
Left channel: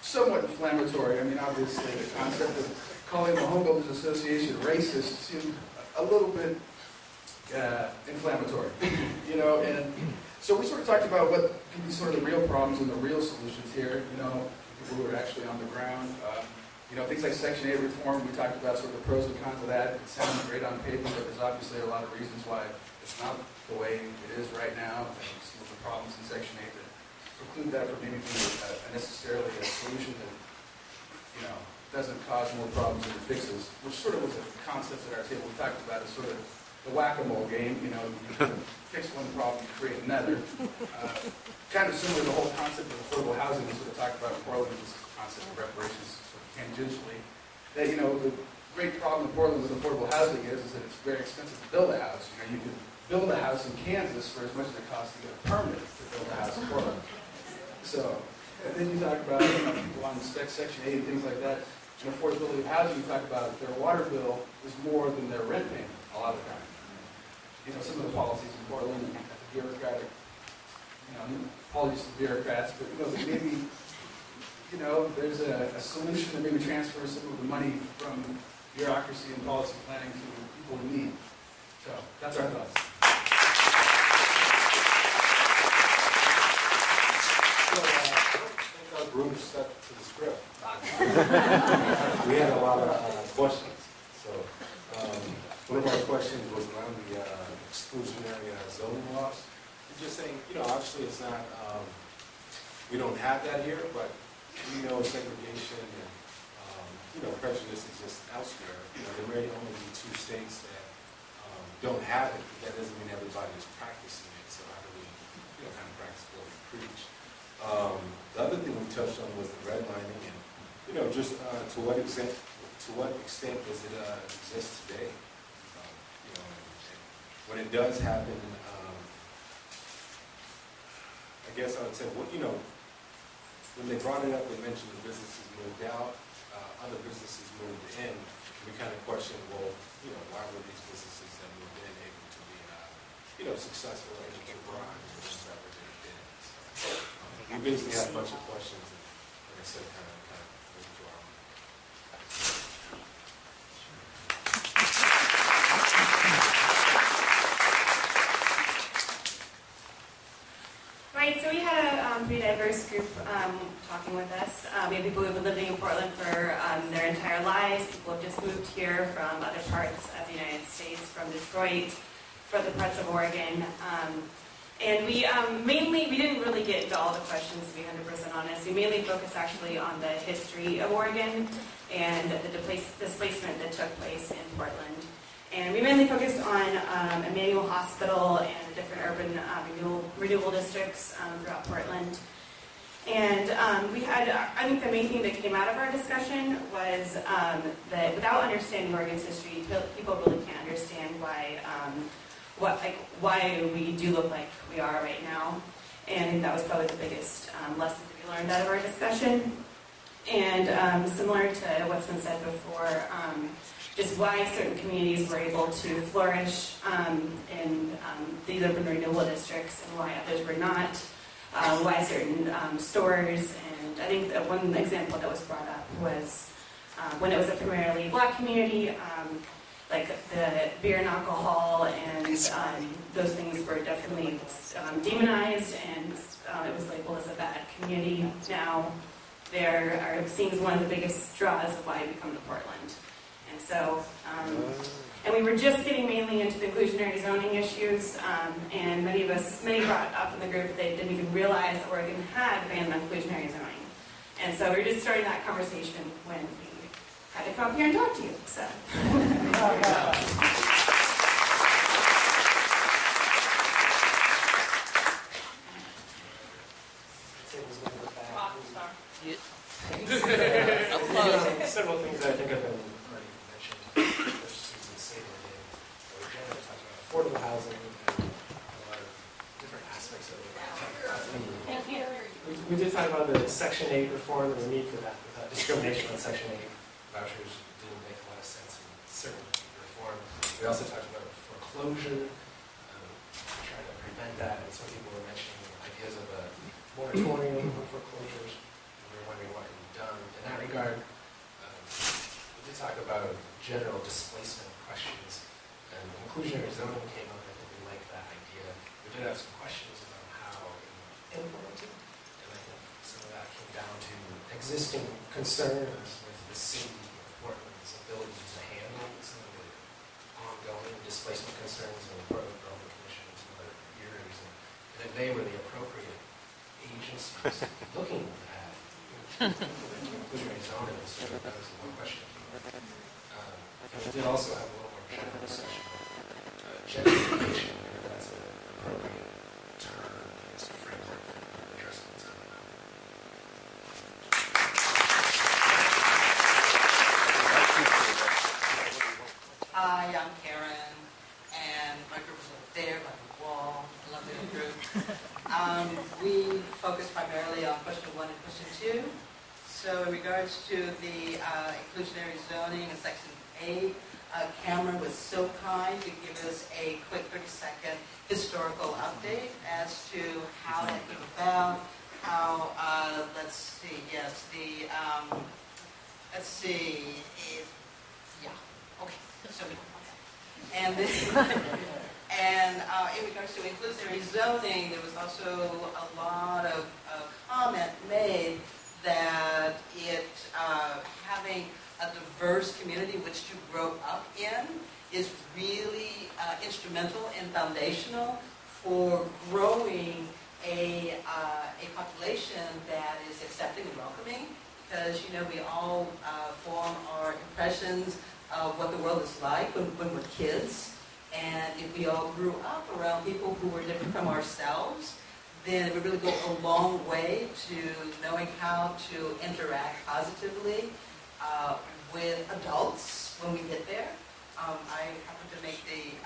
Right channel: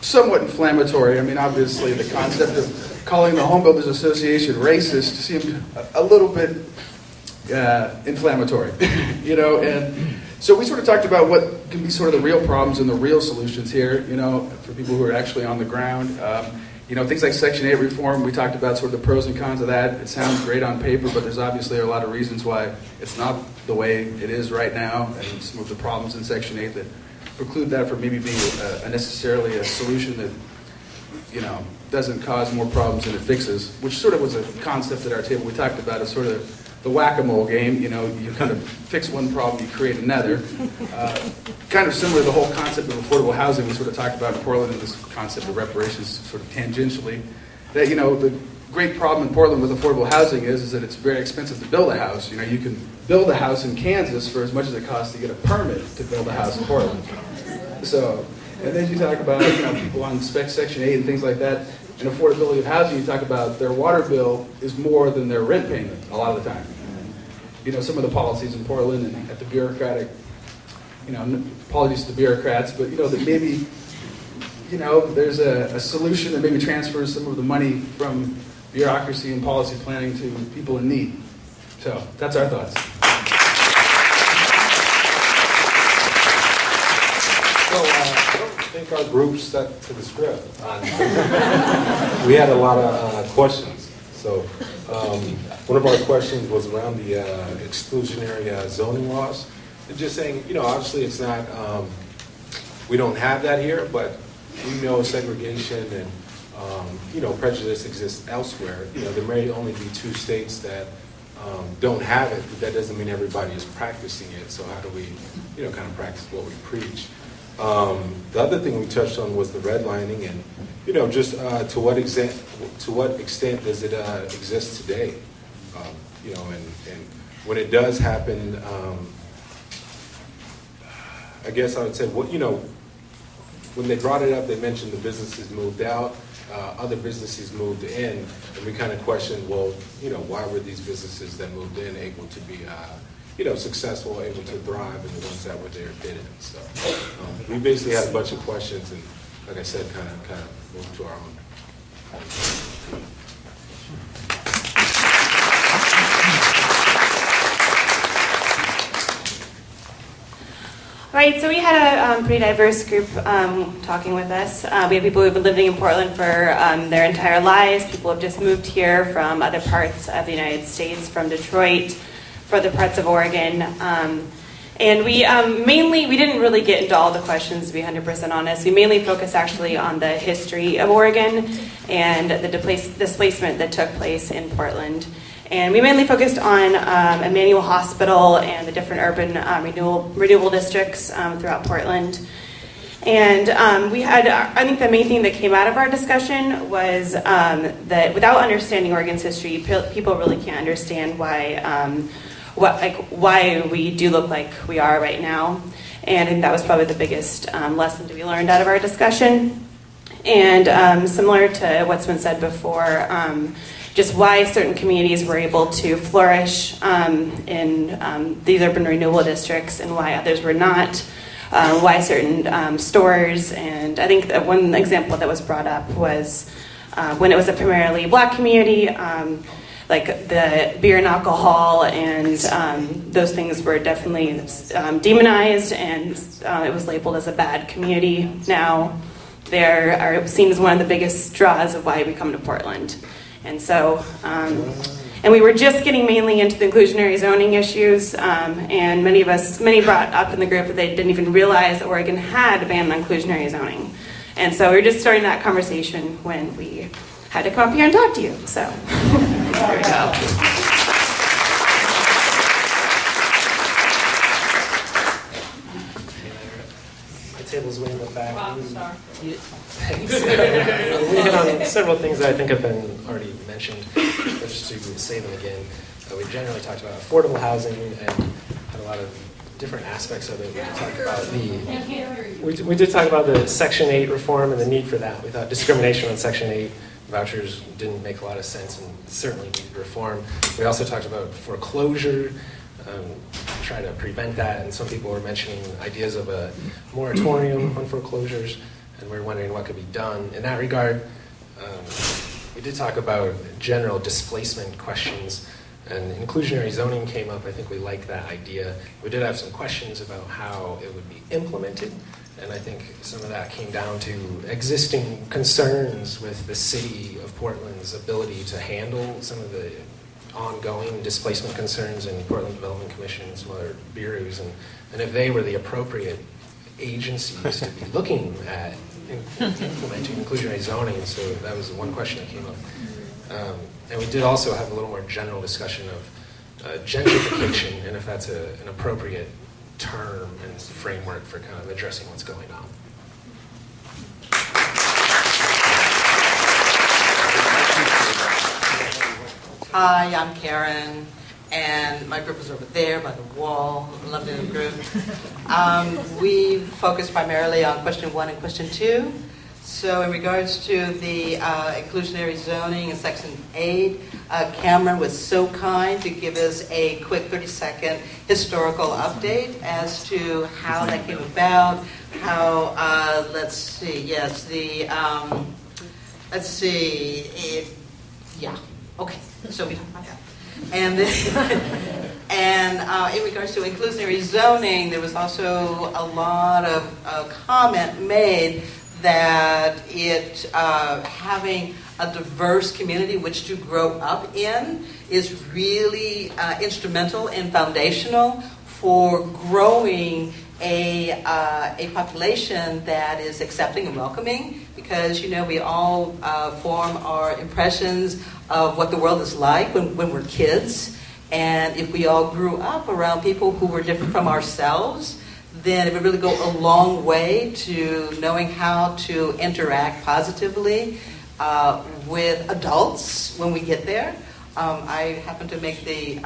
somewhat inflammatory. I mean, obviously, the concept of calling the Home Builders Association racist seemed a little bit inflammatory, and so we sort of talked about what can be sort of the real problems and the real solutions here, for people who are actually on the ground. Things like Section 8 reform, we talked about sort of the pros and cons of that. It sounds great on paper, but there's obviously a lot of reasons why it's not the way it is right now, and some of the problems in Section 8 that preclude that from maybe being necessarily a solution that, doesn't cause more problems than it fixes, which sort of was a concept at our table. We talked about as sort of the whack-a-mole game, you kind of fix one problem, you create another. Kind of similar to the whole concept of affordable housing we sort of talked about in Portland, and this concept of reparations sort of tangentially. That, the great problem in Portland with affordable housing is that it's very expensive to build a house. You can build a house in Kansas for as much as it costs to get a permit to build a house in Portland. So, and then you talk about, people on Section 8 and things like that. And affordability of housing, you talk about their water bill is more than their rent payment a lot of the time. Some of the policies in Portland and at the bureaucratic, apologies to the bureaucrats, but that maybe, there's a solution that maybe transfers some of the money from bureaucracy and policy planning to people in need. So that's our thoughts. I don't think our group stuck to the script. We had a lot of questions. So one of our questions was around the exclusionary zoning laws. And just saying, obviously it's not, we don't have that here, but we know segregation and, prejudice exists elsewhere. There may only be 2 states that don't have it, but that doesn't mean everybody is practicing it. So how do we, kind of practice what we preach? The other thing we touched on was the redlining, and just to what extent does it exist today? And when it does happen, I guess I would say, when they brought it up, they mentioned the businesses moved out, other businesses moved in, and we kind of questioned, well, why were these businesses that moved in able to be successful, able to thrive, and the ones that were there didn't. So we basically had a bunch of questions, and like I said, kind of moved to our own. Right, so we had a pretty diverse group talking with us. We have people who have been living in Portland for their entire lives. People who have just moved here from other parts of the United States, from Detroit, for other parts of Oregon. And we we didn't really get into all the questions, to be 100% honest. We mainly focused actually on the history of Oregon and the displacement that took place in Portland. And we mainly focused on Emmanuel Hospital and the different urban renewable districts throughout Portland. And we had, I think the main thing that came out of our discussion was that without understanding Oregon's history, people really can't understand why we do look like we are right now. And I think that was probably the biggest lesson to be learned out of our discussion. And similar to what's been said before, just why certain communities were able to flourish in these urban renewal districts and why others were not, why certain stores, and I think that one example that was brought up was when it was a primarily black community, like the beer and alcohol and those things were definitely demonized, and it was labeled as a bad community. Now it seems one of the biggest draws of why we come to Portland. And so, and we were just getting mainly into the inclusionary zoning issues, and many brought up in the group that they didn't even realize that Oregon had a ban on inclusionary zoning. And so we were just starting that conversation when we had to come up here and talk to you, so. The table's way in the back. Rockstar. Thanks. We hit on several things that I think have been already mentioned, but just to say them again. We generally talked about affordable housing and had a lot of different aspects of it. We did talk about the Section 8 reform and the need for that. We thought discrimination on Section 8 vouchers didn't make a lot of sense and certainly need reform. We also talked about foreclosure, try to prevent that, and some people were mentioning ideas of a moratorium on foreclosures, and we were wondering what could be done. In that regard, we did talk about general displacement questions, and inclusionary zoning came up. I think we liked that idea. We did have some questions about how it would be implemented, and I think some of that came down to existing concerns with the city of Portland's ability to handle some of the ongoing displacement concerns in Portland Development Commission and some other bureaus, and if they were the appropriate agencies to be looking at implementing inclusionary zoning. So that was one question that came up. And we did also have a little more general discussion of gentrification and if that's an appropriate term and framework for kind of addressing what's going on. Hi, I'm Karen, and my group is over there by the wall. Lovely group. We focus primarily on question 1 and question 2. So in regards to the inclusionary zoning in Section 8, Cameron was so kind to give us a quick 30-second historical update as to how that came about, how, let's see, yes, the, yeah, okay. So we and in regards to inclusionary zoning, there was also a lot of comment made that it having a diverse community which to grow up in is really instrumental and foundational for growing a population that is accepting and welcoming, because you know we all form our impressions of what the world is like when we're kids, and if we all grew up around people who were different from ourselves, then it would really go a long way to knowing how to interact positively with adults when we get there. I happen to make the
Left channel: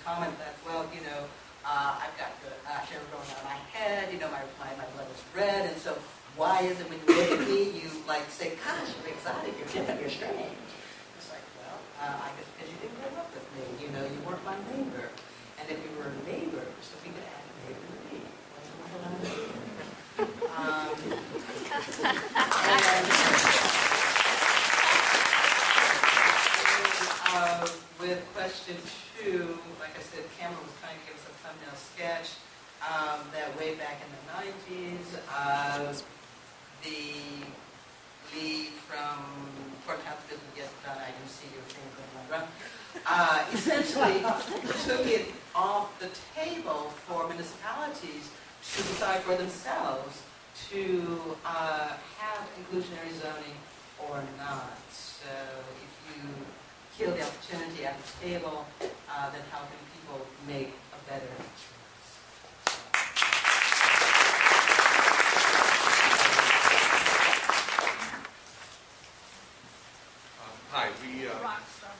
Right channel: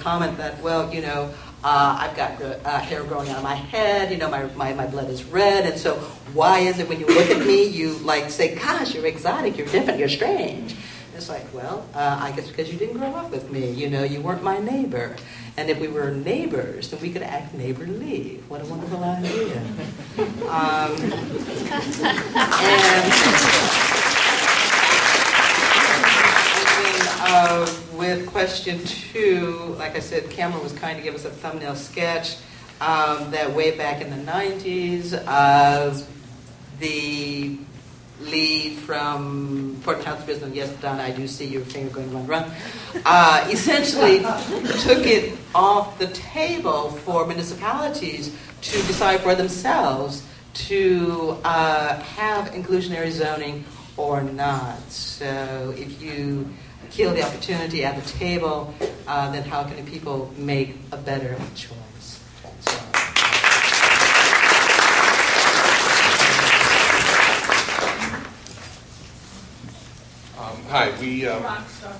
comment that, well, you know, I've got hair growing out of my head, you know, my blood is red, and so why is it when you look at me, you like say, gosh, you're exotic, you're different, you're strange. It's like, well, I guess because you didn't grow up with me, you know, you weren't my neighbor. And if we were neighbors, then we could act neighborly. What a wonderful idea. With question 2, like I said, Cameron was kind to give us a thumbnail sketch. that way back in the 90s, the lead from Port Townsend Business, yes, Don, I do see your finger going run, essentially took it off the table for municipalities to decide for themselves to have inclusionary zoning or not. So if you kill the opportunity at the table, then how can people make a better choice? So. Hi, we Rockstar.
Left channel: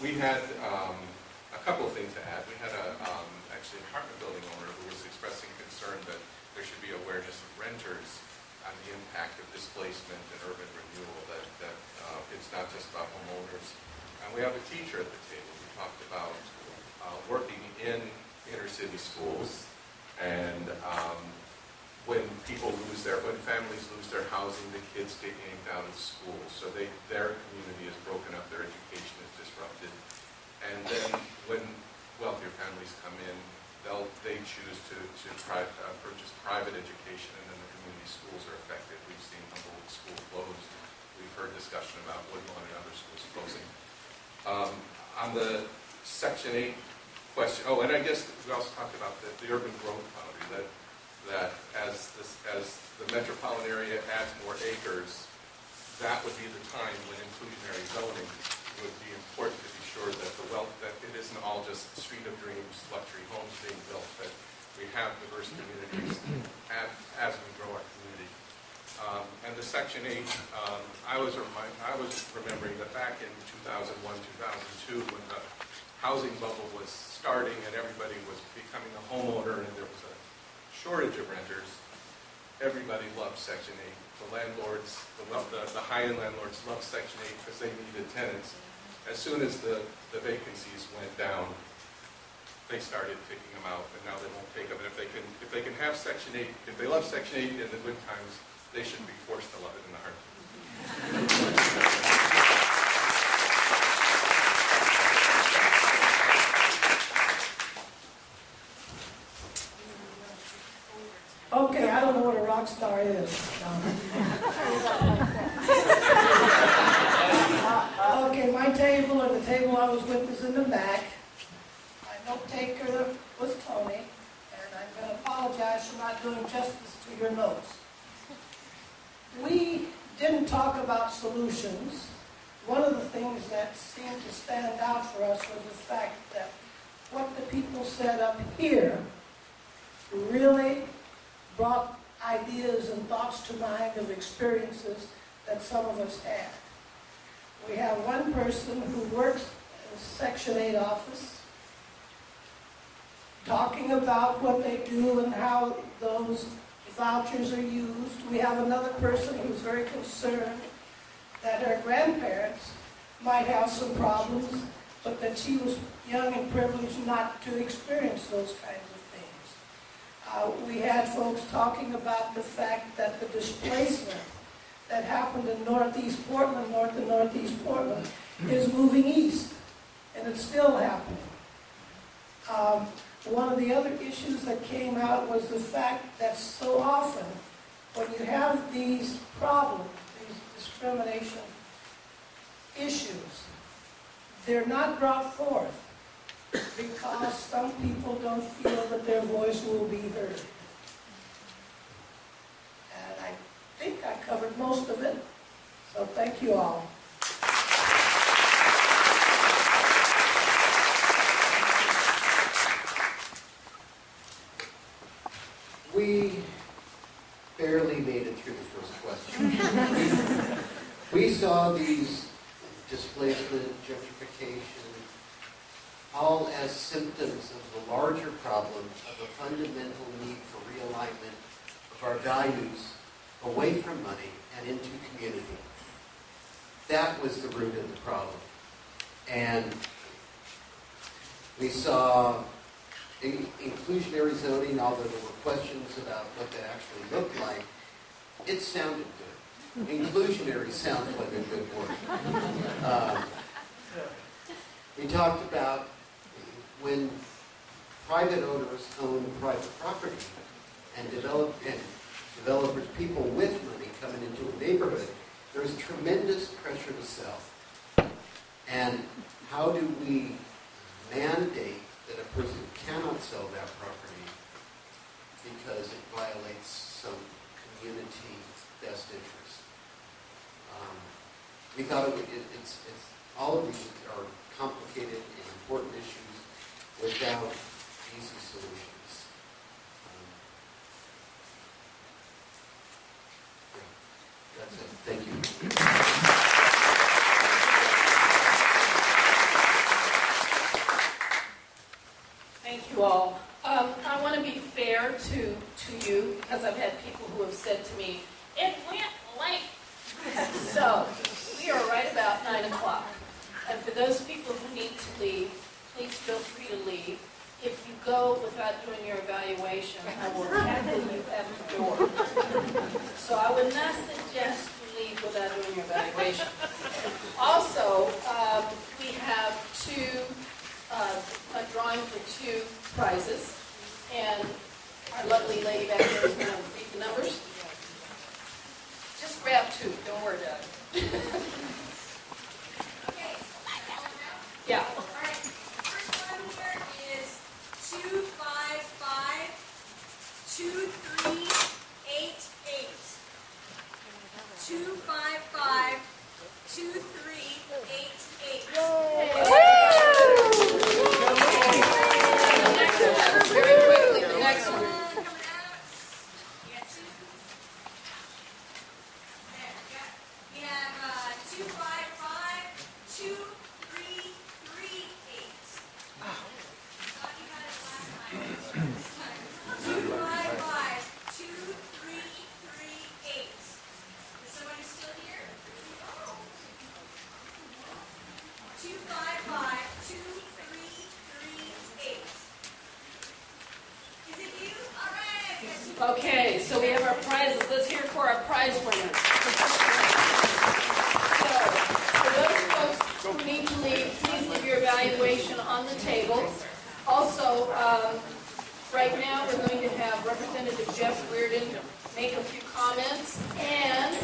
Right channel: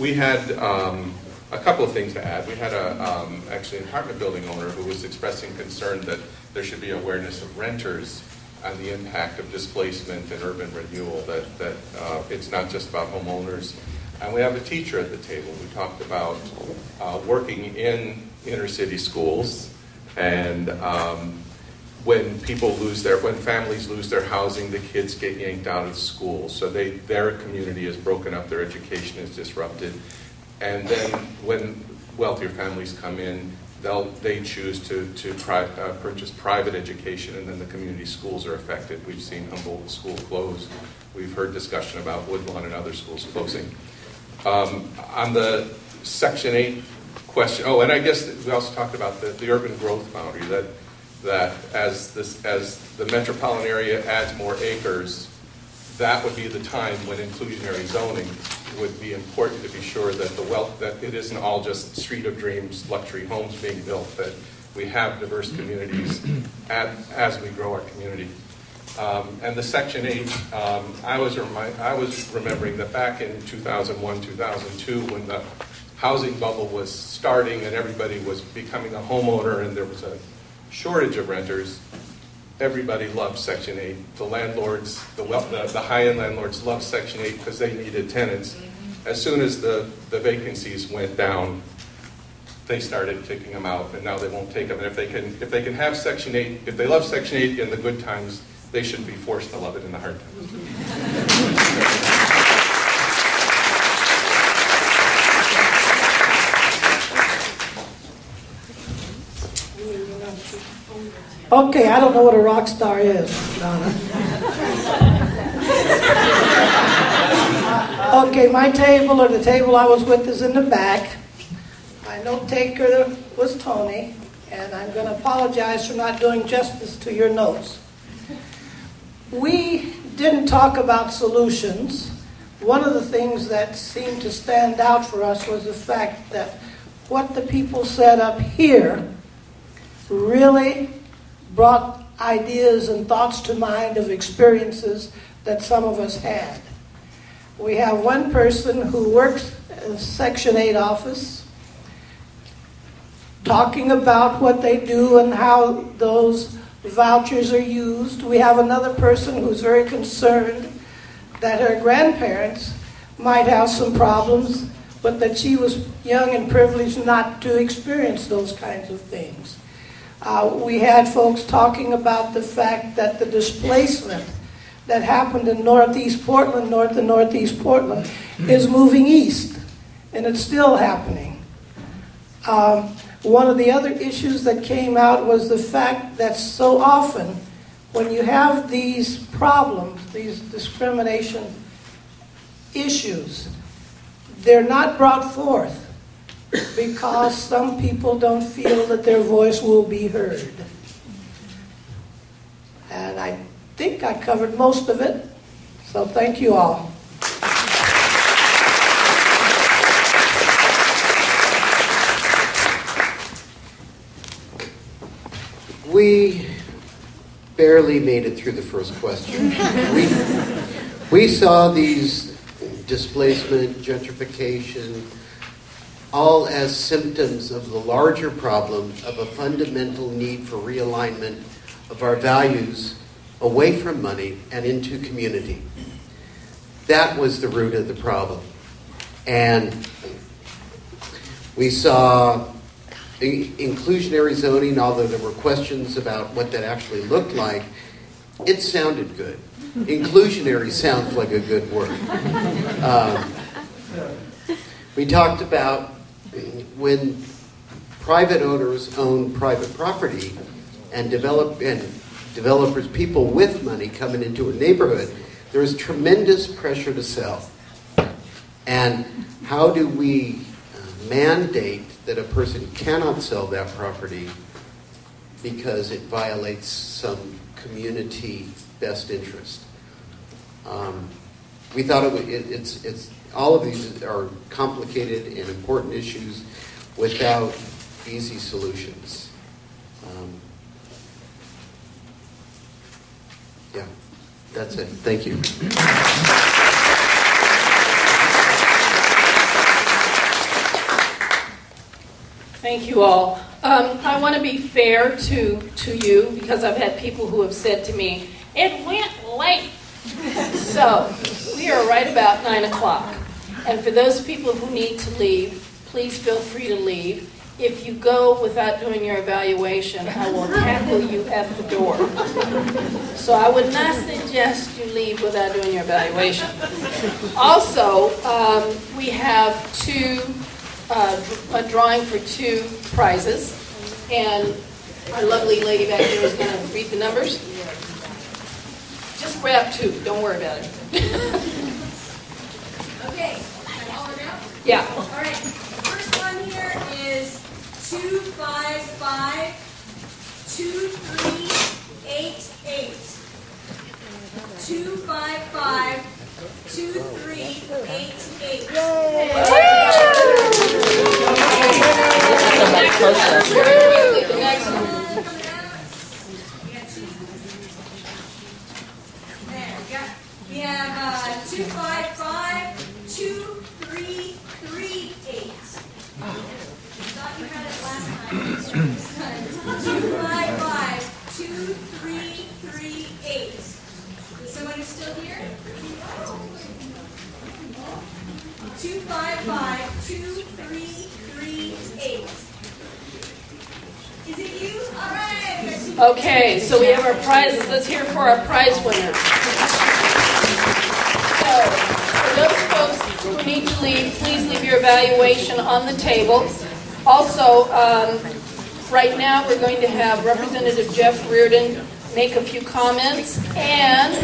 We had a couple of things to add. We had actually an apartment building owner who was expressing concern that there should be awareness of renters on the impact of displacement and urban renewal, that it's not just about homeowners. And we have a teacher at the table. We talked about working in inner city schools and when families lose their housing, the kids get yanked out of school. So their community is broken up, their education is disrupted. And then when wealthier families come in, they choose to purchase private education, and then the community schools are affected. We've seen Humboldt School closed. We've heard discussion about Woodlawn and other schools closing. On the Section 8 question, and I guess we also talked about the urban growth boundary, that as the metropolitan area adds more acres, that would be the time when inclusionary zoning would be important to be sure that that it isn't all just street of dreams, luxury homes being built, that we have diverse communities as we grow our community. And the Section 8, I was remembering that back in 2001, 2002, when the housing bubble was starting and everybody was becoming a homeowner and there was a shortage of renters, everybody loved Section 8. The landlords, the high-end landlords loved Section 8 because they needed tenants. As soon as the vacancies went down, they started kicking them out, and now they won't take them. And if they can have Section 8, if they love Section 8 in the good times, they should be forced to love it in the hard times. Okay, I don't know what a rock star is. Okay, my table, or the table I was with, is in the back. My note taker was Tony, and I'm going to apologize for not doing justice to your notes. We didn't talk about solutions. One of the things that seemed to stand out for us was the fact that what the people said up here really brought ideas and thoughts to mind of experiences that some of us had. We have one person who works in the Section 8 office talking about what they do and how those vouchers are used. We have another person who's very concerned that her grandparents might have some problems, but that she was young and privileged not to experience those kinds of things. We had folks talking about the fact that the displacement that happened in northeast Portland, north and northeast Portland, is moving east, and it's still happening. One of the other issues that came out was the fact that so often, when you have these problems, these discrimination issues, they're not brought forth because some people don't feel that their voice will be heard. And I think I covered most of it, so thank you all. We barely made it through the first question. We saw these displacement, gentrification, all as symptoms of the larger problem of a fundamental need for realignment of our values away from money and into community. That was the root of the problem. And we saw inclusionary zoning, although there were questions about what that actually looked like. It sounded good. Inclusionary sounds like a good word. We talked about when private owners own private property and developers, people with money coming into a neighborhood, there is tremendous pressure to sell. And how do we mandate that a person cannot sell that property because it violates some community best interest? We thought it's all of these are complicated and important issues without easy solutions. Yeah, that's it. Thank you. Thank you all. I want to be fair to you because I've had people who have said to me, it went late. So we are right about 9 o'clock. And for those people who need to leave, please feel free to leave. If you go without doing your evaluation, I will tackle you at the door. So I would not suggest you leave without doing your evaluation. Also, we have a drawing for 2 prizes. And our lovely lady back there is going to read the numbers. Just grab 2. Don't worry about it. Okay. Yeah. All right. First one here is 255 2388. 255 2388. We have 255 2338. Thought you had it last time. 255 2338. Is someone still here? 255 2338. Is it you? All right. Okay, so we have our prizes. Let's hear for our prize winners. So, for those folks who need to leave, please leave your evaluation on the table. Also, right now we're going to have Representative Jeff Reardon make a few comments, and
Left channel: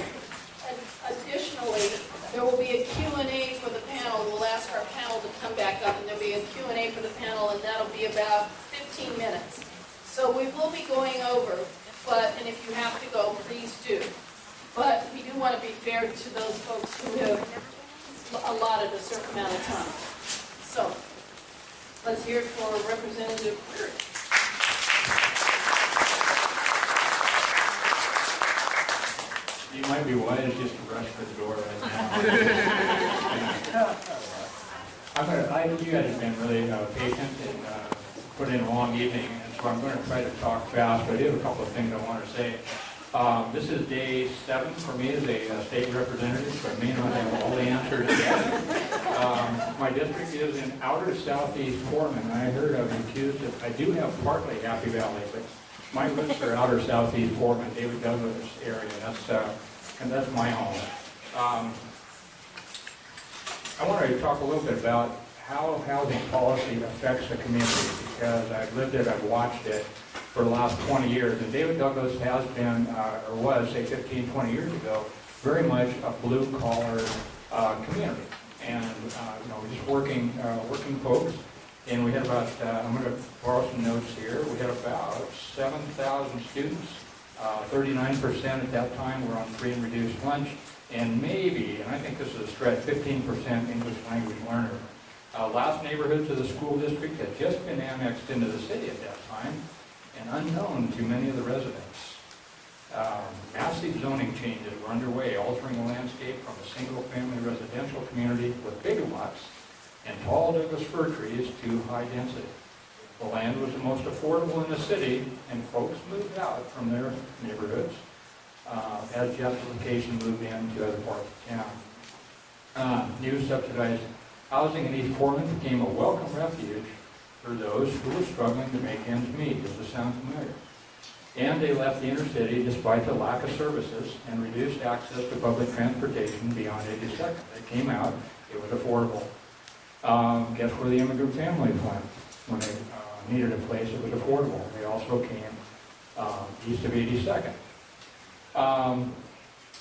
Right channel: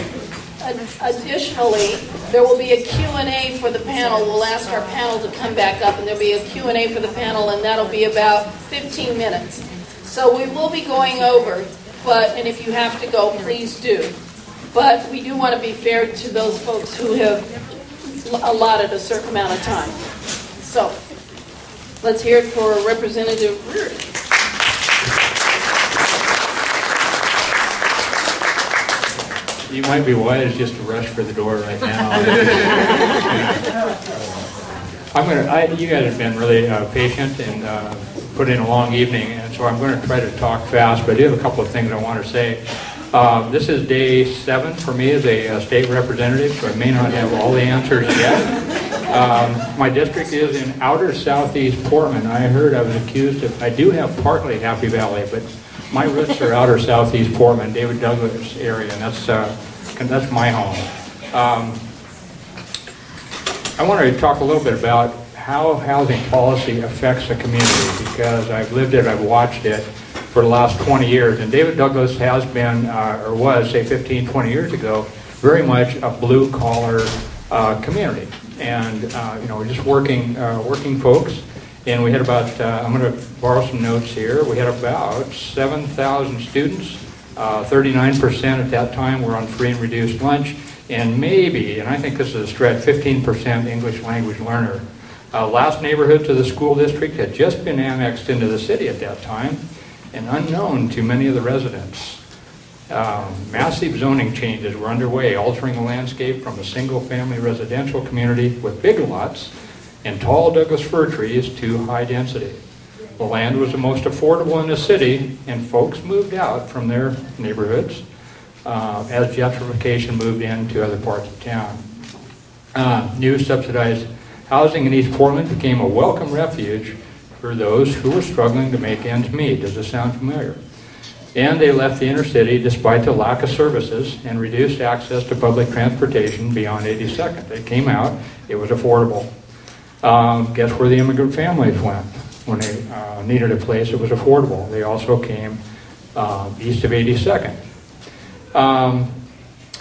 additionally, there will be a Q&A for the panel. We'll ask our panel to come back up, and there'll be a Q&A for the panel, and that'll be about 15 minutes. So we will be going over, and if you have to go, please do. But we do want to be fair to those folks who have allotted a certain amount of time. So, let's hear it for Representative Reardon. You might be wise just to rush for the door right now. You guys have been really patient and put in a long evening, and so I'm going to try to talk fast, but I do have a couple of things I want to say. This is day 7 for me as a state representative, so I may not have all the answers yet. My district is in outer southeast Portland. I heard I was accused of, I do have partly Happy Valley, but my roots are outer southeast Portland, David Douglas area, and that's my home. I wanted to talk a little bit about how housing policy affects a community, because I've lived it, I've watched it for the last 20 years, and David Douglas has been, or was, say 15, 20 years ago, very much a blue-collar community, and just working folks. And we had about, I'm going to borrow some notes here, we had about 7,000 students, 39% at that time were on free and reduced lunch, and maybe, and I think this is a stretch, 15% English language learner. Last neighborhood to the school district had just been annexed into the city at that time, and unknown to many of the residents. Massive zoning changes were underway, altering the landscape from a single-family residential community with big lots and tall Douglas fir trees to high density. The land was the most affordable in the city, and folks moved out from their neighborhoods as gentrification moved into other parts of town. New subsidized housing in East Portland became a welcome refuge for those who were struggling to make ends meet. Does this sound familiar? And they left the inner city despite the lack of services and reduced access to public transportation beyond 82nd. They came out, it was affordable. Guess where the immigrant families went when they needed a place that was affordable? They also came east of 82nd.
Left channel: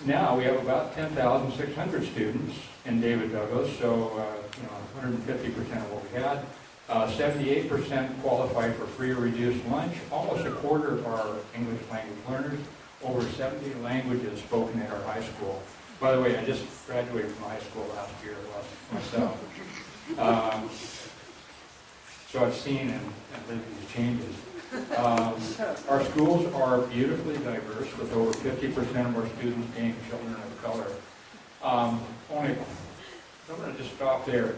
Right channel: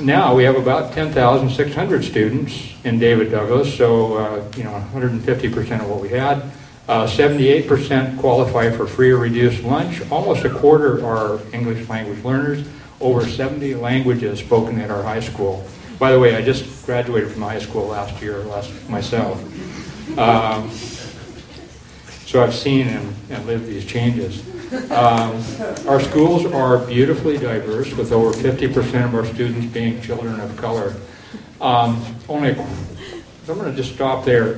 Now we have about 10,600 students in David Douglas, so 150% of what we had. 78% qualify for free or reduced lunch. Almost a quarter are English language learners. Over 70 languages spoken at our high school. By the way, I just graduated from high school last year myself. So I've seen and lived these changes. Our schools are beautifully diverse, with over 50% of our students being children of color. I'm going to just stop there.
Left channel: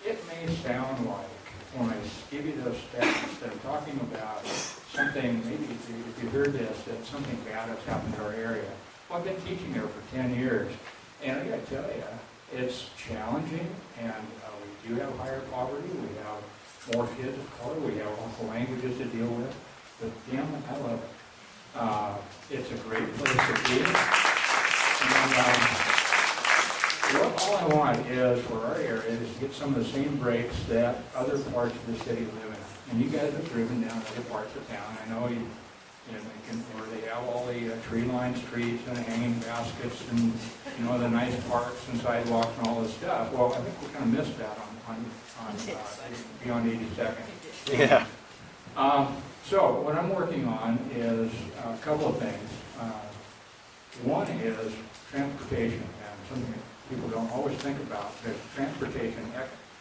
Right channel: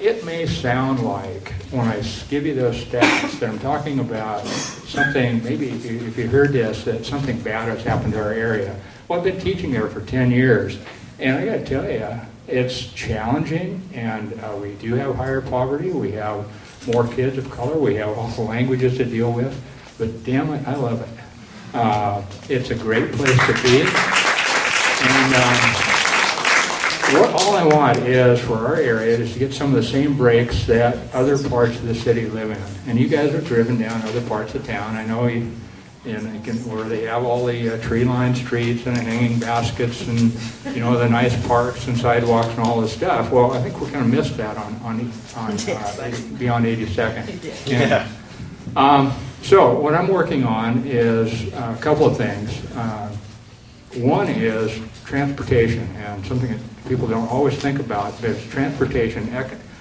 It may sound like, when I give you those stats, that I'm talking about something, maybe if you heard this, that something bad has happened to our area. Well, I've been teaching there for 10 years, and I got to tell you, it's challenging, and we do have higher poverty. We have more kids of color. We have all the languages to deal with, but damn it, I love it. It's a great place to be, and all I want is for our area is to get some of the same breaks that other parts of the city live in. And you guys have driven down other parts of town. I know where they have all the tree-lined streets and hanging baskets and the nice parks and sidewalks and all this stuff. Well, I think we're going to miss that on beyond 82nd. Yeah. So what I'm working on is a couple of things. One is transportation, and something that people don't always think about, but transportation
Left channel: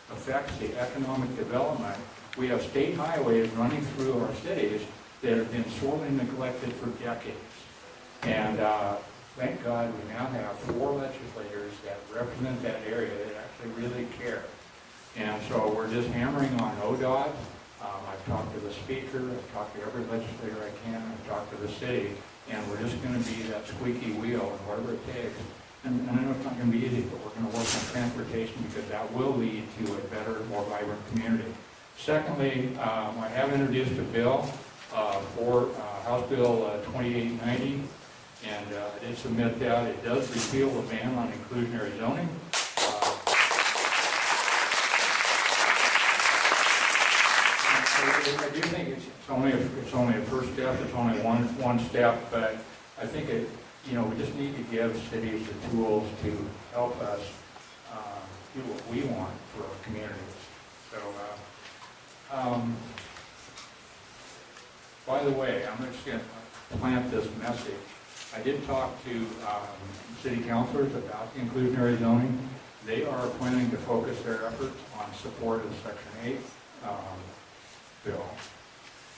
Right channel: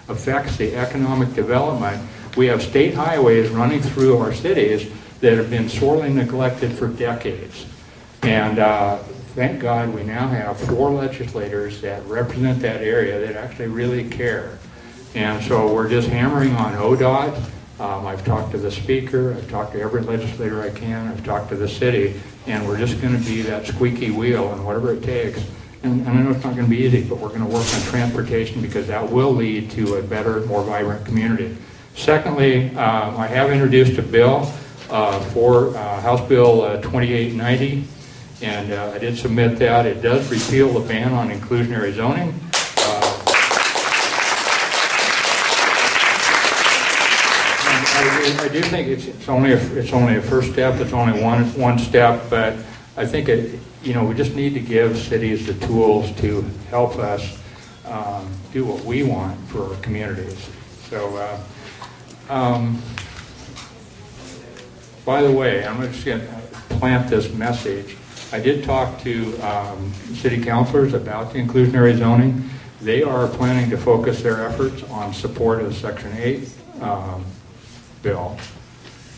affects the economic development. We have state highways running through our cities that have been sorely neglected for decades. And thank God we now have 4 legislators that represent that area that actually really care. And so we're just hammering on ODOT. I've talked to the speaker, I've talked to every legislator I can, I've talked to the city, and we're just going to be that squeaky wheel and whatever it takes. And I know it's not going to be easy, but we're going to work on transportation because that will lead to a better, more vibrant community. Secondly, I have introduced a bill for House Bill 2890, and I did submit that. It does repeal the ban on inclusionary zoning. I do think it's only a first step. It's only one step, but I think we just need to give cities the tools to help us do what we want for our communities. So, by the way, I'm just going to plant this message. I did talk to city councilors about the inclusionary zoning. They are planning to focus their efforts on support of the Section 8 bill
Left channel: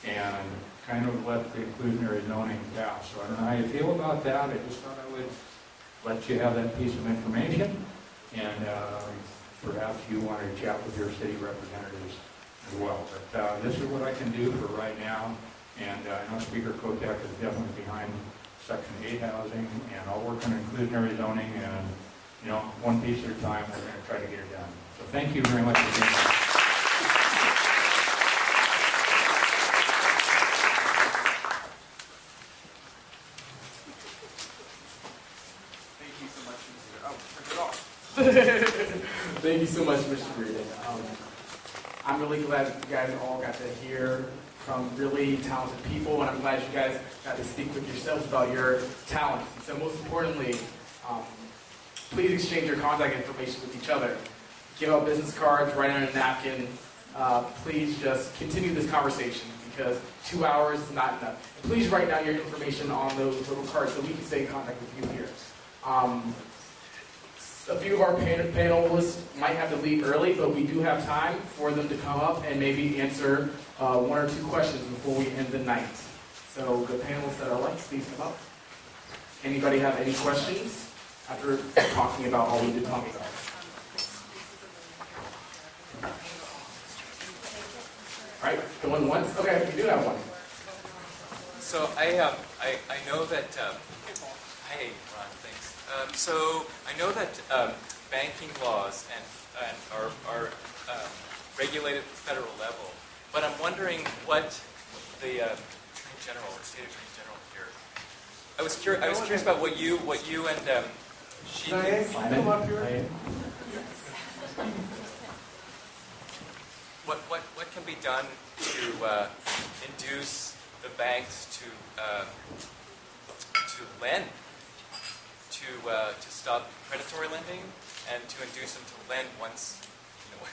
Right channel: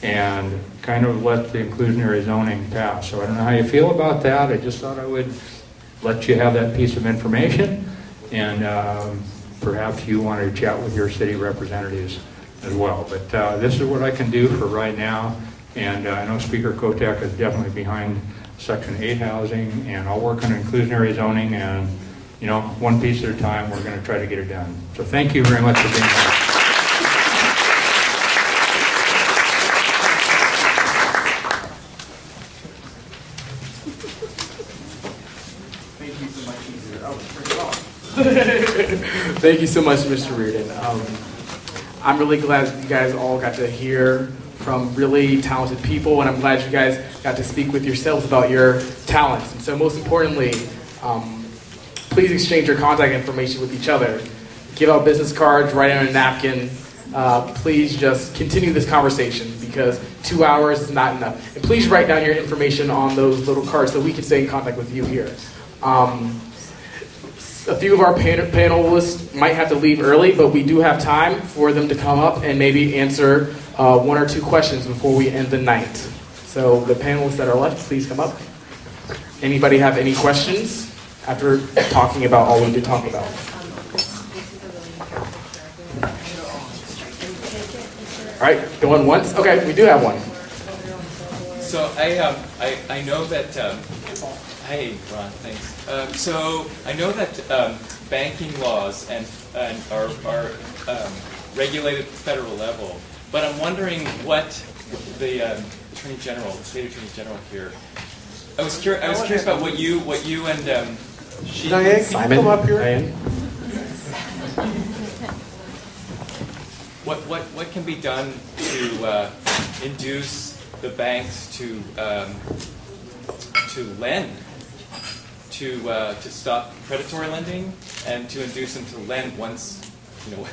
and kind of let the inclusionary zoning pass. So I don't know how you feel about that. I just thought I would let you have that piece of information, and perhaps you want to chat with your city representatives as well. But this is what I can do for right now, and I know Speaker Kotek is definitely behind Section 8 housing, and I'll work on inclusionary zoning, and one piece at a time, we're going to try to get it done. So thank you very much for being here. Thank you so much, Mr. Reardon. I'm really glad that you guys all got to hear from really talented people, and I'm glad you guys got to speak with yourselves about your talents. And so most importantly, please exchange your contact information with each other. Give out business cards, write on a napkin. Please just continue this conversation because 2 hours is not enough. And please write down your information on those little cards so we can stay in contact with you here. A few of our panelists might have to leave early, but we do have time for them to come up and maybe answer 1 or 2 questions before we end the night. So the panelists that are left, please come up. Anybody have any questions after talking about all we've been talking about? All right, going once? Okay, we do have one. So I know that, hey, Ron, thanks. So I know that banking laws are regulated at the federal level, but I'm wondering what the Attorney General, the State Attorney General here, I was curious about what you and Diane, can you come up here? Diane? what can be done to induce the banks to lend, to stop predatory lending, and to induce them to lend once, you know.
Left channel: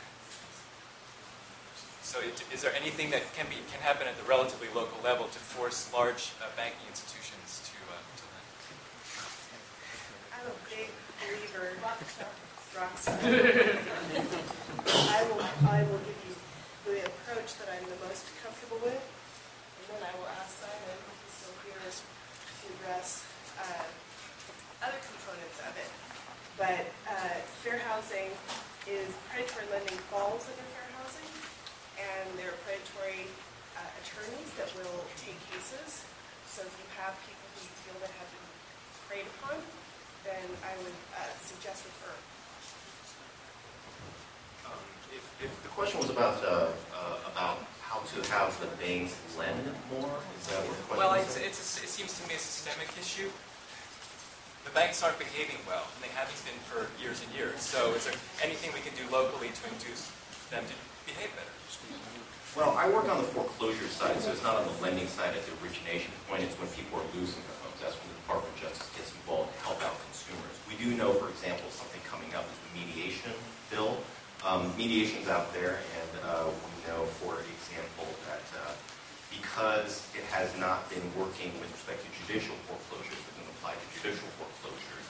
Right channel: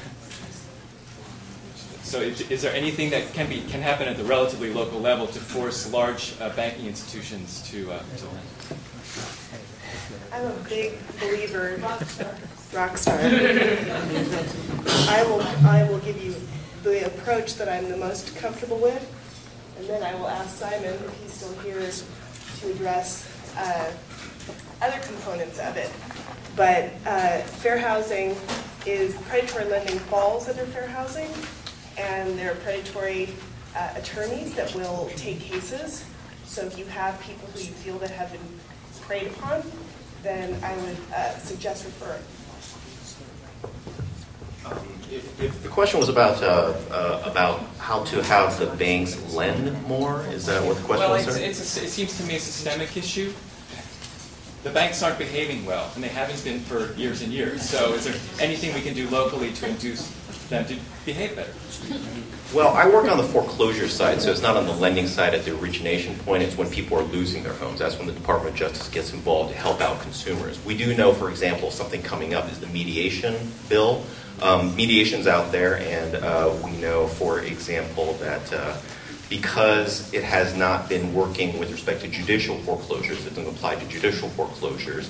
So is there anything that can happen at the relatively local level to force large banking institutions to I'm a big believer. Rockstar. I will give you the approach that I'm the most comfortable with, and then I will ask Simon, if he's still here, to address other components of it. But fair housing is, predatory lending falls under fair housing, and there are predatory attorneys that will take cases. So if you have people who you feel that have been preyed upon, then I would suggest referring. If the question was about how to have the banks lend more, is that what the question was, sir? It seems to me a systemic issue. The banks aren't behaving well, and they haven't been for years and years. So is there anything we can do locally to induce them to behave better? Well, I work on the foreclosure side, so it's not on the lending side at the origination point. It's when people are losing their homes. That's when the Department of Justice gets involved to help out consumers. We do know, for example, something coming up is the mediation bill. Mediation's out there, and we know, for example, that because it has not been working with respect to judicial foreclosures, it doesn't apply to judicial foreclosures,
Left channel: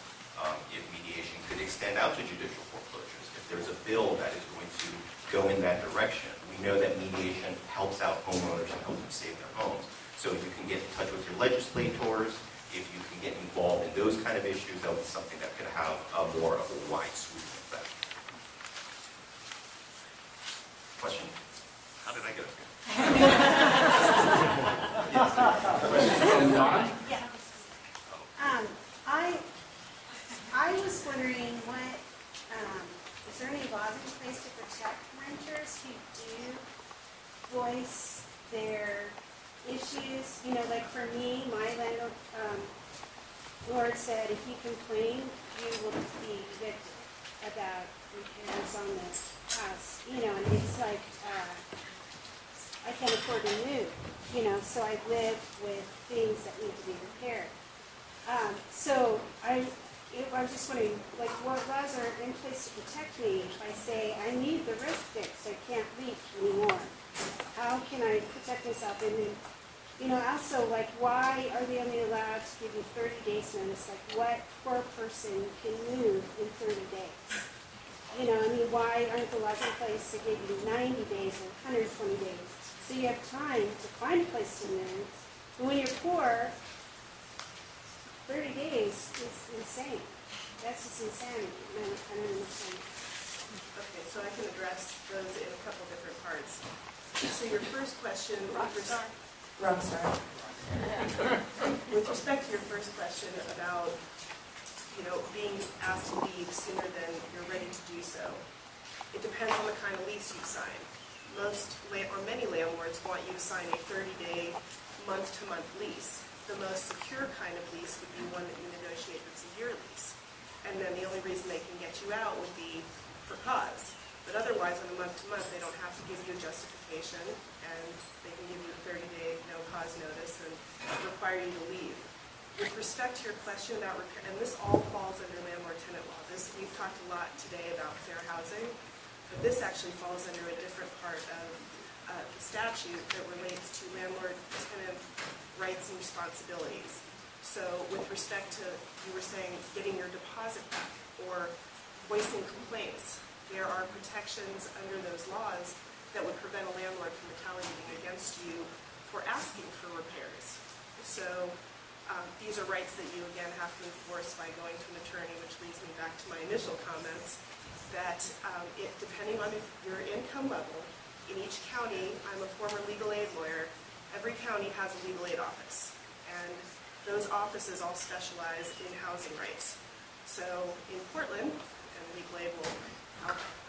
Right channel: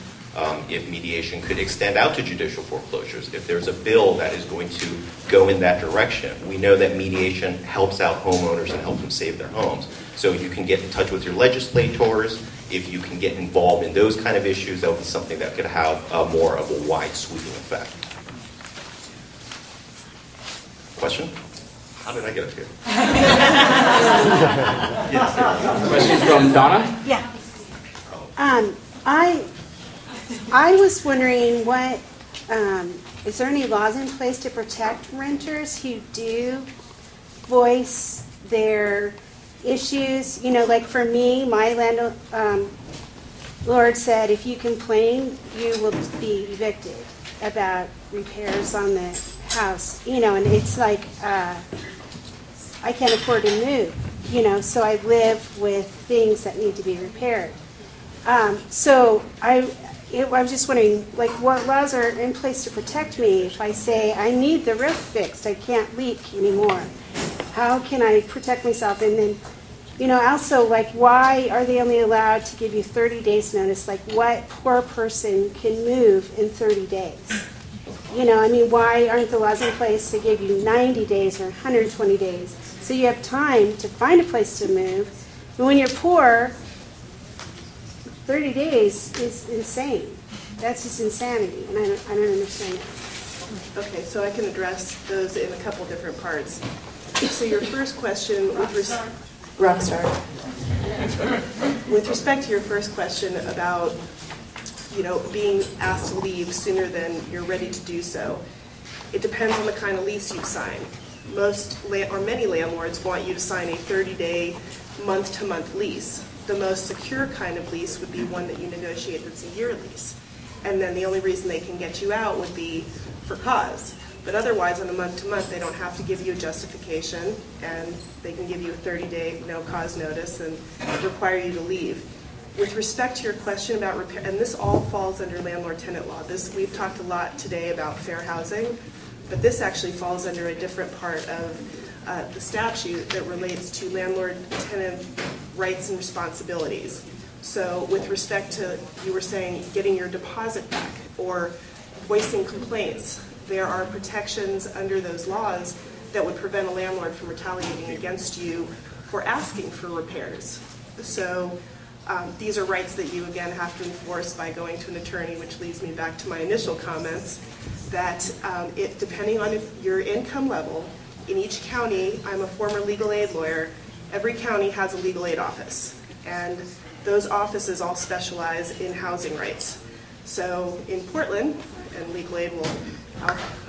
if mediation could extend out to judicial foreclosures, if there's a bill that is going to go in that direction. We know that mediation helps out homeowners and helps them save their homes. So if you can get in touch with your legislators, if you can get involved in those kind of issues, that would be something that could have more of a wide sweeping effect. Question? How did I get up here? Yes. Question from Donna? Yeah. I was wondering what, is there any laws in place to protect renters who do voice their issues? You know, like for me, my landlord said if you complain, you will be evicted about repairs on the house. You know, and it's like, I can't afford to move, you know, so I live with things that need to be repaired. So I was just wondering, like, what laws are in place to protect me if I say I need the roof fixed, I can't leak anymore? How can I protect myself? And then, you know, also, like, why are they only allowed to give you 30 days notice? Like, what poor person can move in 30 days? You know, I mean, why aren't the laws in place to give you 90 days or 120 days? So you have time to find a place to move. But when you're poor, 30 days is insane. That's just insanity, and I don't understand it. Okay, so I can address those in a couple different parts. So your first question with Rockstar. With respect to your first question about, you know, being asked to leave sooner than you're ready to do so, it depends on the kind of lease you sign. Many landlords want you to sign a 30-day, month-to-month lease. The most secure kind of lease would be one that you negotiate that's a year lease. And then the only reason they can get you out would be for cause. But otherwise, on a month-to-month, they don't have to give you a justification, and they can give you a 30-day no-cause notice and require you to leave. With respect to your question about repair, and this all falls under landlord-tenant law. We've talked a lot today about fair housing, but this actually falls under a different part of the statute that relates to landlord-tenant rights and responsibilities. So with respect to, you were saying, getting your deposit back or voicing complaints, there are protections under those laws that would prevent a landlord from retaliating against you for asking for repairs. So these are rights that you, again, have to enforce by going to an attorney, which leads me back to my initial comments, that depending on your income level, in each county, I'm a former legal aid lawyer, every county has a legal aid office. And those offices all specialize in housing rights. So in Portland, and legal aid will,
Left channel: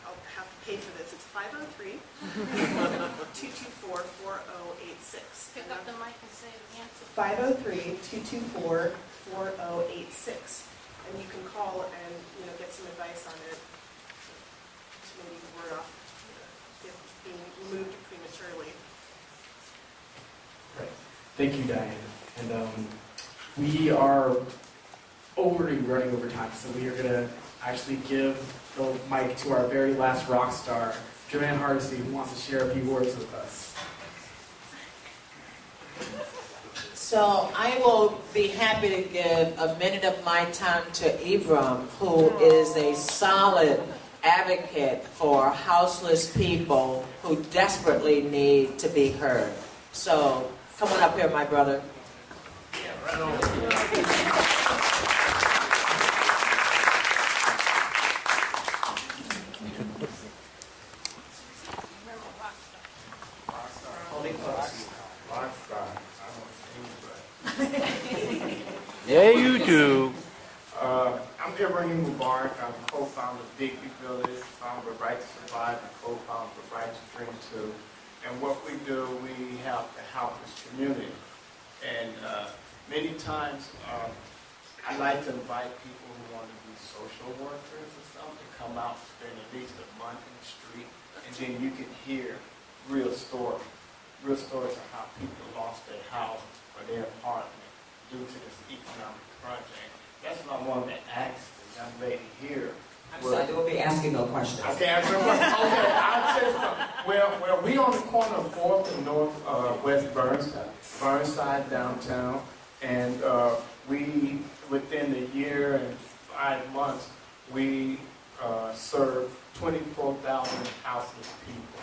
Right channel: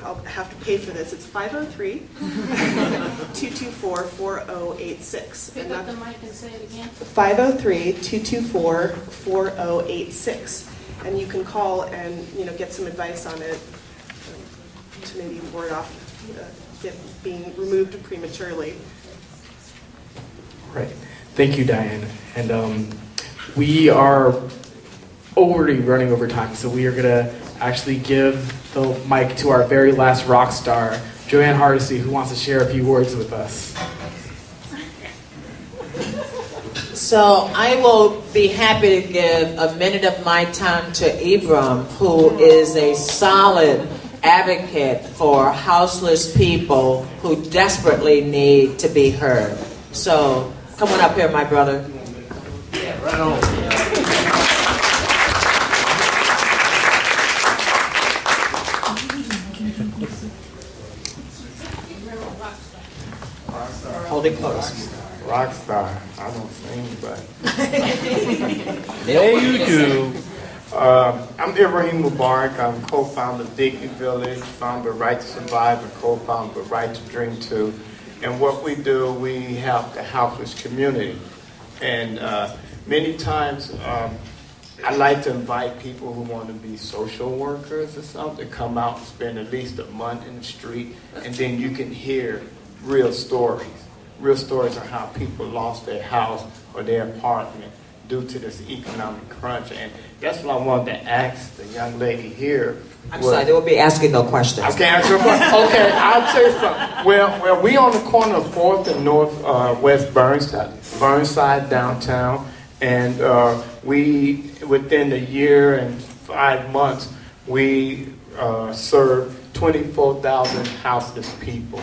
I'll have to pay for this, it's 503-224-4086. Pick up the mic and say it again. 503-224-4086. And you can call and, you know, get some advice on it to maybe ward off being removed prematurely. Right. Thank you, Diane. And we are already running over time, so we are going to actually give the mic to our very last rock star, Joanne Hardesty, who wants to share a few words with us. So I will be happy to give a minute of my time to Ibram, who is a solid advocate for houseless people who desperately need to be heard. So come on up here, my brother. Yeah, right on. Hold it close. Rockstar. I don't sing, but yeah, you do. I'm Ibrahim Mubarak. I'm co-founder of Dignity Village, founder of Right to Survive, and co-founder of Right to Dream Too. And what we do, we help the houseless community. And many times, I like to invite people who want to be social workers or something, come out and spend at least a month in the street, and then you can hear real stories. Real stories of how people lost their house or their apartment due to this economic crunch. And that's what I wanted to ask the young lady here. I'm sorry, they will be asking no questions. I can't answer a question. Okay, I'll tell you something. Well, we on the corner of 4th and Northwest Burnside downtown, and we, within a year and 5 months, we served 24,000 houseless people.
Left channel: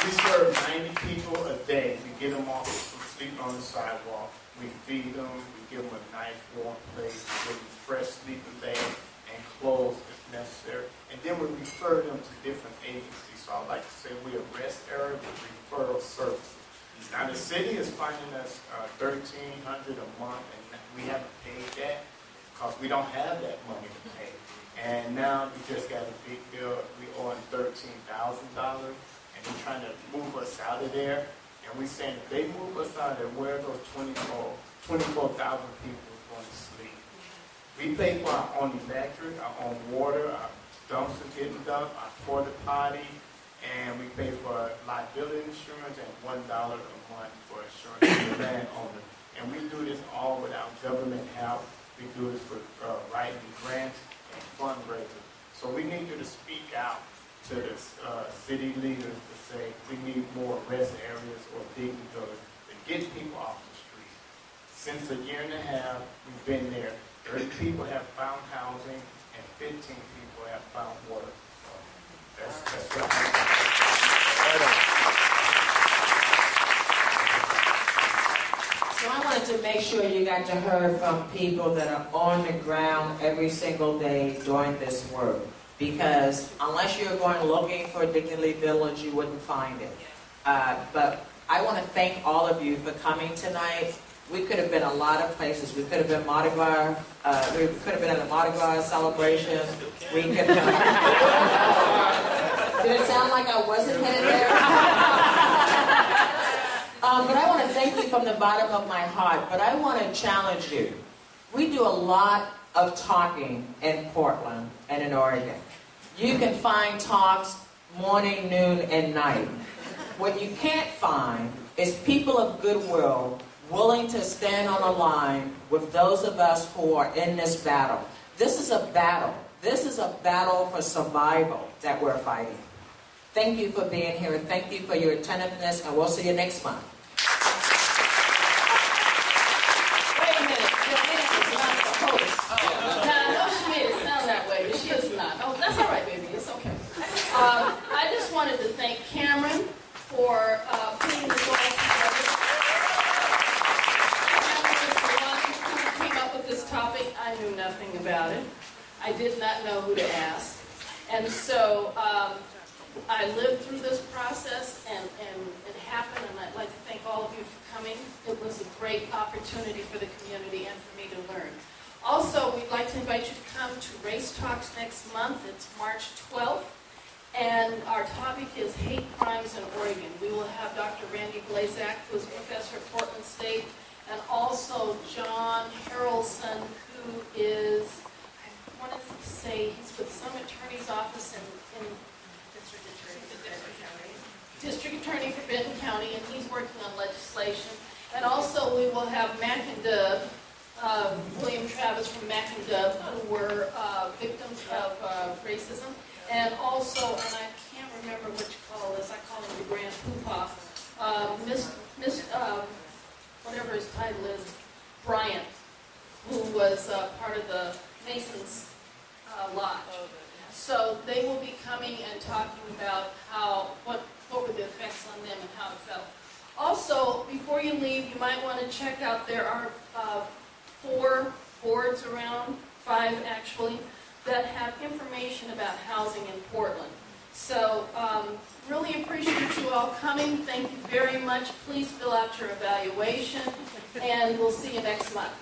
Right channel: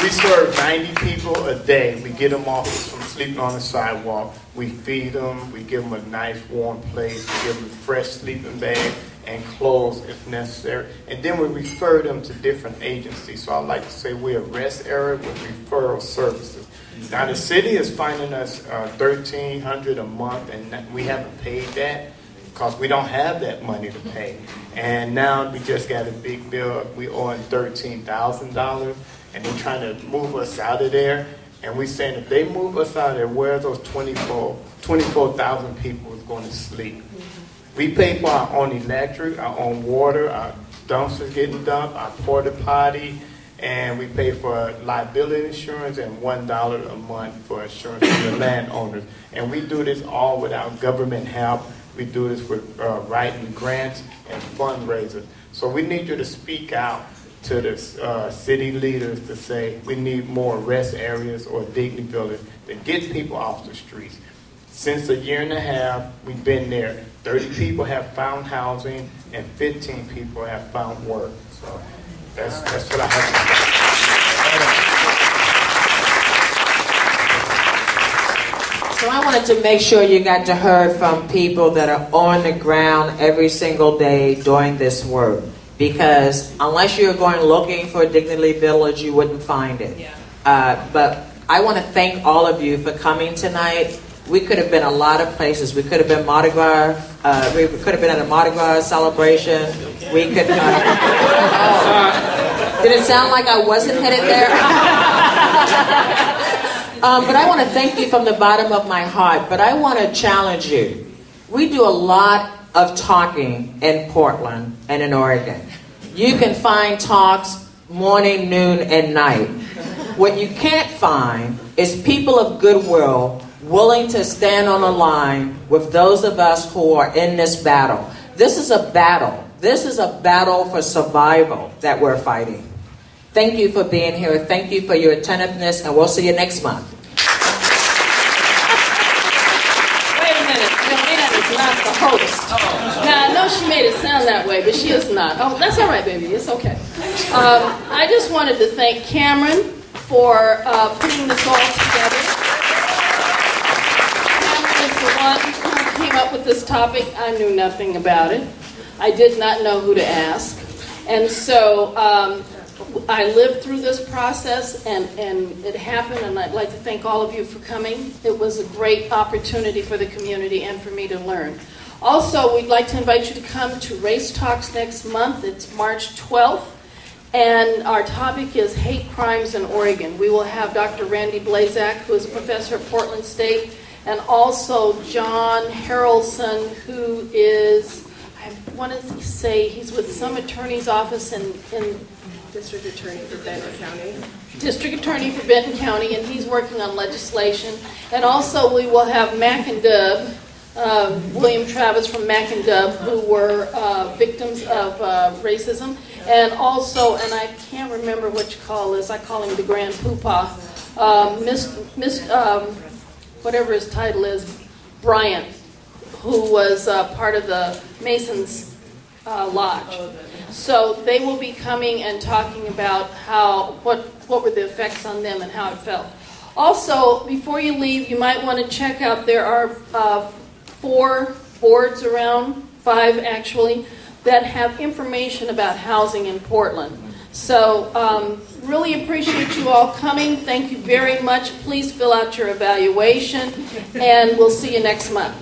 We serve 90 people a day. We get them off from sleeping on the sidewalk. We feed them. We give them a nice warm place. We give them fresh sleeping bag and clothes if necessary. And then we refer them to different agencies. So I like to say we're a rest area with referral services. Now the city is finding us $1,300 a month, and we haven't paid that because we don't have that money to pay. And now we just got a big bill. We owe $13,000. And they're trying to move us out of there. And we're saying if they move us out of there, where those 24,000 people is going to sleep? We pay for our own electric, our own water, our dumpsters getting dumped, our porta potty, and we pay for liability insurance and $1 a month for insurance for the landowners. And we do this all without government help. We do this with writing grants and fundraisers. So we need you to speak out to the city leaders to say we need more rest areas or dignity villages to get people off the streets. Since a year and a half, we've been there. 30 people have found housing and 15 people have found work. So that's what I have to say. So I wanted to make sure you got to hear from people that are on the ground every single day doing this work. Because unless you're going looking for a Dignity Village, you wouldn't find it. But I want to thank all of you for coming tonight. We could have been a lot of places. We could have been Mardi Gras. We could have been at a Mardi Gras celebration. We could. Did it sound like I wasn't headed there? But I want to thank you from the bottom of my heart. But I want to challenge you. We do a lot of talking in Portland and in Oregon. You can find talks morning, noon, and night. What you can't find is people of goodwill willing to stand on a line with those of us who are in this battle. This is a battle. This is a battle for survival that we're fighting. Thank you for being here. Thank you for your attentiveness, and we'll see you next month. Wait a minute. Joanne is not the host. Now, I know she made it sound that way, but she is not. Oh, that's all right, baby. It's okay. I just wanted to thank Cameron for putting this all together. Cameron is the one who came up with this topic. I knew nothing about it. I did not know who to ask. And so I lived through this process, and it happened, and I'd like to thank all of you for coming. It was a great opportunity for the community and for me to learn. Also, we'd like to invite you to come to Race Talks next month. It's March 12th, and our topic is hate crimes in Oregon. We will have Dr. Randy Blazak, who is a professor at Portland State, and also John Harrelson, who is, want to say he's with some attorney's office in District Attorney for Benton County. District Attorney for Benton County, and he's working on legislation. And also we will have Mac and Dub, William Travis from Mac and Dub, who were victims of racism. And also, and I can't remember what you call this, I call him the Grand Poopah, whatever his title is, Bryant, who was part of the Masons Lodge. So they will be coming and talking about what were the effects on them and how it felt. Also, before you leave, you might want to check out, there are 4 boards around, 5 actually, that have information about housing in Portland. So really appreciate you all coming. Thank you very much. Please fill out your evaluation, and we'll see you next month.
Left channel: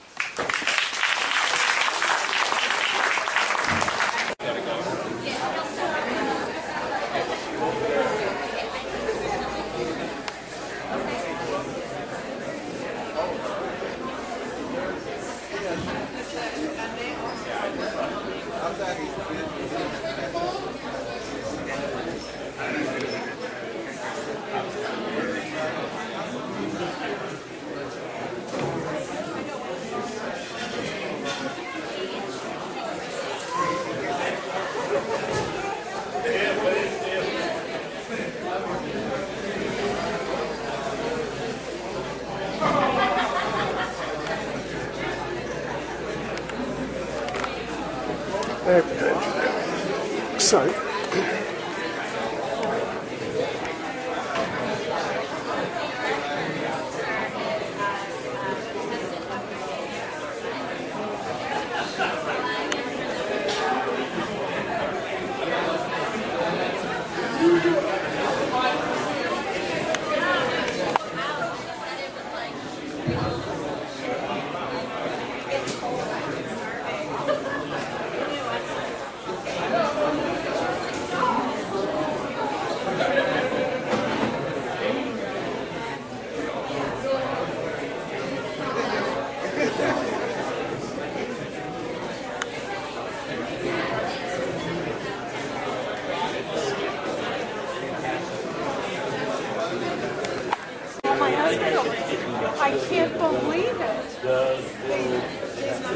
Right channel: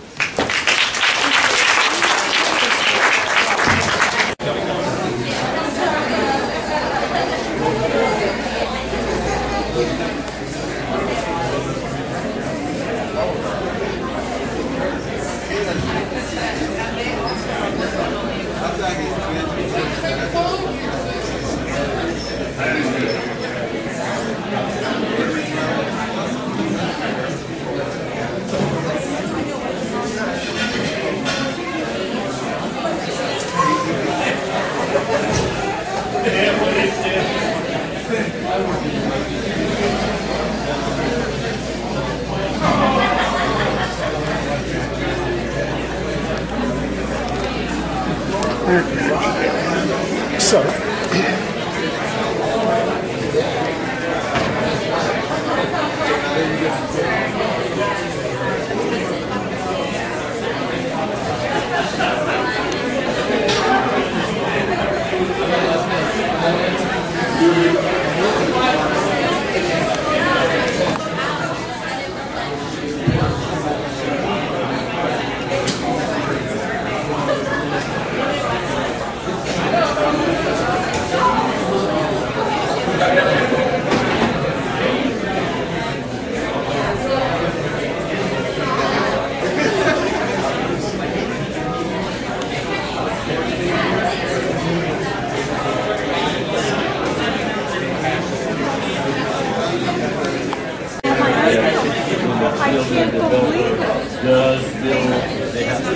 I can't believe it.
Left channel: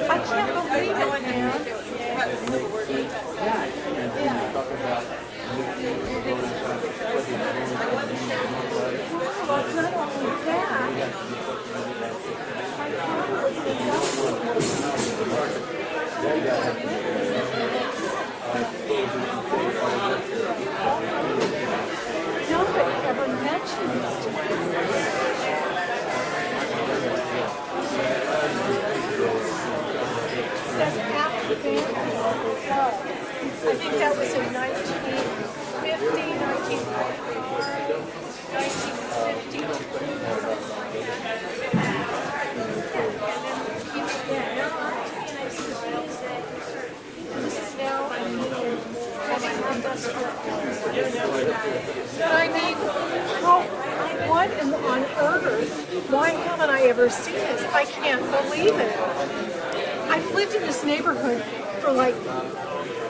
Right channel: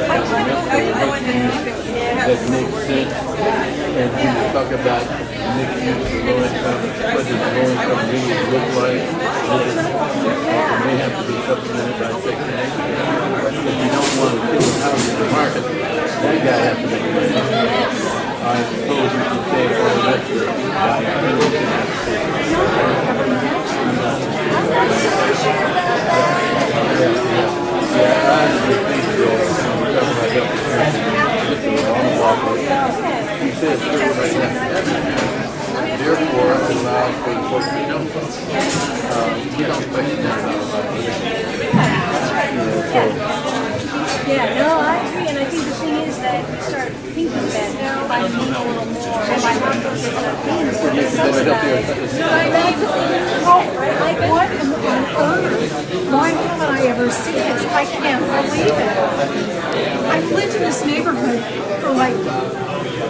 I can't believe it, man. Talk about Nobody ever mentioned this. I think that was in 1950. Yeah, no, I agree, and I think the thing is that you start thinking about now, I need a little more. But I mean, what on earth? Why haven't I ever seen this? I can't believe it. I've lived in this neighborhood for like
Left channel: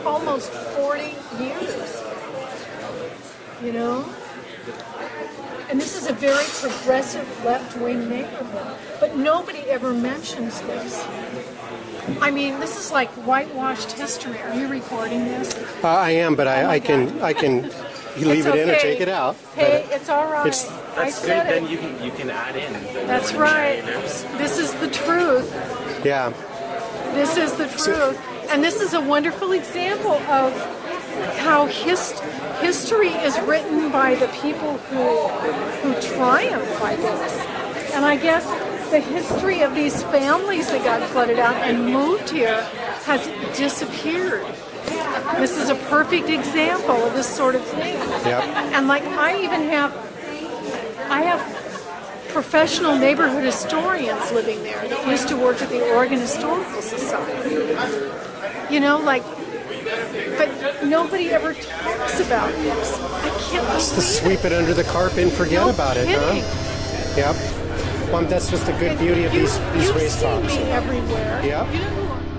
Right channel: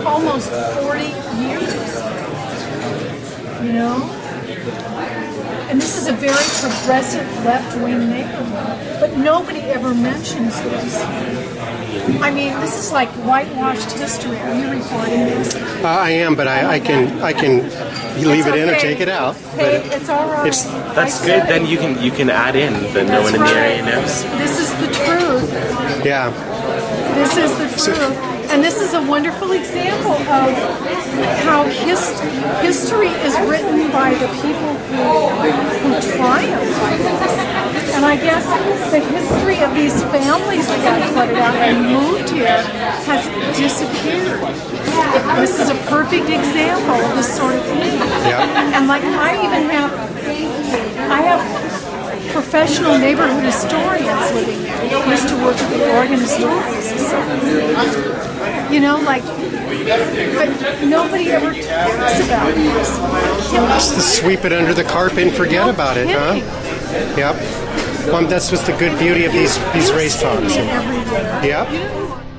almost 40 years, you know? And this is a very progressive left-wing neighborhood, but nobody ever mentions this. I mean, this is like whitewashed history. Are you recording this? I am, but I can leave it in or take it out. Hey, it's all right. I said good. Then you can add in the That's right. This is the truth. Yeah. This is the truth. And this is a wonderful example of how history is written by the people who triumph by this. And I guess the history of these families that got flooded out and moved here has disappeared. This is a perfect example of this sort of thing. Yeah. And like I have professional neighborhood historians living there that used to work at the Oregon Historical Society. You know, like, but nobody ever talks about this. I can't Just sweep it under the carpet and forget about it, kidding. Huh? Yep. That's what's the good beauty of these race talks. You see me everywhere. Yep. You know who I am.